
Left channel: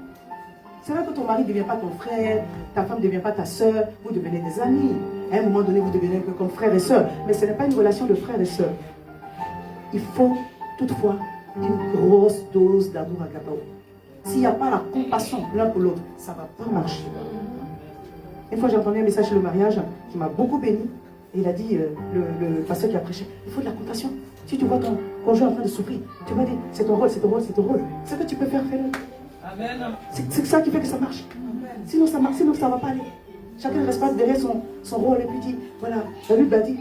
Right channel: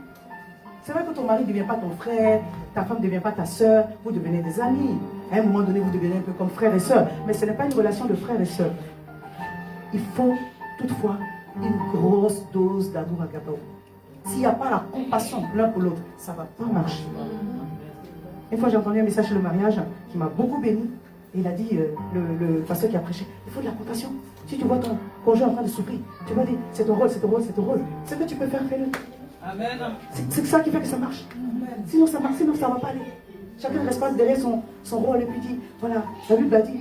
C'est vrai que ton mari ne devient pas ton frère, ta femme ne devient pas ta soeur, vous devenez des amis. À un moment donné, vous devenez un peu comme frère et soeur. Mais ce n'est pas une relation de frère et soeur. Il faut toutefois une grosse dose d'amour agapao. S'il n'y a pas la compassion l'un pour l'autre, ça ne va pas marcher. Une fois, j'ai entendu un message sur le mariage qui m'a beaucoup béni. Et il a dit, le pasteur qui a prêché, il faut de la compassion. Si tu vois ton conjoint en train de souffrir, tu vas dire, c'est ton rôle, c'est ton rôle, c'est ton rôle. Ce que tu peux faire, fais-le. C'est ça qui fait que ça marche. Sinon ça marche, sinon ça ne va pas aller. Chacun reste pas derrière son rôle et puis dit, voilà, la Bible a dit,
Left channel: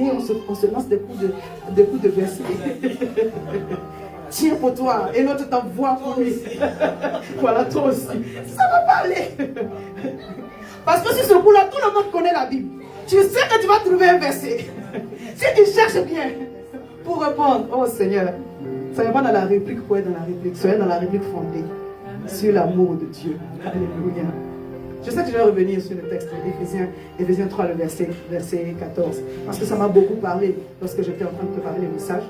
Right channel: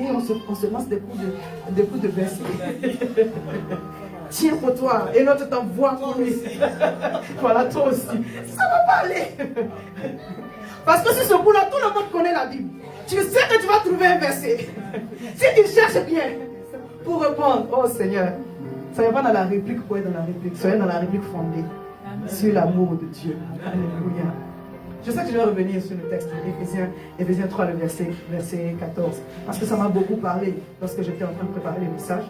et on se lance des coups de verset. Tiens pour toi, et l'autre t'envoie pour lui. Voilà, toi aussi. Ça ne va pas aller. Parce que sur ce coup-là, tout le monde connaît la Bible. Tu sais que tu vas trouver un verset. Si tu cherches bien pour répondre, oh Seigneur, ça n'est pas dans la réplique pour être dans la réplique, soyez dans la réplique fondée sur l'amour de Dieu. Alléluia. Je sais que je vais revenir sur le texte d'Éphésiens 3, le verset 14, parce que ça m'a beaucoup parlé lorsque j'étais en train de préparer les messages.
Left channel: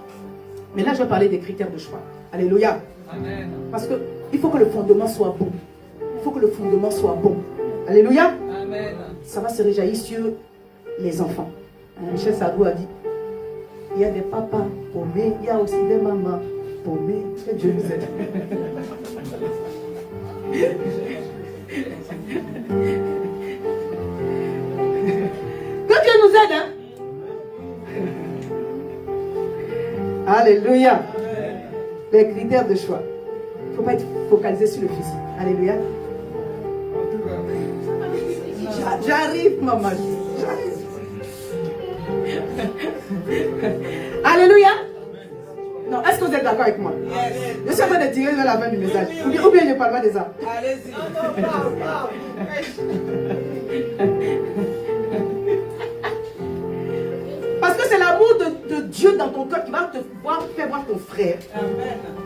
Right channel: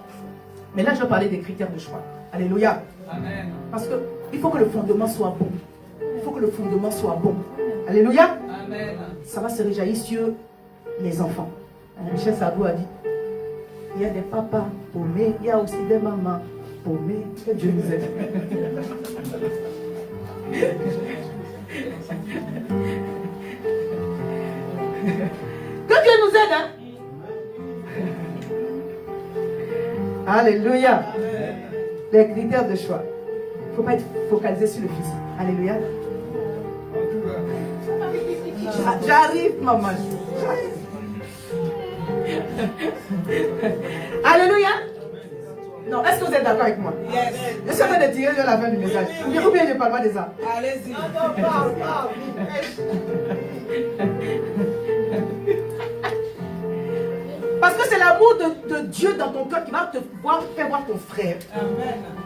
Mais là, je vais parler des critères de choix. Alléluia. Amen. Parce qu'il faut que le fondement soit bon. Il faut que le fondement soit bon. Alléluia. Amen. Ça va se réjaillir sur les enfants. Michel Sardou a dit, il y a des papas paumés, il y a aussi des mamans paumées. Que Dieu nous aide. Que Dieu nous aide, hein? Alléluia. Les critères de choix. Il ne faut pas être focalisé sur le physique. Alléluia. J'arrive, maman. Alléluia. Non, Non, est-ce que vous êtes d'accord avec moi? Yes. Je suis en train de tirer sur la fin du message. Ou bien je ne parle pas de ça. Allez-y. Parce que c'est l'amour de Dieu dans ton cœur qui va te faire voir ton frère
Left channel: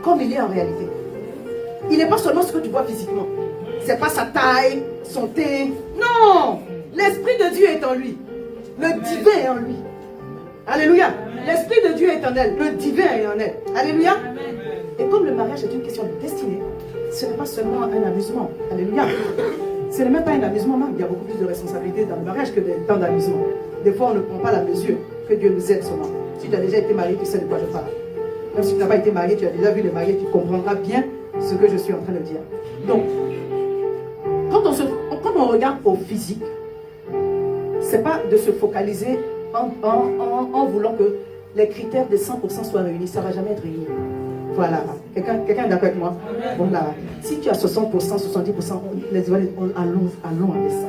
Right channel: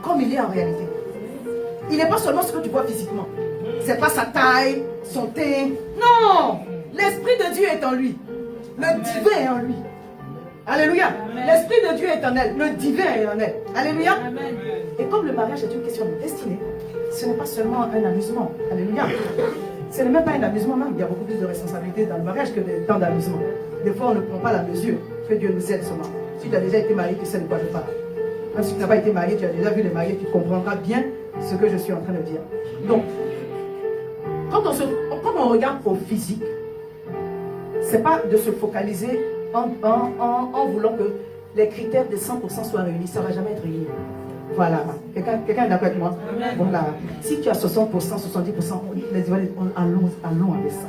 comme il est en réalité. Il n'est pas seulement ce que tu vois physiquement. C'est pas sa taille, son teint. Non! L'Esprit de Dieu est en lui. Le divin est en lui. Alléluia. L'Esprit de Dieu est en elle. Le divin est en elle. Alléluia. Et comme le mariage est une question de destinée, ce n'est pas seulement un amusement. Alléluia. Ce n'est même pas un amusement, même. Il y a beaucoup plus de responsabilités dans le mariage que de temps d'amusement. Des fois, on ne prend pas la mesure que Dieu nous aide seulement. Si tu as déjà été marié, tu sais de quoi je parle. Même si tu n'as pas été marié, tu as déjà vu les mariés, tu comprendras bien ce que je suis en train de dire. Donc, quand on regarde au physique, c'est pas de se focaliser en voulant que les critères de 100% soient réunis. Ça ne va jamais être réuni. Voilà. Quelqu'un est d'accord avec moi? Bon, là, si tu as 60%, 70%, les allons avec ça.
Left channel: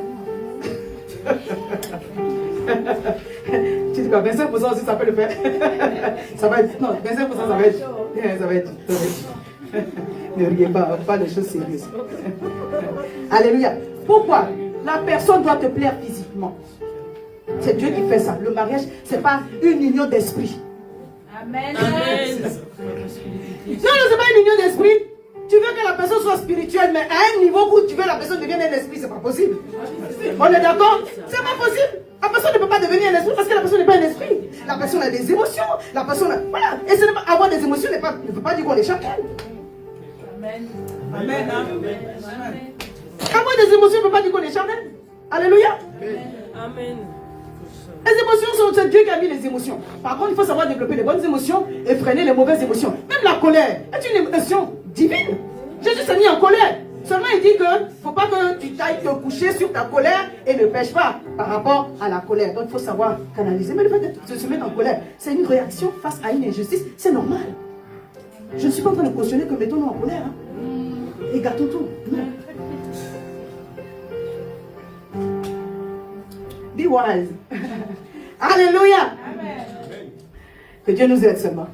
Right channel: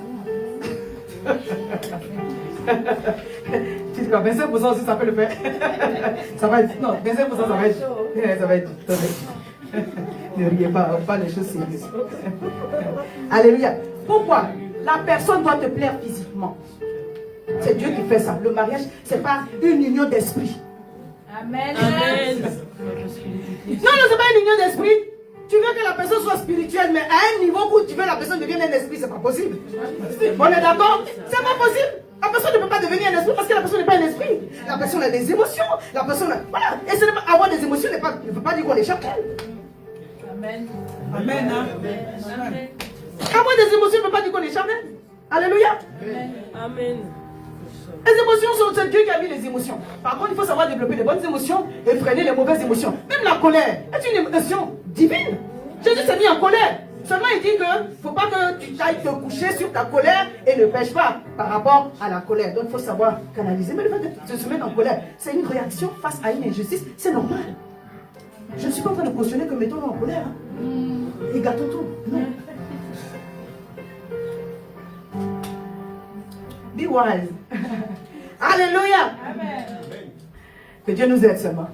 Tu dis quoi? 25% aussi, ça peut le faire. Ça va être. Non, 25%, ça va être. Ça va être. Ne riez pas les choses sérieuses. Alléluia. Pourquoi? La personne doit te plaire physiquement. C'est Dieu qui fait ça. Le mariage, ce n'est pas une union d'esprit. Amen. Amen. Non, ce n'est pas une union d'esprit. Tu veux que la personne soit spirituelle, mais à un niveau où tu veux que la personne devienne un esprit, c'est pas possible. On est d'accord? C'est pas possible. La personne ne peut pas devenir un esprit parce que la personne n'est pas un esprit. La personne a des émotions. La personne a... Voilà. Et ce n'est pas avoir des émotions ne veut pas dire qu'on est chacun. Amen. Amen. Amen. Avoir des émotions ne veut pas dire qu'on est chacun. Alléluia. Amen. Les émotions, c'est Dieu qui a mis les émotions. Par contre, il faut savoir développer les bonnes émotions et freiner les mauvaises émotions. Même la colère est une émotion divine. Jésus s'est mis en colère. Seulement, il dit que ne faut pas que tu ailles te coucher sur ta colère et ne pêche pas par rapport à la colère. Donc, il faut savoir canaliser. Mais le fait de se mettre en colère, c'est une réaction face à une injustice. C'est normal. Je ne suis pas en train de cautionner que mettons-nous en colère. Et gâtons tout. Non. Be wise. Alléluia. Amen. Que Dieu nous aide seulement.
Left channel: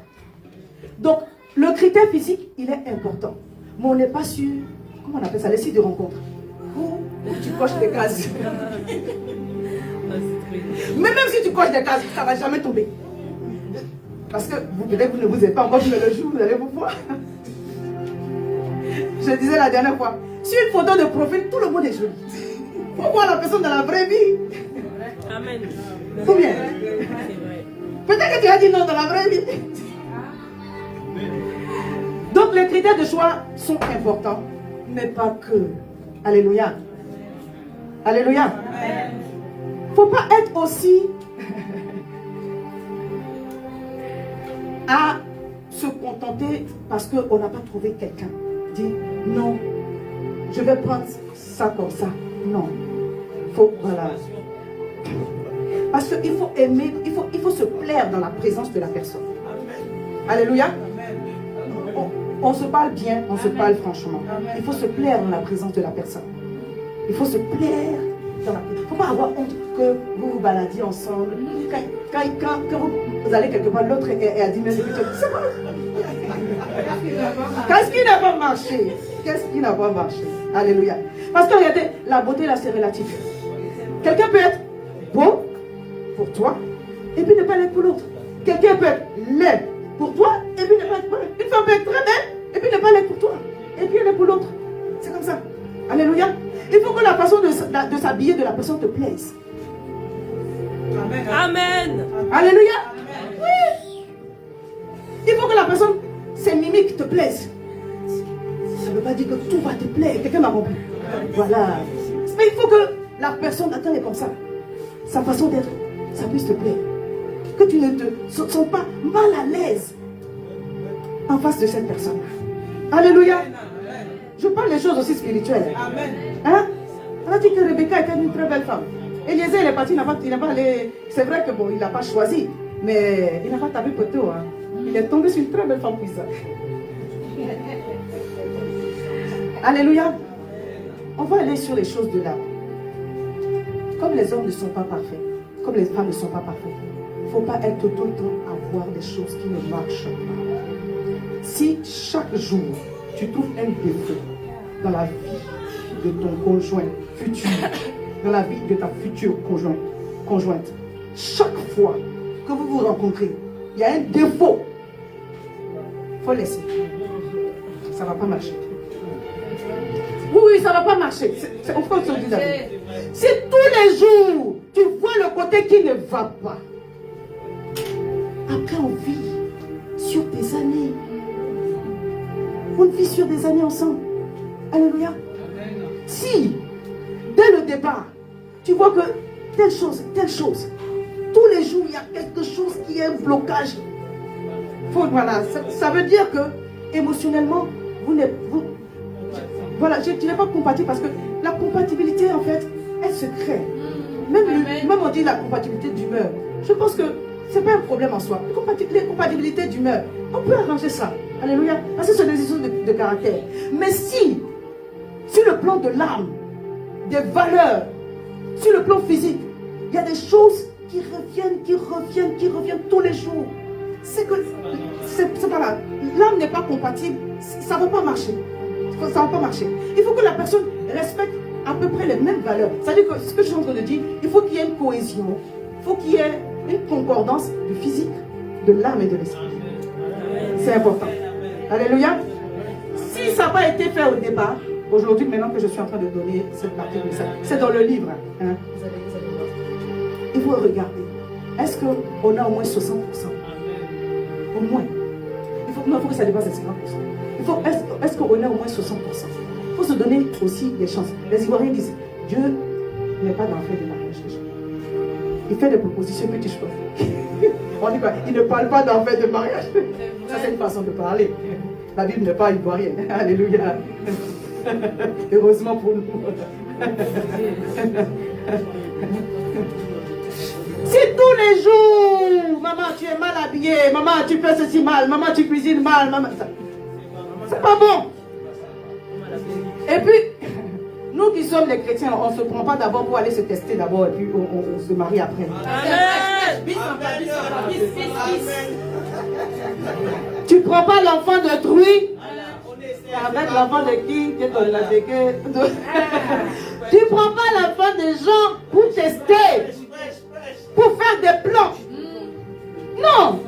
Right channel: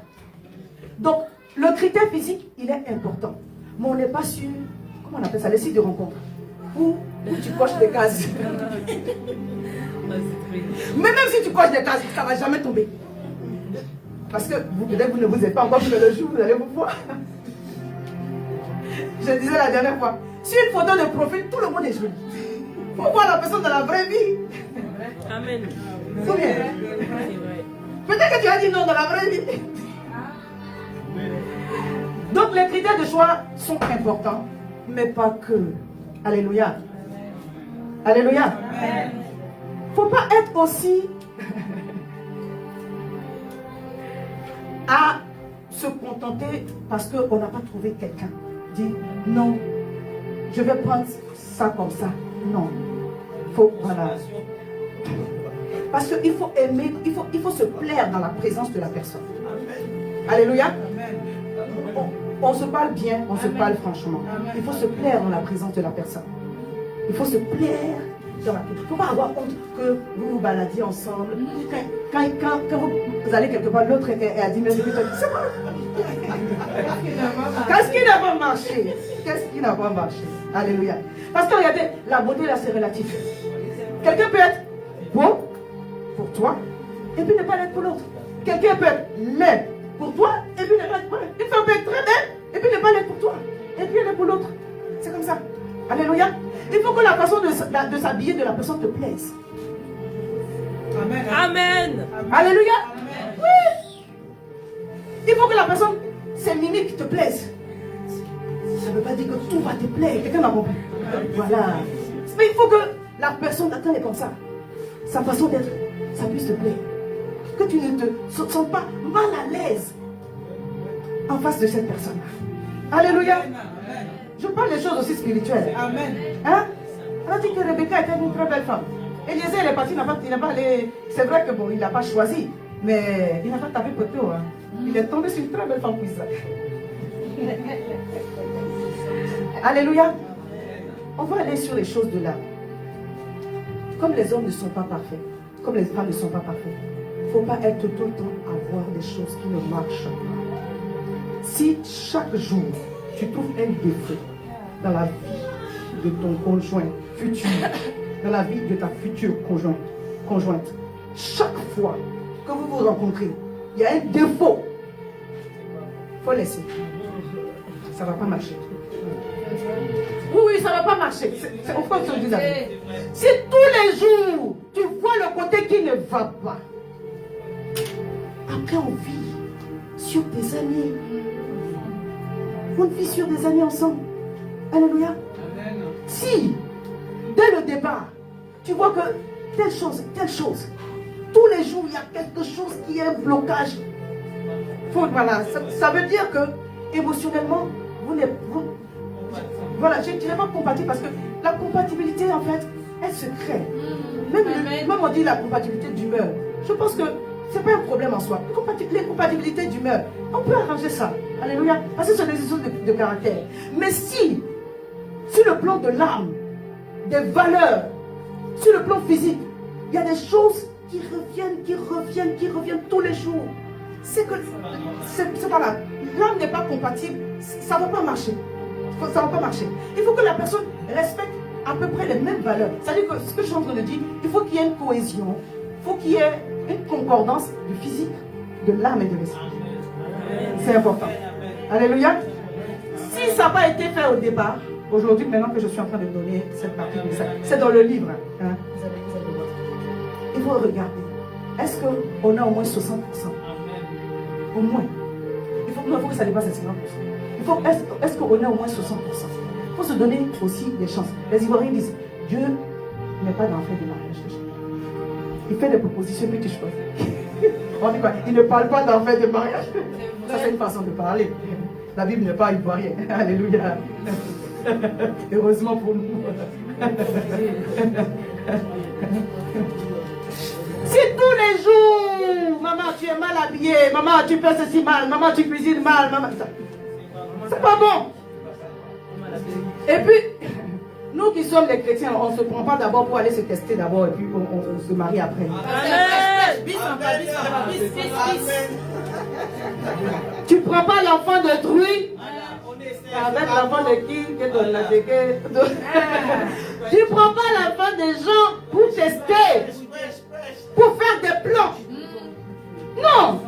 Donc, le critère physique, il est important. Mais on n'est pas sûr, comment on appelle ça, les sites de rencontre. Où tu coches des cases. Mais même si tu coches des cases, ça ne va jamais tomber. Parce que peut-être vous ne vous êtes pas encore vu le jour, vous allez vous voir. Je disais la dernière fois, sur une photo de profil, tout le monde est joli. Il faut voir la personne dans la vraie vie. Amen. Combien? C'est vrai. Peut-être que tu as dit non dans la vraie vie. Donc les critères de choix sont importants, mais pas que. Alléluia. Alléluia. Il ne faut pas être aussi à se contenter parce qu'on n'a pas trouvé quelqu'un. Dit non, je vais prendre ça comme ça. Non. Faut, voilà. Parce qu'il faut aimer, il faut se plaire dans la présence de la personne. Alléluia. On se parle bien, on se parle franchement. Il faut se plaire dans la présence de la personne. Il faut se plaire dans la présence. Il ne faut pas avoir honte que vous vous baladiez ensemble. Quand vous allez quelque part, l'autre est à 10 minutes, c'est bon. Qu'est-ce qui n'a pas marché? Qu'est-ce qui n'a pas marché? Alléluia. Parce que regardez, la beauté là c'est relatif. Quelqu'un peut être beau pour toi et puis ne pas l'être pour l'autre. Quelqu'un peut être laid pour toi et puis ne pas l'être pour l'autre. Une femme peut être très belle et puis ne pas l'être pour toi et puis elle est pour l'autre. C'est comme ça. Alléluia. Il faut que la façon de s'habiller de la personne te plaise. Amen. Amen. Alléluia. Oui. Il faut que la personne, ses mimiques te plaisent. Ça ne veut pas dire que tout va te plaire. Quelqu'un m'a compris. Voilà. Mais il faut que la personne, attends, est comme ça. Sa façon d'être, ça puisse te plaire. Que tu ne te sens pas mal à l'aise en face de cette personne. Alléluia. Je parle des choses aussi spirituelles. Amen. Hein? On a dit que Rebecca était une très belle femme. Eliezer, il est parti, il n'a pas allé. C'est vrai que bon, il n'a pas choisi, mais il n'a pas tapé poteau. Hein. Il est tombé sur une très belle femme comme ça. Alléluia. On va aller sur les choses de là. Comme les hommes ne sont pas parfaits, comme les femmes ne sont pas parfaites, il ne faut pas être tout le temps à voir des choses qui ne marchent pas. Si chaque jour, tu trouves un défaut dans la vie de ton conjoint futur, dans la vie de ta future conjointe, chaque fois que vous vous rencontrez, il y a un défaut, il faut laisser. Ça ne va pas marcher. Oui, ça ne va pas marcher. C'est au fond que je dis la vérité. Si tous les jours, tu vois le côté qui ne va pas, après on vit sur des années. On vit sur des années ensemble. Alléluia. Si, dès le départ, tu vois que telle chose, tous les jours, il y a quelque chose qui est un blocage. Voilà, ça veut dire que émotionnellement, voilà, je ne dirais pas compatible parce que la compatibilité, en fait, elle se crée. Même on dit la compatibilité d'humeur. Je pense que ce n'est pas un problème en soi. Les compatibilités d'humeur, on peut arranger ça. Alléluia. Parce que c'est des histoires de caractère. Mais si, sur le plan de l'âme, des valeurs, sur le plan physique, il y a des choses qui reviennent tous les jours. C'est que, c'est pas là. L'âme n'est pas compatible, ça ne va pas marcher. Ça ne va pas marcher. Il faut que la personne respecte à peu près les mêmes valeurs. C'est-à-dire que ce que je suis en train de dire, il faut qu'il y ait une cohésion, il faut qu'il y ait une concordance du physique, de l'âme et de l'esprit. C'est important. Alléluia. Si ça n'a pas été fait au départ, aujourd'hui, maintenant que je suis en train de donner cette partie de ça, c'est dans le livre. Hein, vous allez voir. Il faut regarder. Est-ce qu'on a au moins 60%? Au moins. Il faut que ça dépasse les 50%. Est-ce qu'on est au moins 60%? Il faut se donner aussi des chances. Les Ivoiriens disent, Dieu n'est pas dans le fait de mariage. Il fait des propositions, puis tu choisis. On dit quoi? Il ne parle pas d'en fait de mariage. Ça, c'est une façon de parler. La Bible n'est pas ivoirienne. Alléluia. Heureusement pour nous. Si tous les jours, maman, tu es mal habillée, maman, tu fais ceci mal, maman, tu cuisines mal, maman, c'est pas bon. Et puis, nous qui sommes les chrétiens, on ne se prend pas d'abord pour aller se tester d'abord et puis on se marie après. Amen. Tu ne prends pas l'enfant d'autrui avec l'enfant de qui? Tu ne prends pas l'enfant des gens pour tester, pour faire des plans. Non.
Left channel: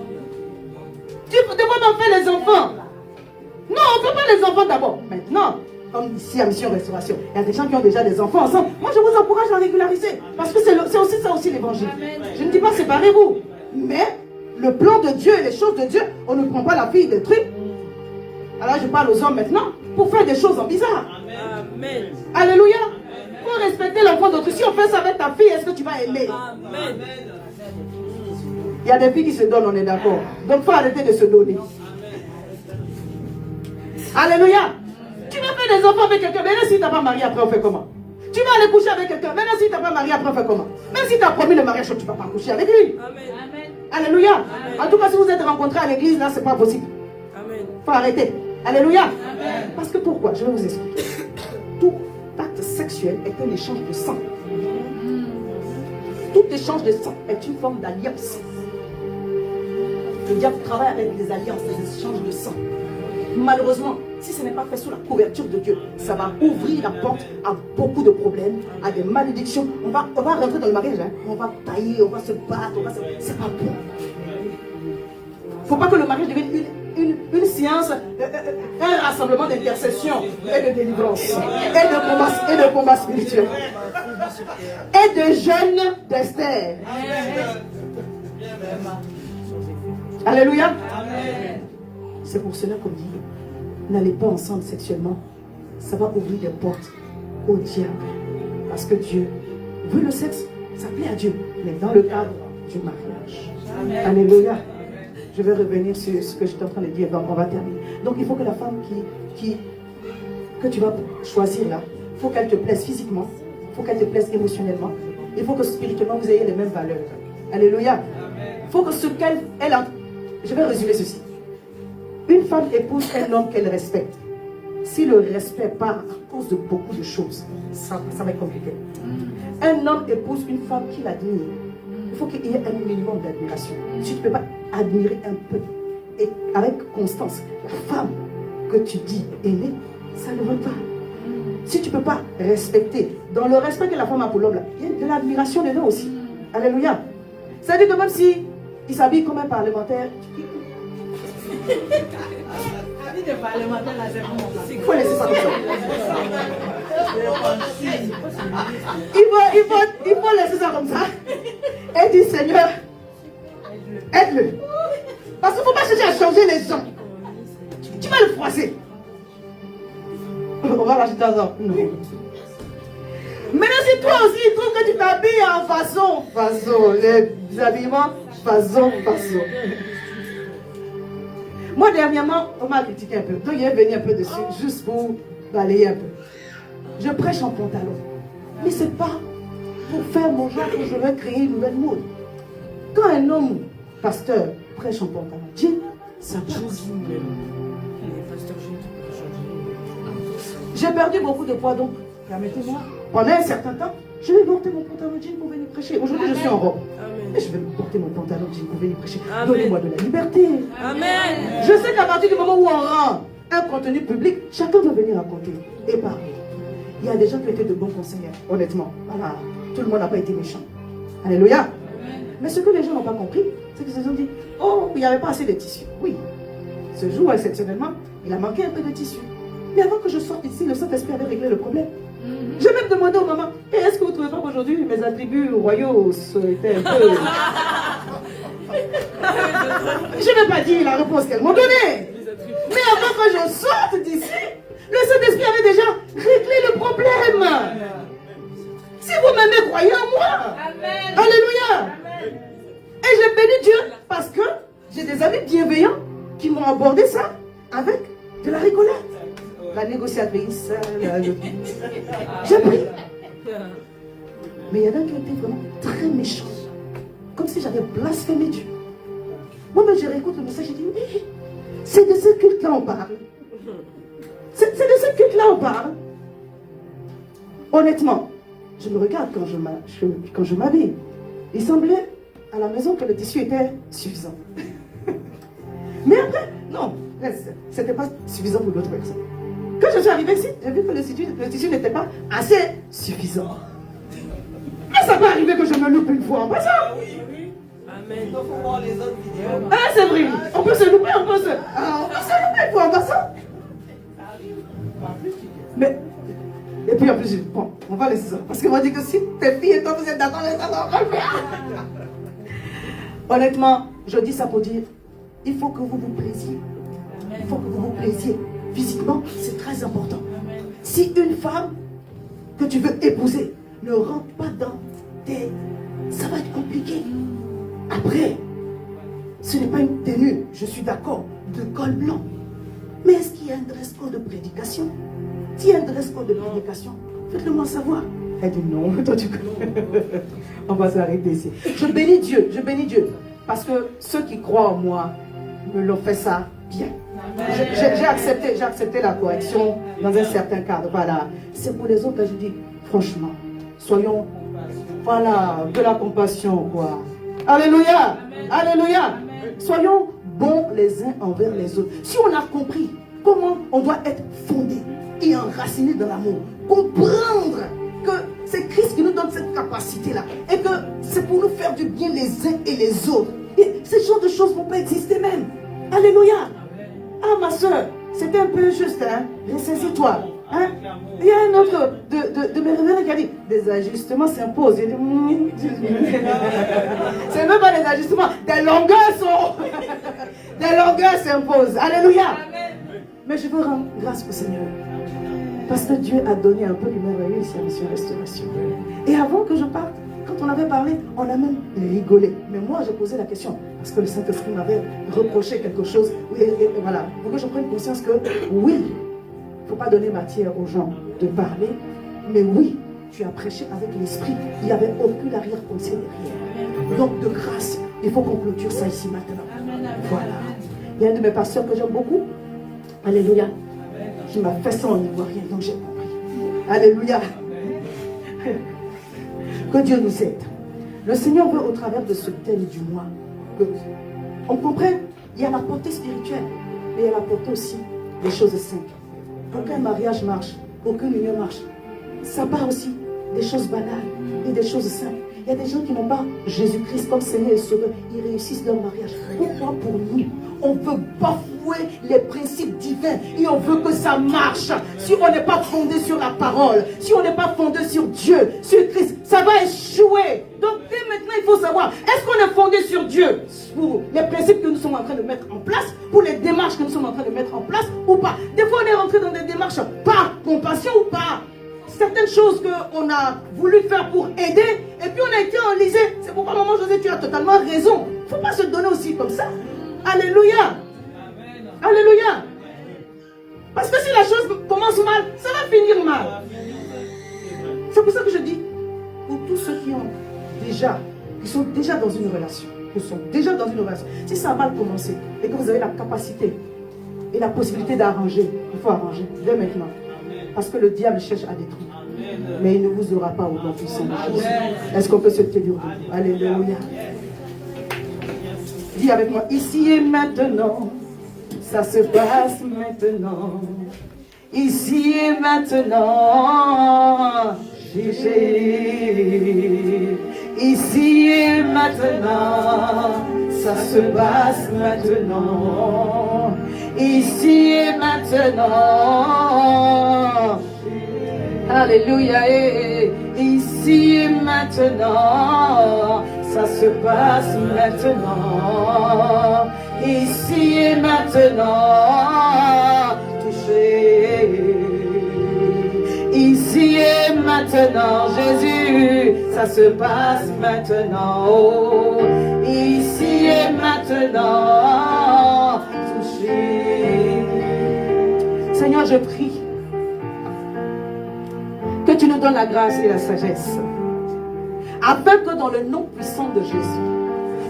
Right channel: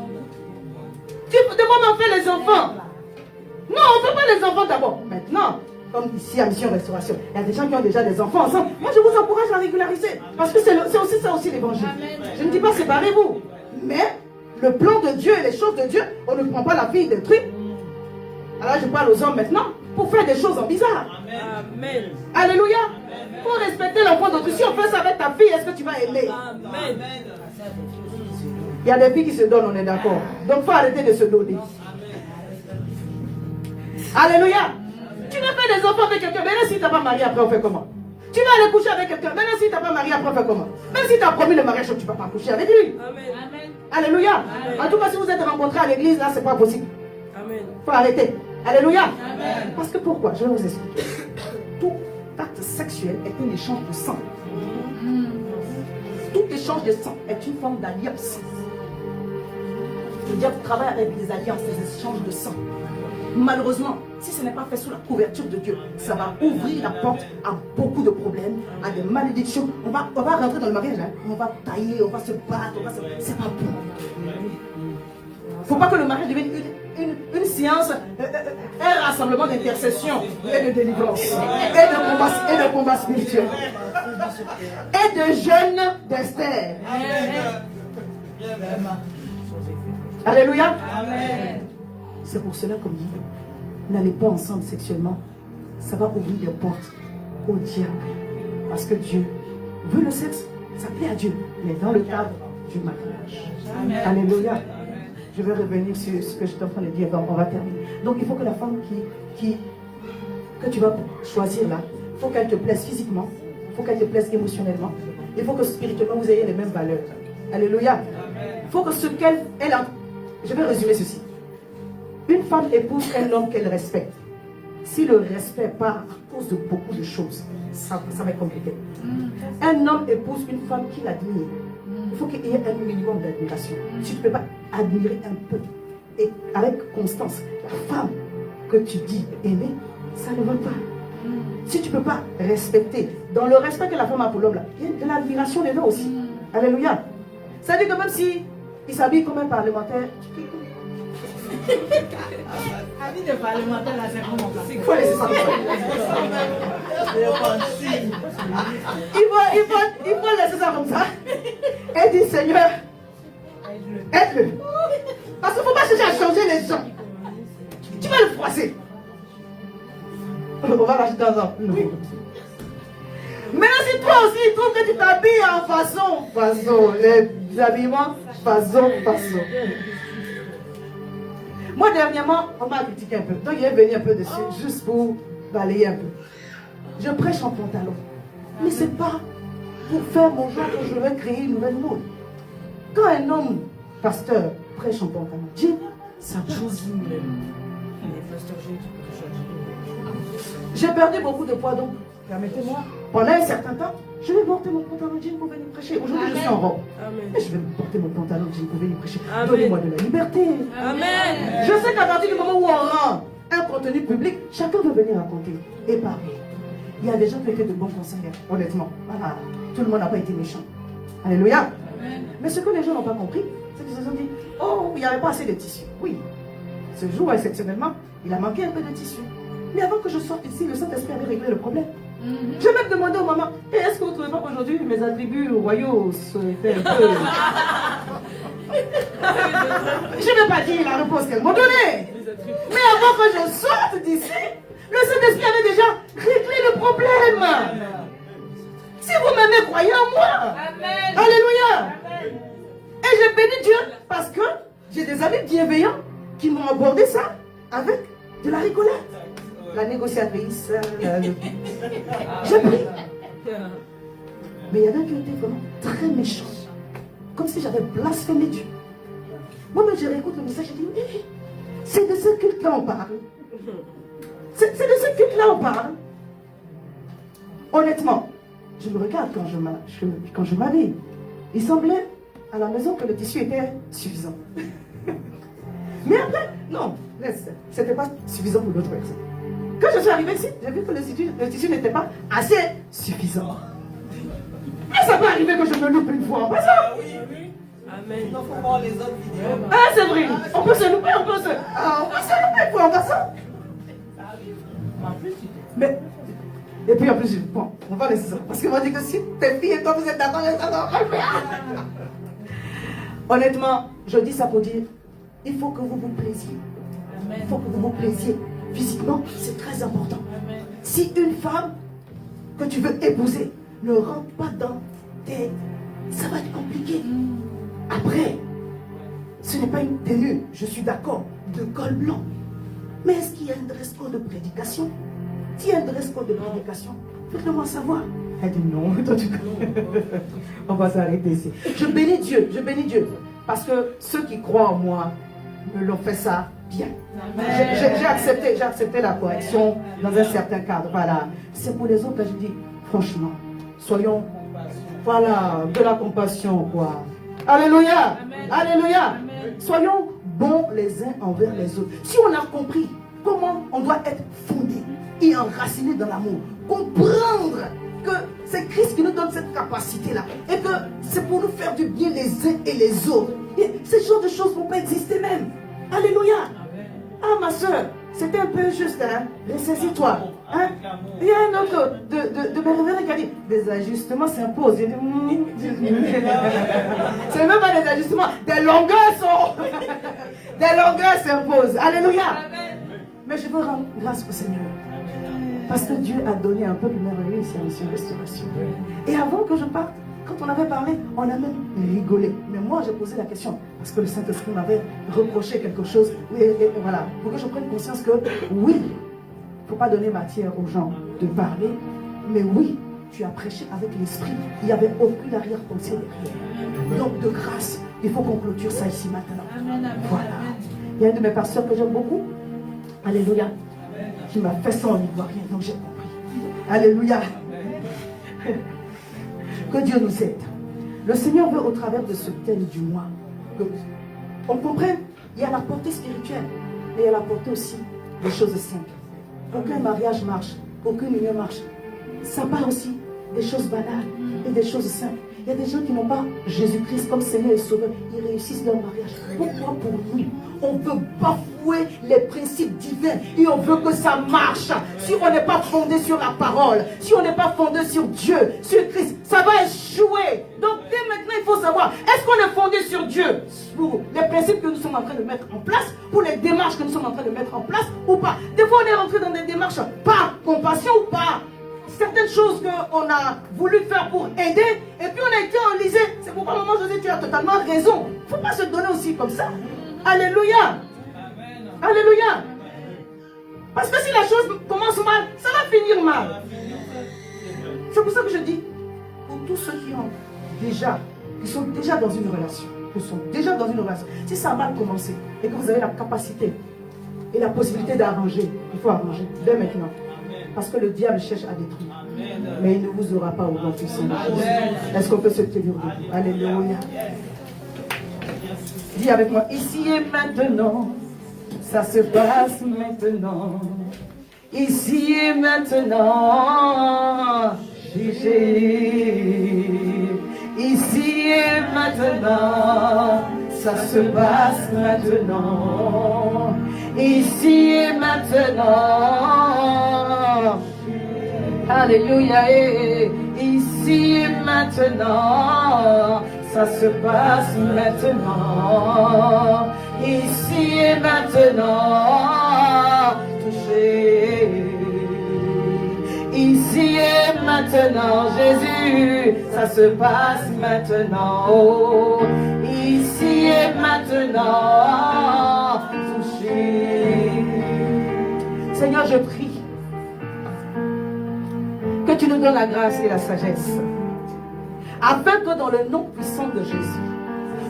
Tu demandes en faire les enfants. Non, on ne fait pas les enfants d'abord. Maintenant, comme ici à Mission Restauration, il y a des gens qui ont déjà des enfants ensemble. Moi, je vous encourage à régulariser. Parce que c'est aussi ça aussi l'évangile. Je ne dis pas séparez-vous. Mais le plan de Dieu et les choses de Dieu, on ne prend pas la fille de trucs. Alors je parle aux hommes maintenant pour faire des choses en bizarre. Amen. Alléluia. Pour respecter l'enfant d'autrui. Si on fait ça avec ta fille, est-ce que tu vas aimer? Amen. Il y a des filles qui se donnent, on est d'accord. Donc il faut arrêter de se donner. Alléluia. Tu vas faire des enfants avec quelqu'un, même si tu n'as pas marié, après on fait comment? Tu vas aller coucher avec quelqu'un, même si tu n'as pas marié, après on fait comment? Même si tu as promis le mariage, tu ne vas pas coucher avec lui. Amen. Alléluia. Amen. En tout cas, si vous êtes rencontrés à l'église, là, ce n'est pas possible. Amen. Il faut arrêter. Alléluia. Amen. Parce que pourquoi? Je vais vous expliquer. Tout acte sexuel est un échange de sang. Tout échange de sang est une forme d'alliance. Le diable travaille avec des alliances, des échanges de sang. Malheureusement, si ce n'est pas fait sous la couverture de Dieu, ça va ouvrir la porte à beaucoup de problèmes, à des malédictions. On va rentrer dans le mariage, hein. On va tailler, on va se battre, c'est pas bon. Il ne faut pas que le mariage devienne une séance, un rassemblement d'intercession et de délivrance, et de combat spirituel, et de jeûne d'Esther. Alléluia. C'est pour cela qu'on dit, n'allez pas ensemble sexuellement, ça va ouvrir des portes au diable. Parce que Dieu veut le sexe, ça plaît à Dieu, mais dans le cadre du mariage. Amen. Alléluia. Je vais revenir sur ce que j'étais en train de dire, on va terminer. Donc il faut que la femme que tu vas choisir là, il faut qu'elle te plaise physiquement, il faut qu'elle te plaise émotionnellement, il faut que spirituellement vous ayez les mêmes valeurs. Alléluia. Il faut que ce qu'elle a. Je vais résumer ceci. Une femme épouse un homme qu'elle respecte. Si le respect part à cause de beaucoup de choses, ça va être compliqué. Un homme épouse une femme qu'il admire. Il faut qu'il y ait un minimum d'admiration. Tu ne peux pas admirer un peu. et avec constance, la femme que tu dis aimer, ça ne veut pas. Si tu ne peux pas respecter, dans le respect que la femme a pour l'homme, il y a de l'admiration dedans aussi. Alléluia. Ça dit que même si il s'habille comme un parlementaire, Avis de parlementaire, là, c'est comment? il faut laisser ça comme ça. Il faut laisser ça comme ça. Et dire, Seigneur, aide-le. Parce qu'il ne faut pas chercher à changer les gens. Tu vas le froisser. On va rajouter un an. Non. Maintenant, si toi aussi, tu trouves que tu t'habilles en façon, les habillements, façon. Moi, dernièrement, on m'a critiqué un peu. Donc, il est venu un peu dessus, juste pour balayer un peu. Je prêche en pantalon. Mais ce n'est pas pour faire mon genre que je vais créer une nouvelle mode. Quand un homme, pasteur, prêche en pantalon, jean, ça passe. J'ai perdu beaucoup de poids, donc permettez-moi, pendant un certain temps, je vais porter mon pantalon jean pour venir prêcher. Aujourd'hui, je suis en robe. Mais je vais porter mon pantalon jean pour venir prêcher. Donnez-moi de la liberté. Amen. Je sais qu'à partir du moment où on rend un contenu public, chacun doit venir raconter et parler. Il y a des gens qui étaient de bons conseillers, honnêtement. Voilà. Tout le monde n'a pas été méchant. Alléluia. Mais ce que les gens n'ont pas compris, c'est qu'ils se sont dit, oh, il n'y avait pas assez de tissu. Oui. Ce jour, exceptionnellement, il a manqué un peu de tissu. Mais avant que je sorte ici, le Saint-Esprit avait réglé le problème. Je vais même demander au maman, est-ce que vous trouvez pas qu'aujourd'hui mes attributs royaux étaient un peu... Je ne vais pas dire la réponse qu'elle m'a donnée. Mais avant que je sorte d'ici, le Saint-Esprit avait déjà réglé le problème. Si vous m'aimez, croyez en moi. Amen. Alléluia. Et j'ai béni Dieu parce que j'ai des amis bienveillants qui m'ont abordé ça avec de la rigolade. La négociatrice, j'ai pris. Mais il y en a qui étaient vraiment très méchants. Comme si j'avais blasphémé Dieu. Moi-même, je réécoute le message, je dis, oui, c'est de ce culte-là on parle. C'est de ce culte-là on parle. Honnêtement, je me regarde quand je m'habille. Il semblait à la maison que le tissu était suffisant. Mais après, non, c'était pas suffisant pour d'autres personnes. Quand je suis arrivée ici, j'ai vu que le tissu n'était pas assez suffisant. Mais ça peut arriver que je me loupe une fois en passant. Amen. Ah, c'est vrai. On peut se louper, on peut se louper une fois en passant. Mais, et puis en plus, bon, on va laisser ça. Parce qu'on m'a dit que si tes filles et toi vous êtes d'accord, ça va faire. Honnêtement, je dis ça pour dire, il faut que vous vous plaisiez. Il faut que vous vous plaisiez. Physiquement, c'est très important. Si une femme que tu veux épouser ne rentre pas dans tes... ça va être compliqué. Après, ce n'est pas une tenue, je suis d'accord, de col blanc. Mais est-ce qu'il y a un dress code de prédication? S'il y a un dress code de prédication, faites-le moi savoir. Elle dit non, toi tu connais. On va s'arrêter ici. Je bénis Dieu. Parce que ceux qui croient en moi me l'ont fait ça bien. J'ai accepté la correction dans un certain cadre. Voilà. C'est pour les autres que je dis, franchement, soyons, voilà, de la compassion, quoi. Alléluia. Amen. Alléluia. Amen. Soyons bons les uns envers les autres. Si on a compris comment on doit être fondé et enraciné dans l'amour, comprendre que c'est Christ qui nous donne cette capacité-là et que c'est pour nous faire du bien les uns et les autres. Et ce genre de choses ne vont pas exister même. Alléluia. Ah, ma soeur, c'était un peu juste, hein. Ressaisis-toi. Hein? Il y a un autre de mes révérends qui a dit, des ajustements s'imposent. J'ai dit, c'est même pas des ajustements, des longueurs s'imposent. Alléluia. Mais je veux rendre grâce au Seigneur. Parce que Dieu a donné un peu de merveilleux ici à Mission Restauration. Et avant que je parte, quand on avait parlé, on a même rigolé. Mais moi, j'ai posé la question, parce que le Saint-Esprit m'avait reproché quelque chose. Et voilà, pour que je prenne conscience que, oui, il ne faut pas donner matière aux gens de parler, mais oui, tu as prêché avec l'Esprit. Il n'y avait aucune arrière-pensée derrière. Donc, de grâce, il faut qu'on clôture ça ici maintenant. Voilà. Il y a un de mes pasteurs que j'aime beaucoup. Alléluia. Qui m'a fait ça en ivoirien, donc j'ai compris. Alléluia. Que Dieu nous aide. Le Seigneur veut, au travers de ce thème du mois, qu'on comprenne Il y a la portée spirituelle, mais il y a la portée aussi des choses simples. Pour qu'un mariage marche, pour qu'une union marche, ça part aussi des choses banales et des choses simples. Il y a des gens qui n'ont pas Jésus-Christ comme Seigneur et Sauveur. Ils réussissent leur mariage. Pourquoi pour nous, on veut bafouer les principes divins et on veut que ça marche? Si on n'est pas fondé sur la parole, si on n'est pas fondé sur Dieu, sur Christ, ça va échouer. Donc dès maintenant, il faut savoir, est-ce qu'on est fondé sur Dieu pour les principes que nous sommes en train de mettre en place, pour les démarches que nous sommes en train de mettre en place ou pas? Des fois, on est rentré dans des démarches par compassion ou pas. Certaines choses qu'on a voulu faire pour aider, et puis on a été enlisé. C'est pourquoi, maman José, tu as totalement raison. Il ne faut pas se donner aussi comme ça. Alléluia. Alléluia. Parce que si la chose commence mal, ça va finir mal. C'est pour ça que je dis, pour tous ceux qui sont déjà dans une relation, si ça a mal commencé, et que vous avez la capacité et la possibilité d'arranger, il faut arranger dès maintenant. Parce que le diable cherche à détruire. Mais il ne vous aura pas au nom puissant de Jésus. Est-ce qu'on peut se tenir debout? Alléluia. Dis avec moi, ici et maintenant, ça se passe maintenant. Ici et maintenant, Jésus. Ici et maintenant, ça se passe maintenant. Ici et maintenant. Alléluia, ici et maintenant, ça se passe maintenant. Ici et maintenant, touché. Ici et maintenant, Jésus, ça se passe maintenant. Ici et maintenant, touché. Seigneur, je prie que tu nous donnes la grâce et la sagesse, afin que dans le nom puissant de Jésus,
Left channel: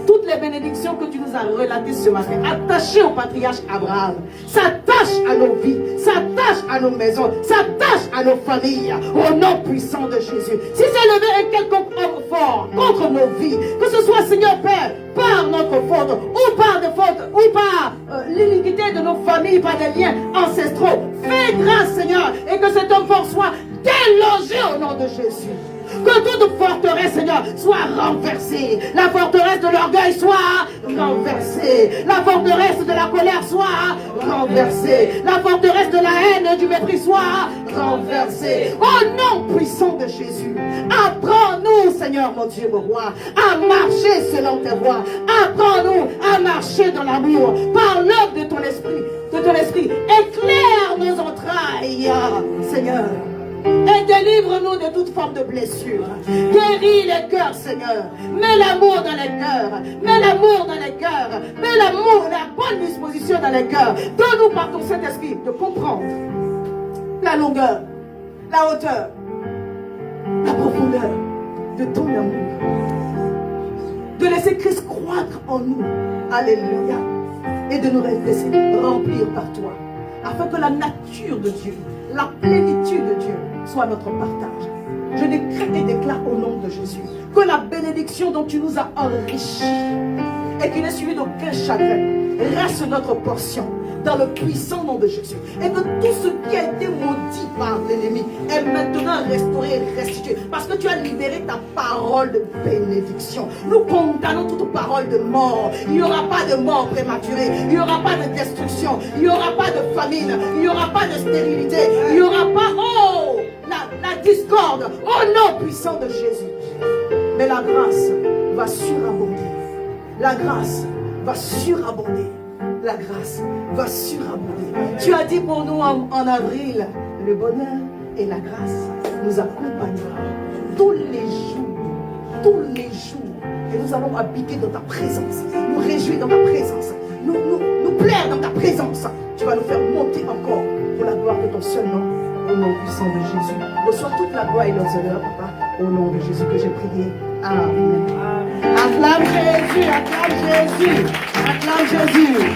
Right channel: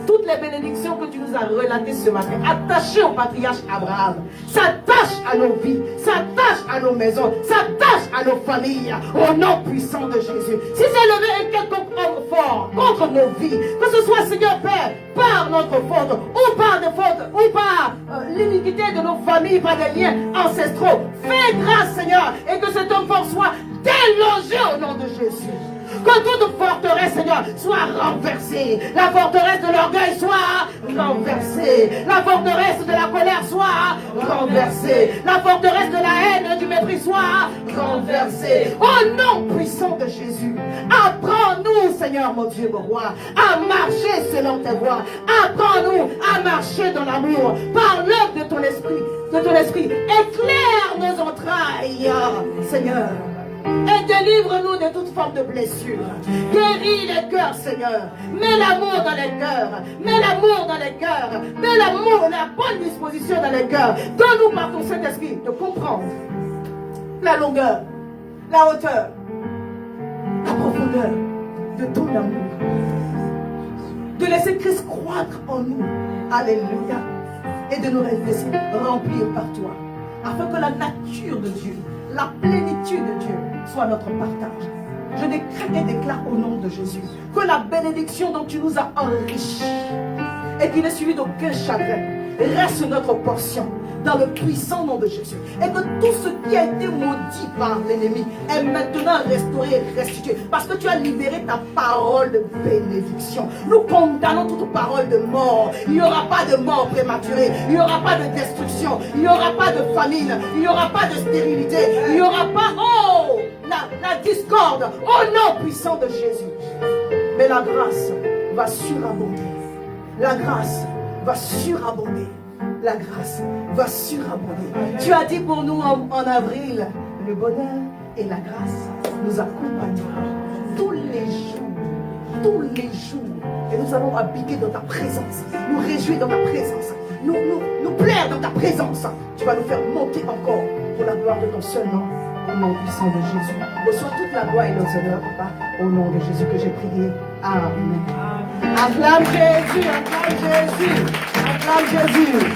toutes les bénédictions que tu nous as relatées ce matin, attachées au patriarche Abraham, s'attachent à nos vies, s'attachent à nos maisons, s'attachent à nos familles, au nom puissant de Jésus. Si c'est levé un quelconque homme fort contre nos vies, que ce soit, Seigneur Père, par notre faute, ou par des fautes, ou par l'iniquité de nos familles, par des liens ancestraux, fais grâce, Seigneur, et que cet homme fort soit délogé au nom de Jésus. Que toute forteresse, Seigneur, soit renversée. La forteresse de l'orgueil soit renversée. La forteresse de la colère soit renversée. La forteresse de la haine et du mépris soit renversée. Au nom puissant de Jésus, apprends-nous, Seigneur mon Dieu, mon roi, à marcher selon tes voies. Apprends-nous à marcher dans l'amour par l'œuvre de ton esprit. Éclaire nos entrailles, Seigneur. Et délivre-nous de toute forme de blessure. Guéris les cœurs, Seigneur. Mets l'amour dans les cœurs. Mets l'amour dans les cœurs. Mets l'amour, la bonne disposition dans les cœurs. Donne-nous par ton Saint-Esprit de comprendre la longueur, la hauteur, la profondeur de ton amour. De laisser Christ croître en nous. Alléluia. Et de nous laisser remplir par toi. Afin que la nature de Dieu, la plénitude de Dieu soit notre partage. Je décrète et déclare au nom de Jésus que la bénédiction dont tu nous as enrichis et qui n'est suivie d'aucun chagrin reste notre portion dans le puissant nom de Jésus. Et que tout ce qui a été maudit par l'ennemi est maintenant restauré et restitué. Parce que tu as libéré ta parole de bénédiction. Nous condamnons toute parole de mort. Il n'y aura pas de mort prématurée. Il n'y aura pas de destruction. Il n'y aura pas de famine. Il n'y aura pas de stérilité. Il n'y aura pas, la discorde. Au nom puissant de Jésus. Mais la grâce va surabonder. La grâce va surabonder. La grâce va surabonder. Tu as dit pour nous en avril, le bonheur et la grâce nous accompagneront tous les jours. Et nous allons habiter dans ta présence, nous réjouir dans ta présence, nous plaire dans ta présence. Tu vas nous faire monter encore pour la gloire de ton seul nom, au nom puissant de Jésus. Reçois toute la gloire et l'honneur, Papa, au nom de Jésus que j'ai prié. Amen. Acclame Jésus, acclame Jésus, acclame Jésus.